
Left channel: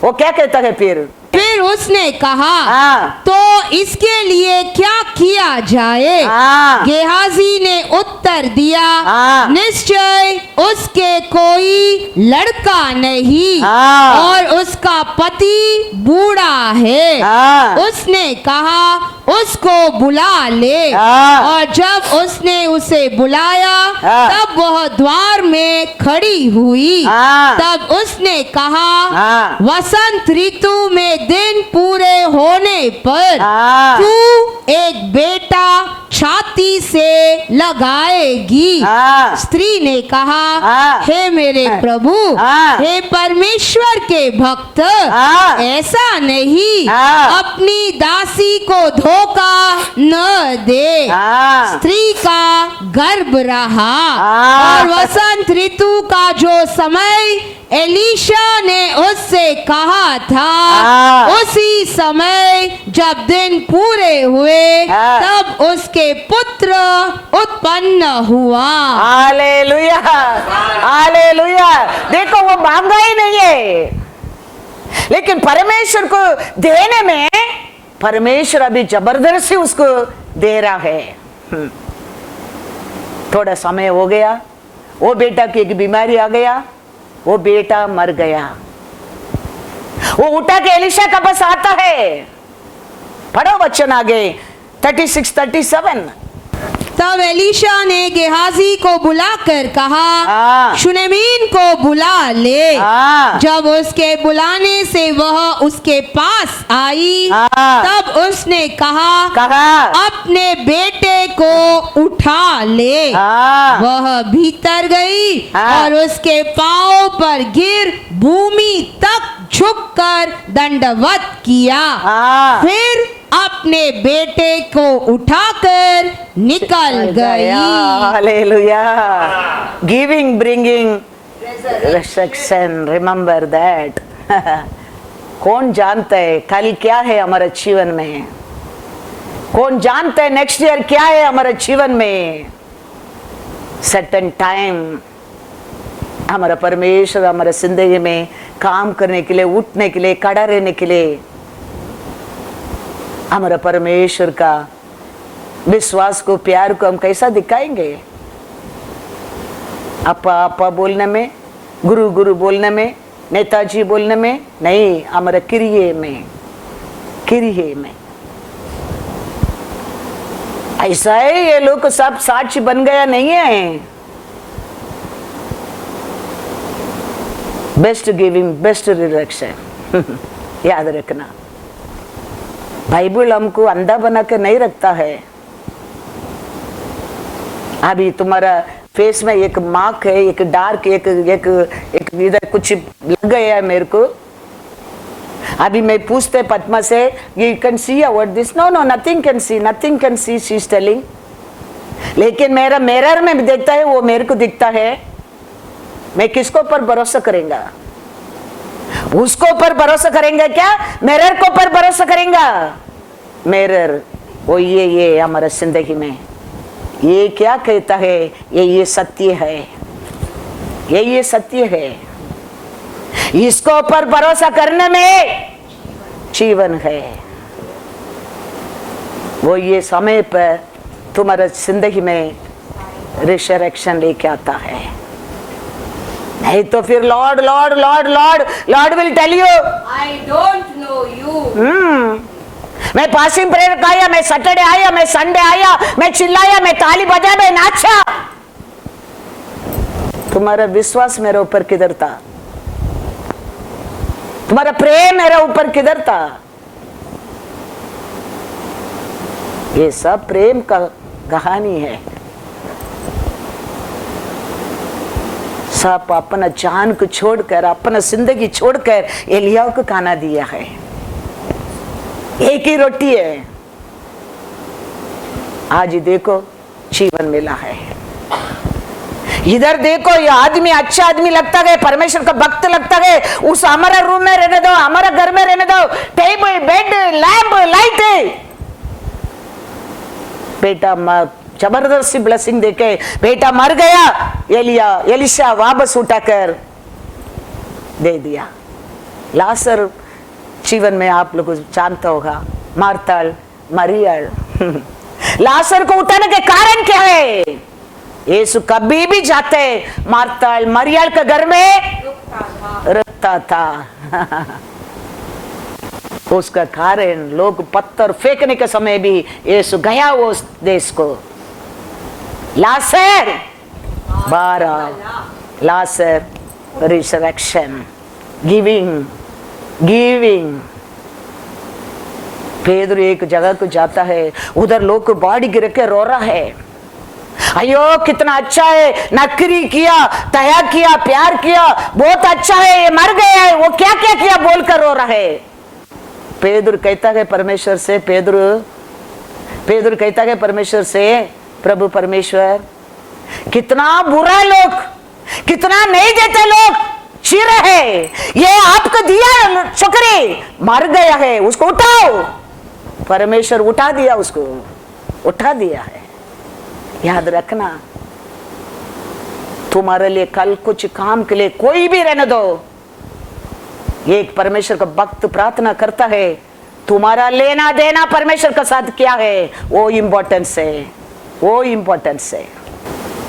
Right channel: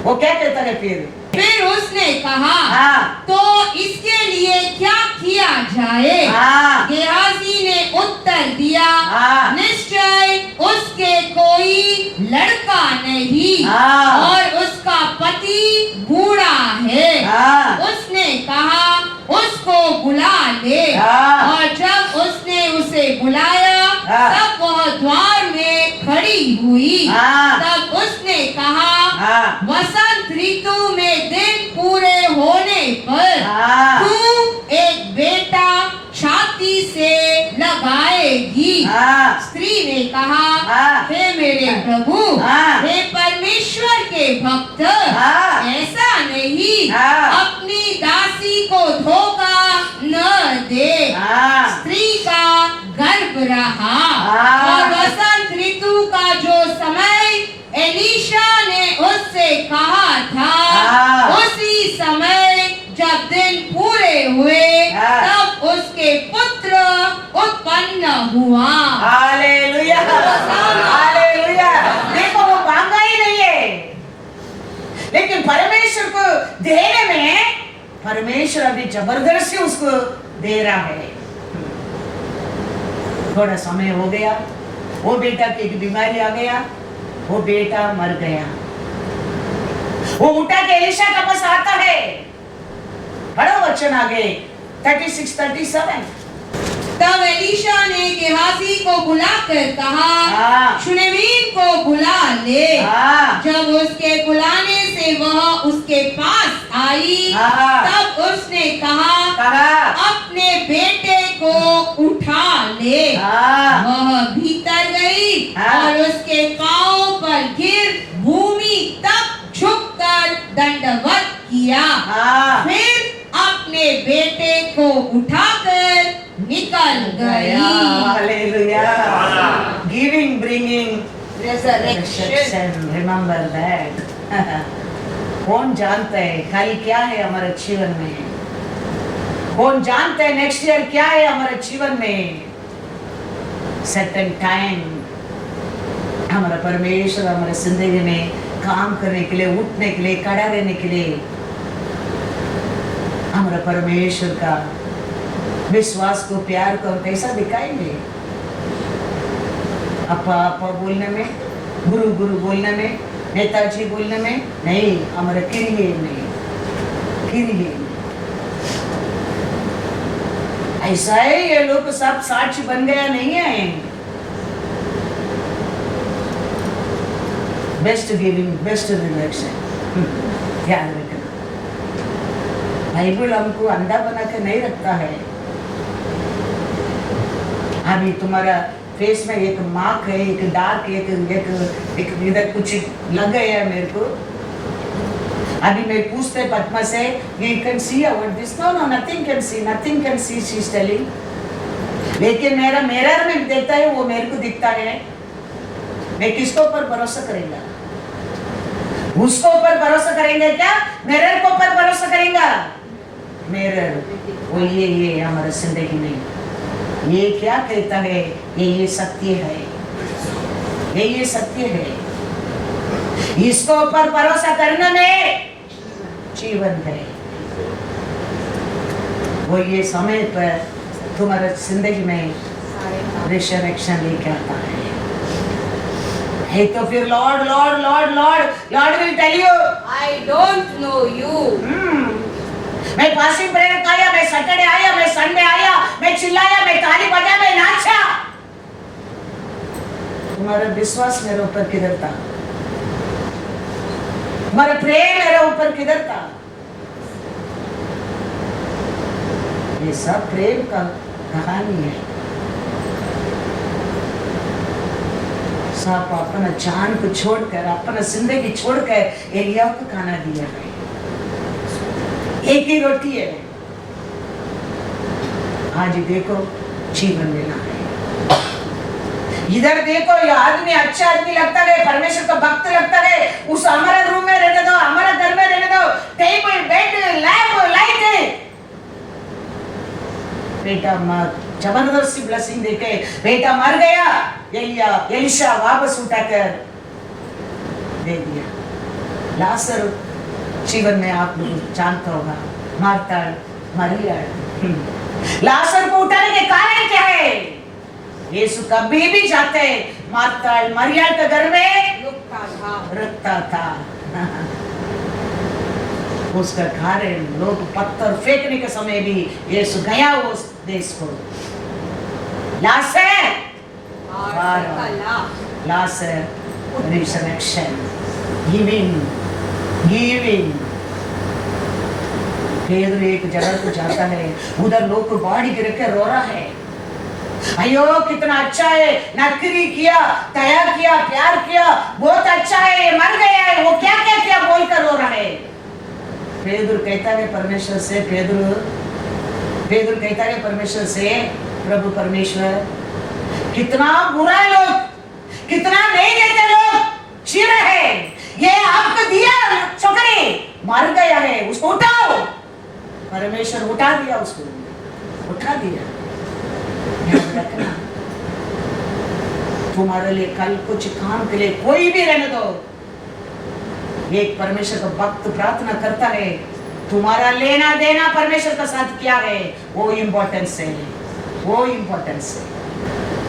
वो क्या कहता है फिर उसने कहा, हाँ। तो इसके लिए क्या किया जाए? हाँ। गेहाजी ने उत्तर दिया, हाँ। निश्चय उसके कोई लड़का नहीं, हाँ। और उसका पति बूढ़ा है। हाँ। उसने कहा, उसको बुला ले। हाँ। और जब उसने उसे बुलाया, हाँ। तब वह द्वार में खड़ी हुई। हाँ। तब उसने कहा, हाँ। वसंत ऋतु में दिन पूरे होने पर हाँ। तू एक बेटा छाती से लगाएगी। हाँ। स्त्री ने कहा, हाँ। हे मेरे प्रभु, हाँ। हे परमेश्वर के भक्त, हाँ। ऐसा नहीं, हाँ। अपनी दासी को धोखा न दे। हाँ। स्त्री का गर्भ रहा, हाँ। और वसंत ऋतु का जो समय एलीशा ने उससे कहा था, हाँ। उसी समय जब दिन पूरे हुए, हाँ। तब उसके पुत्र उत्पन्न हुआ। Hallelujah, hallelujah. देखो, वो मांगा ही नहीं है, लेकिन परमेश्वर को देने में परमेश्वर अभी जबरदस्ती उसको दे रहा है। थोड़ा समय हो गया, वो बेटा की एक बीमारी आ गया, वो बेटा मर गया। वो उठा के एलिशा का पास आता है। पढ़ो वचन आगे 36-37। तब एलीशा ने गेहाजी को बुलाकर कहा, शुनेमीन को बुला ले। जब उसके बुलाने से वह उसके पास आई, तब उसने कहा अपने बेटे को उठा ले। वह भीतर गई और उसके पांव पर गिर भूमि तक झुककर दंडवत किया। फिर अपने बेटे को उठाकर निकल गई। Hallelujah. Giving bringing rejection, remember that. कौन जानता है कल क्या है हमारे जीवन में? कौन जानता है नेक्स्ट ईयर क्या है हमारे जीवन में? सर्टेन टाइम हमारा परमेश्वर हमारे जिंदगी में काम करने के लिए, उठने के लिए, खड़ा रहने के लिए हमारा परमेश्वर का विश्वास को, प्यार को हम कैसा दिखाएंगे? आपा आपा बोलने में, गुरु गुरु बोलने में, नेताजी बोलने में नहीं, हमारे किरिये में, किरिये में। ऐसा है ये लोग सब साक्षी बन गया नहीं है। Best giving, best rejection. याद रखना, बाइबल हमको अंधा बना के नहीं रखता है। अभी तुम्हारा फेस में एक मार्क है, एक डार्क, एक एक एक इधर कुछ लग गया है मेरे को। अभी मैं पूछते पद्मा से, you can see our this? No no, nothing can see, nothing can see, she is telling. लेकिन मेरा मिरर में देखता है, वो मेरे को दिखता है। मैं किसको पर भरोसा करेंगा? उसको पर भरोसा करेंगे क्या? मिरर को पर भरोसा करेंगे? मिरर वो ये हमारा जिंदगी में ये क्या कहता है? ये सत्य है, ये सत्य है। इसको पर भरोसा करने में जीवन है। वो ये समय पर तुम्हारे जिंदगी में रिसरेक्शन लेके आता है। नहीं तो फिर Lord Lord Lord Lord Lord will tell you, I don't know you. मैं पासिंग प्रेयर आया, मैं सैटरडे आया, मैं संडे आया, मैं चिल्लाया, मैं ताली बजा, मैं नाचा। तुम्हारा विश्वास मेरे ऊपर किधर था? तुम्हारा प्रेम मेरे ऊपर किधर था? ये सब प्रेम का कहानी है। सब अपना जान को छोड़कर, अपना जिंदगी छोड़कर एलिया को खाना दिया है। एक ही रोटी है, आज देखो जीवन मिला है। इधर देखो, ये आदमी अच्छा आदमी लगता है, परमेश्वर का भक्त लगता है। उस हमारा रूम में रहने दो, हमारा घर में रहने दो, टेबल, बेड, लैंप, लाइट है। बेटा जबरदस्ती ब्लेसिंग देके बेटा मर गया, एलिशा वापस उठाकर दे दिया। लाजर जीवन में आप लोग जानता होगा, मार्ताल, मरियल। लाजर को उठाने के कारण क्या है? यीशु कभी भी जाते मार्ताल, मरियल के घर में रुकता था। उसका कारण लोग पत्थर फेंकने के समय भी यीशु गया उस देश को। लाजर 12, लाजर रिसरेक्शन, गिविंग। पेदरू एक जगह को जाता है, उधर लोग को बाड़ी गिर के रो रहा है। अयो कितना अच्छा है, नौकरी किया, दया किया, प्यार किया, बहुत अच्छा है, ये मर गया है, वो क्या क्या किया बोलकर रो रहा है। पेदरू कहता है परमेश्वर से, पेदरू कहता है परमेश्वर से, प्रभु परमेश्वर, कितना बुरा लोग, कितना नहीं देते लोग चिर है, ये आपको दिया छोकरी मर गया है, उसको उठाओ। परमेश्वर उठा दिया, उसको उठा दिया है। याद रखना, तुम्हारे लिए कल कुछ काम के लिए कोई भी रहने दो, एक परमेश्वर का भक्त प्रार्थना करता है, तुम्हारा लेना देना परमेश्वर के साथ क्या है, वो इंपॉर्टेंस है, वो इंपॉर्टेंस है।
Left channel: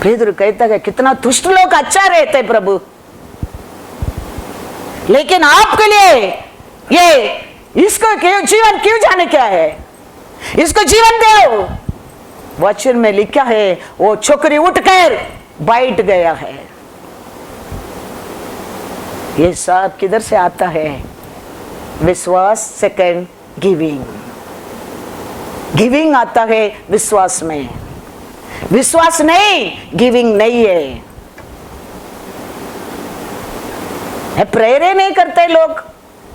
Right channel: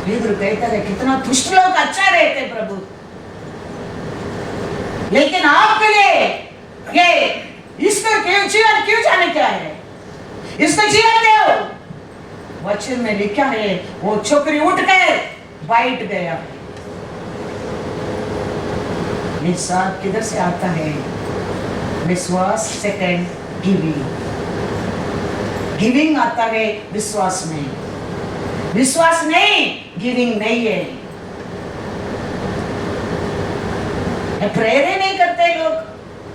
पेदरू कहता है कितना दुष्ट लोग अच्छा रहते प्रभु, लेकिन आपके लिए ये इसको क्यों जीवन क्यों जाने क्या है, इसको जीवन दो। वचन में लिखा है वो छोकरी उठकर बैठ गया है। ये सब किधर से आता है? विश्वास। Second giving. गिविंग आता है विश्वास में, विश्वास नहीं गिविंग नहीं है। प्रेरणा नहीं करते लोग,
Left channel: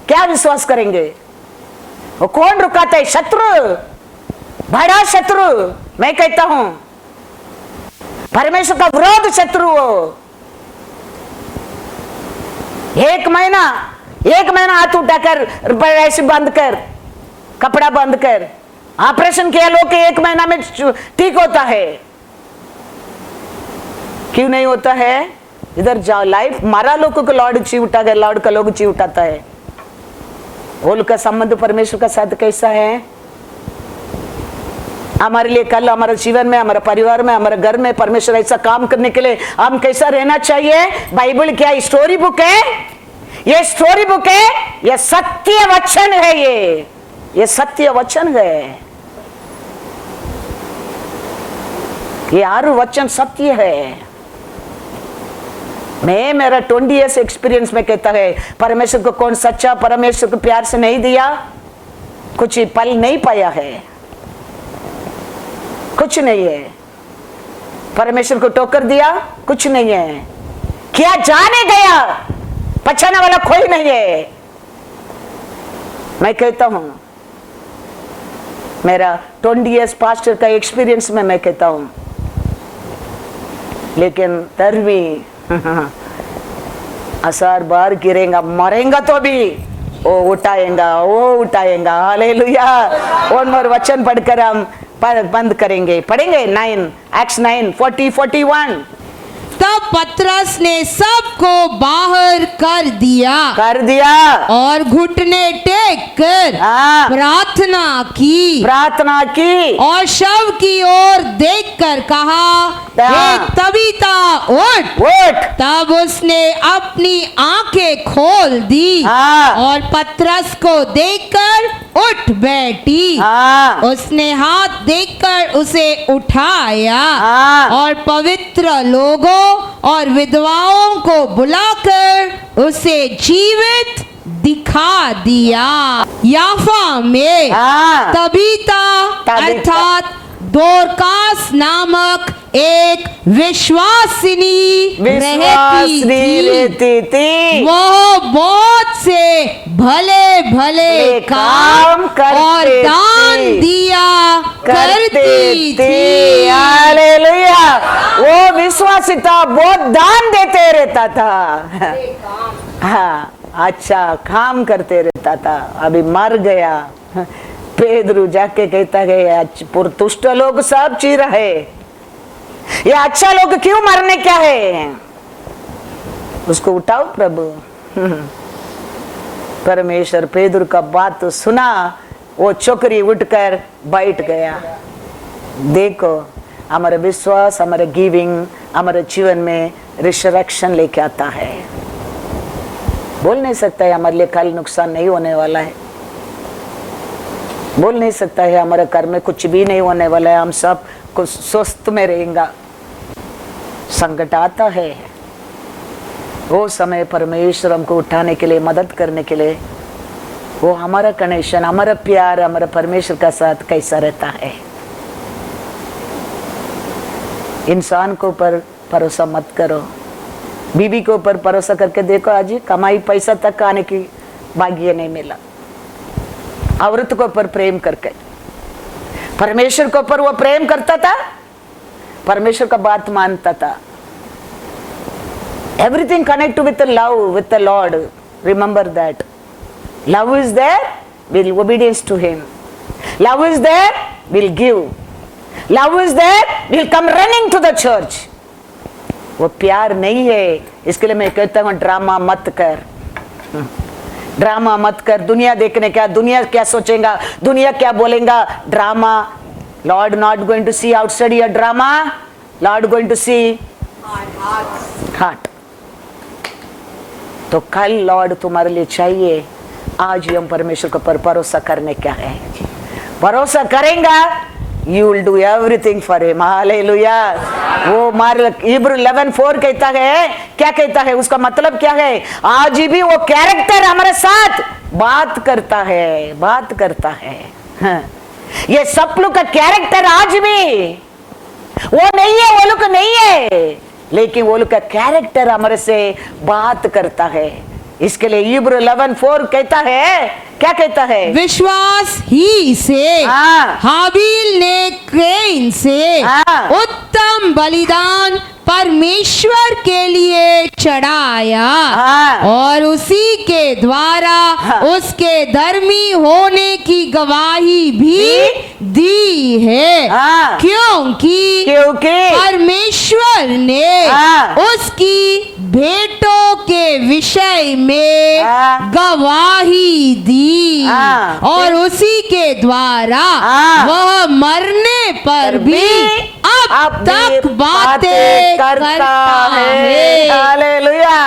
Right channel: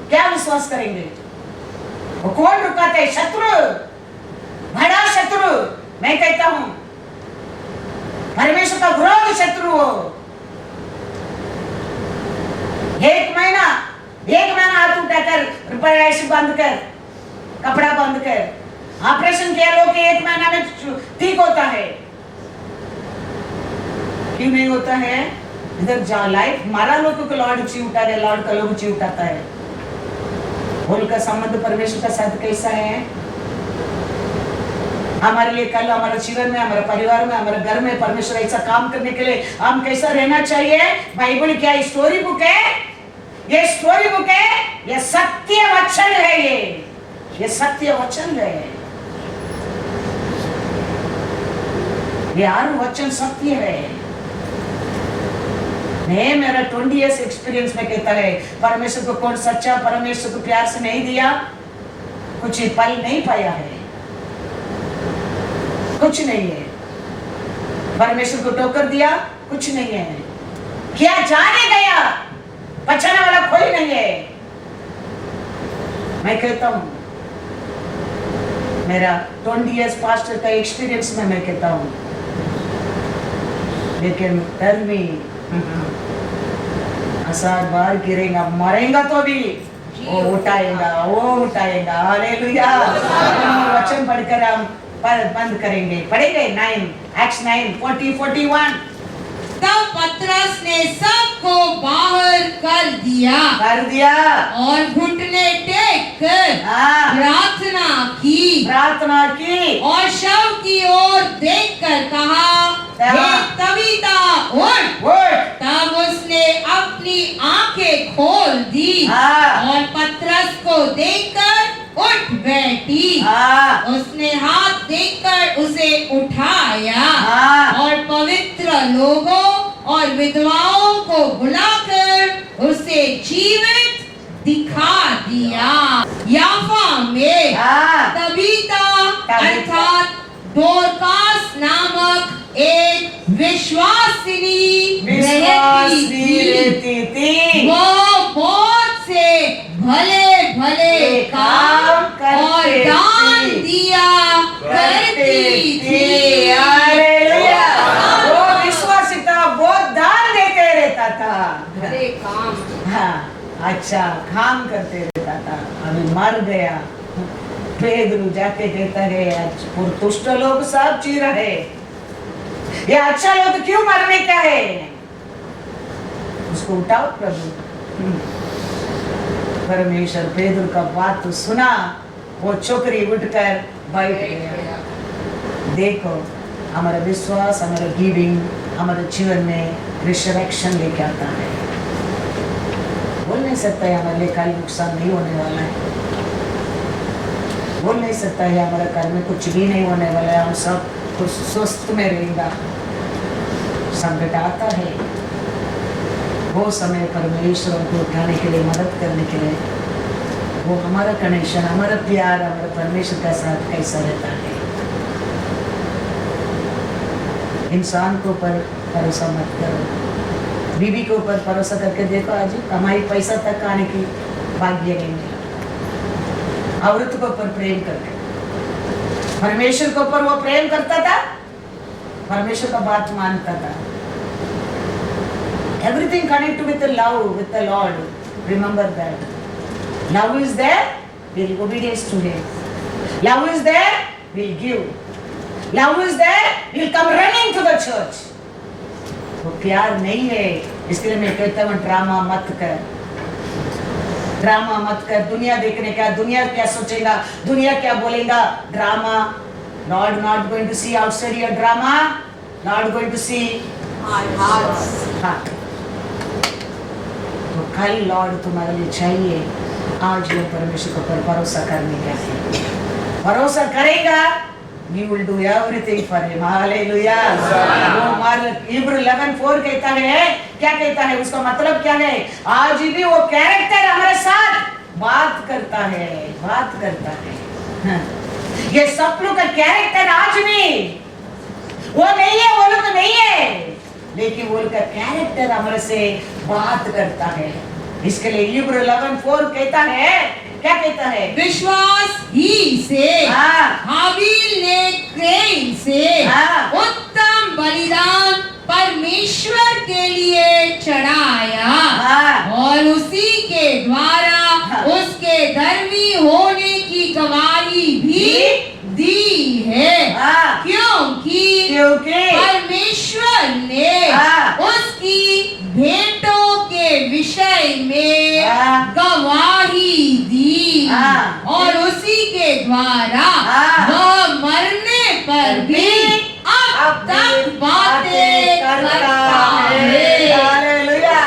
क्या विश्वास करेंगे? वो कौन रुकाता है? शत्रु, बड़ा शत्रु। मैं कहता हूं परमेश्वर का विरोध शत्रु हो। एक महीना हाथ उठाकर ऐसे बंद कर, कपड़ा बंद कर, ऑपरेशन किया लोग 1 महीना में ठीक होता है। क्यों नहीं होता है? इधर जाओ, लाइफ मारा लोगों को लॉर्ड ची उठा गया, लॉर्ड का लोग ची उठाता है। उनका संबंध परमेश्वर का साथ कैसा है? हमारे लिए कल हमारे जीवन में, हमारे परिवार में, हमारे घर में परमेश्वर ऐसा काम करने के लिए हम कैसा रहना चाहिए? बाइबल क्या स्टोरी बुक है? ये स्टोरी बुक है, ये सत्य वचन है। ये सत्य वचन है। ये हर वचन सत्य है। मैं मेरा 20 years एक्सपीरियंस में कहता है परमेश्वर को कौन सच्चा परमेश्वर को प्यार से नहीं दिया, कुछ पल नहीं पाया है, कुछ नहीं है। परमेश्वर को टोकर दिया, कुछ नहीं है। क्या जाने गया, बचाने वाला कोई नहीं है। मैं कहता हूं मेरा 20 years पास्टर का एक्सपीरियंस में मैं कहता हूं, लेकिन डर भी असार बार गिरेगा, मरेगा तो भी वो उठाएगा। हालेलुया। और वचन पढ़कर हम बंद करेंगे, पढ़ेंगे 9 Acts 9:40-41। तब पतरस ने सबको बाहर कर दिया और घुटने टेक कर प्रार्थना की और शव की ओर देखकर कहा, हे तबीता उठ। तब उसने अपनी आंखें खोल दी और पतरस को देखकर उठ बैठी। उसने हाथ देखकर उसे उठाया और पवित्र लोगों और विधवाओं को बुलाकर उसे जीवित दिखा दिया। याफा में तबीता अर्थात दोरकास नामक एक विश्वासिनी रहती थी। वो बहुत से भले काम और दान दिया करती थी। हालेलुया। वो विश्वासी था, बहुत दान देते रहता था। हाँ, अच्छा काम करते रहता था। अभी मर गया। पेदरू जाके कहता है पुरतुष्ट लोग सब चीर है, ये अच्छा लोग क्यों मरने क्या है? उसको उठाओ प्रभु। परमेश्वर पेदरू का बात तो सुना, वो छोकरी उठकर बैठ गया। देखो हमारा विश्वास, हमारे गिविंग हमारे जीवन में रिसरेक्शन लेके आता है। बोल नहीं सकता है हमारे लिए कल नुकसान नहीं होने वाला है, बोल नहीं सकता है हमारे घर में कुछ भी नहीं होने वाला है, हम सब कुछ स्वस्थ में रहेंगे। संकट आता है, वो समय परमेश्वर हमको उठाने के लिए, मदद करने के लिए, वो हमारा कनेक्शन, हमारा प्यार हमारा परमेश्वर का साथ कैसा रहता है। इंसान को ऊपर भरोसा मत करो, बीवी के ऊपर भरोसा करके देखो, आज कमाई पैसा तक आने की भाग्य नहीं मिला। औरत को ऊपर प्रेम करके, परमेश्वर के ऊपर वो प्रेम करता था, परमेश्वर का बात मानता था। Everything connect with love with the Lord. Remember that love is there, will obedience to him. Love is there, will give. Love is there, will come running to the church. वो प्यार नहीं है। इसके लिए मैं कहता हूँ ड्रामा मत कर, ड्रामा मत कर। दुनिया देखने क्या, दुनिया क्या सोचेगा, दुनिया क्या बोलेगा। Drama, Lord not going to see outside your drama, Lord going to see heart. तो कल लॉर्ड तुम्हारे लिए चाहिए आज हम परमेश्वर को पर भरोसा करने क्या है, भरोसा करेंगा, you will do everything for him. Hallelujah. वो मार्क इब्रू 11:4 कहता है, क्या कहता है, उसका मतलब क्या है, आज भी वो कैरेक्टर हमारे साथ बात करता है, बात करता है। हाँ। ये सब लोग का कैरेक्टर आज भी वो नहीं है, वो लोग नहीं है, लेकिन वो लोग का कैरेक्टर हमारे से बात करता है। इसके लिए इब्रू 11:4 कहता है, क्या कहता है, विश्वास ही से हाबिल ने कैन से उत्तम बलिदान परमेश्वर के लिए चढ़ाया और उसी के द्वारा उसके धर्मी होने की गवाही भी दी है, क्योंकि परमेश्वर ने उसकी भेंटों के विषय में गवाही दी और उसी के द्वारा वह मरने पर भी अब तक बातें करता है। हालेलुया।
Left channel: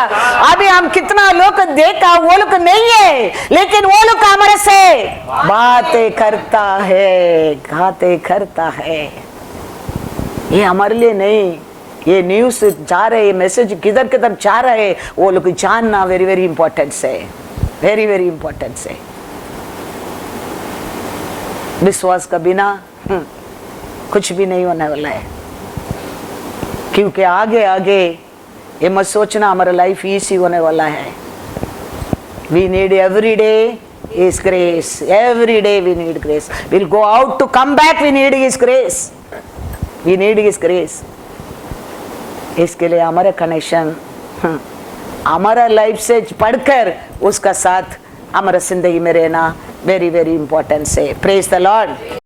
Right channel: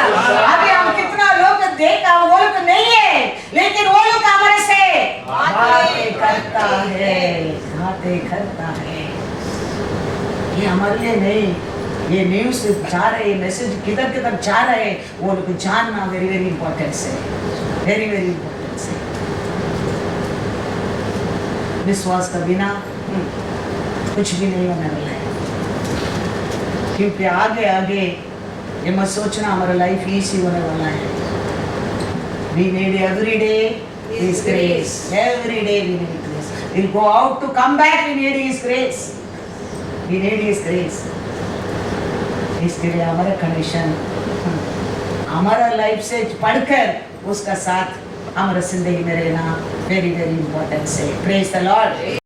अभी हम कितना लोग देखा, वो लोग नहीं है, लेकिन वो लोग हमारे से बातें करता है, बातें करता है। ये हमारे लिए नहीं, ये न्यूज़ जा रहे, मैसेज किधर किधर जा रहे, वो लोग जानना वेरी वेरी इंपॉर्टेंट है, वेरी वेरी इंपॉर्टेंट है। विश्वास का बिना कुछ भी नहीं होने वाला है, क्योंकि आगे आगे ये मत सोचना हमारा लाइफ इजी होने वाला है। We need every day His grace, every day we need grace. We'll go out to come back, we need His grace, we need His grace. इसके लिए हमारा कनेक्शन हमारा लाइफ से पढ़कर उसका साथ हमारा जिंदगी में रहना वेरी वेरी इंपॉर्टेंट है। Praise the Lord.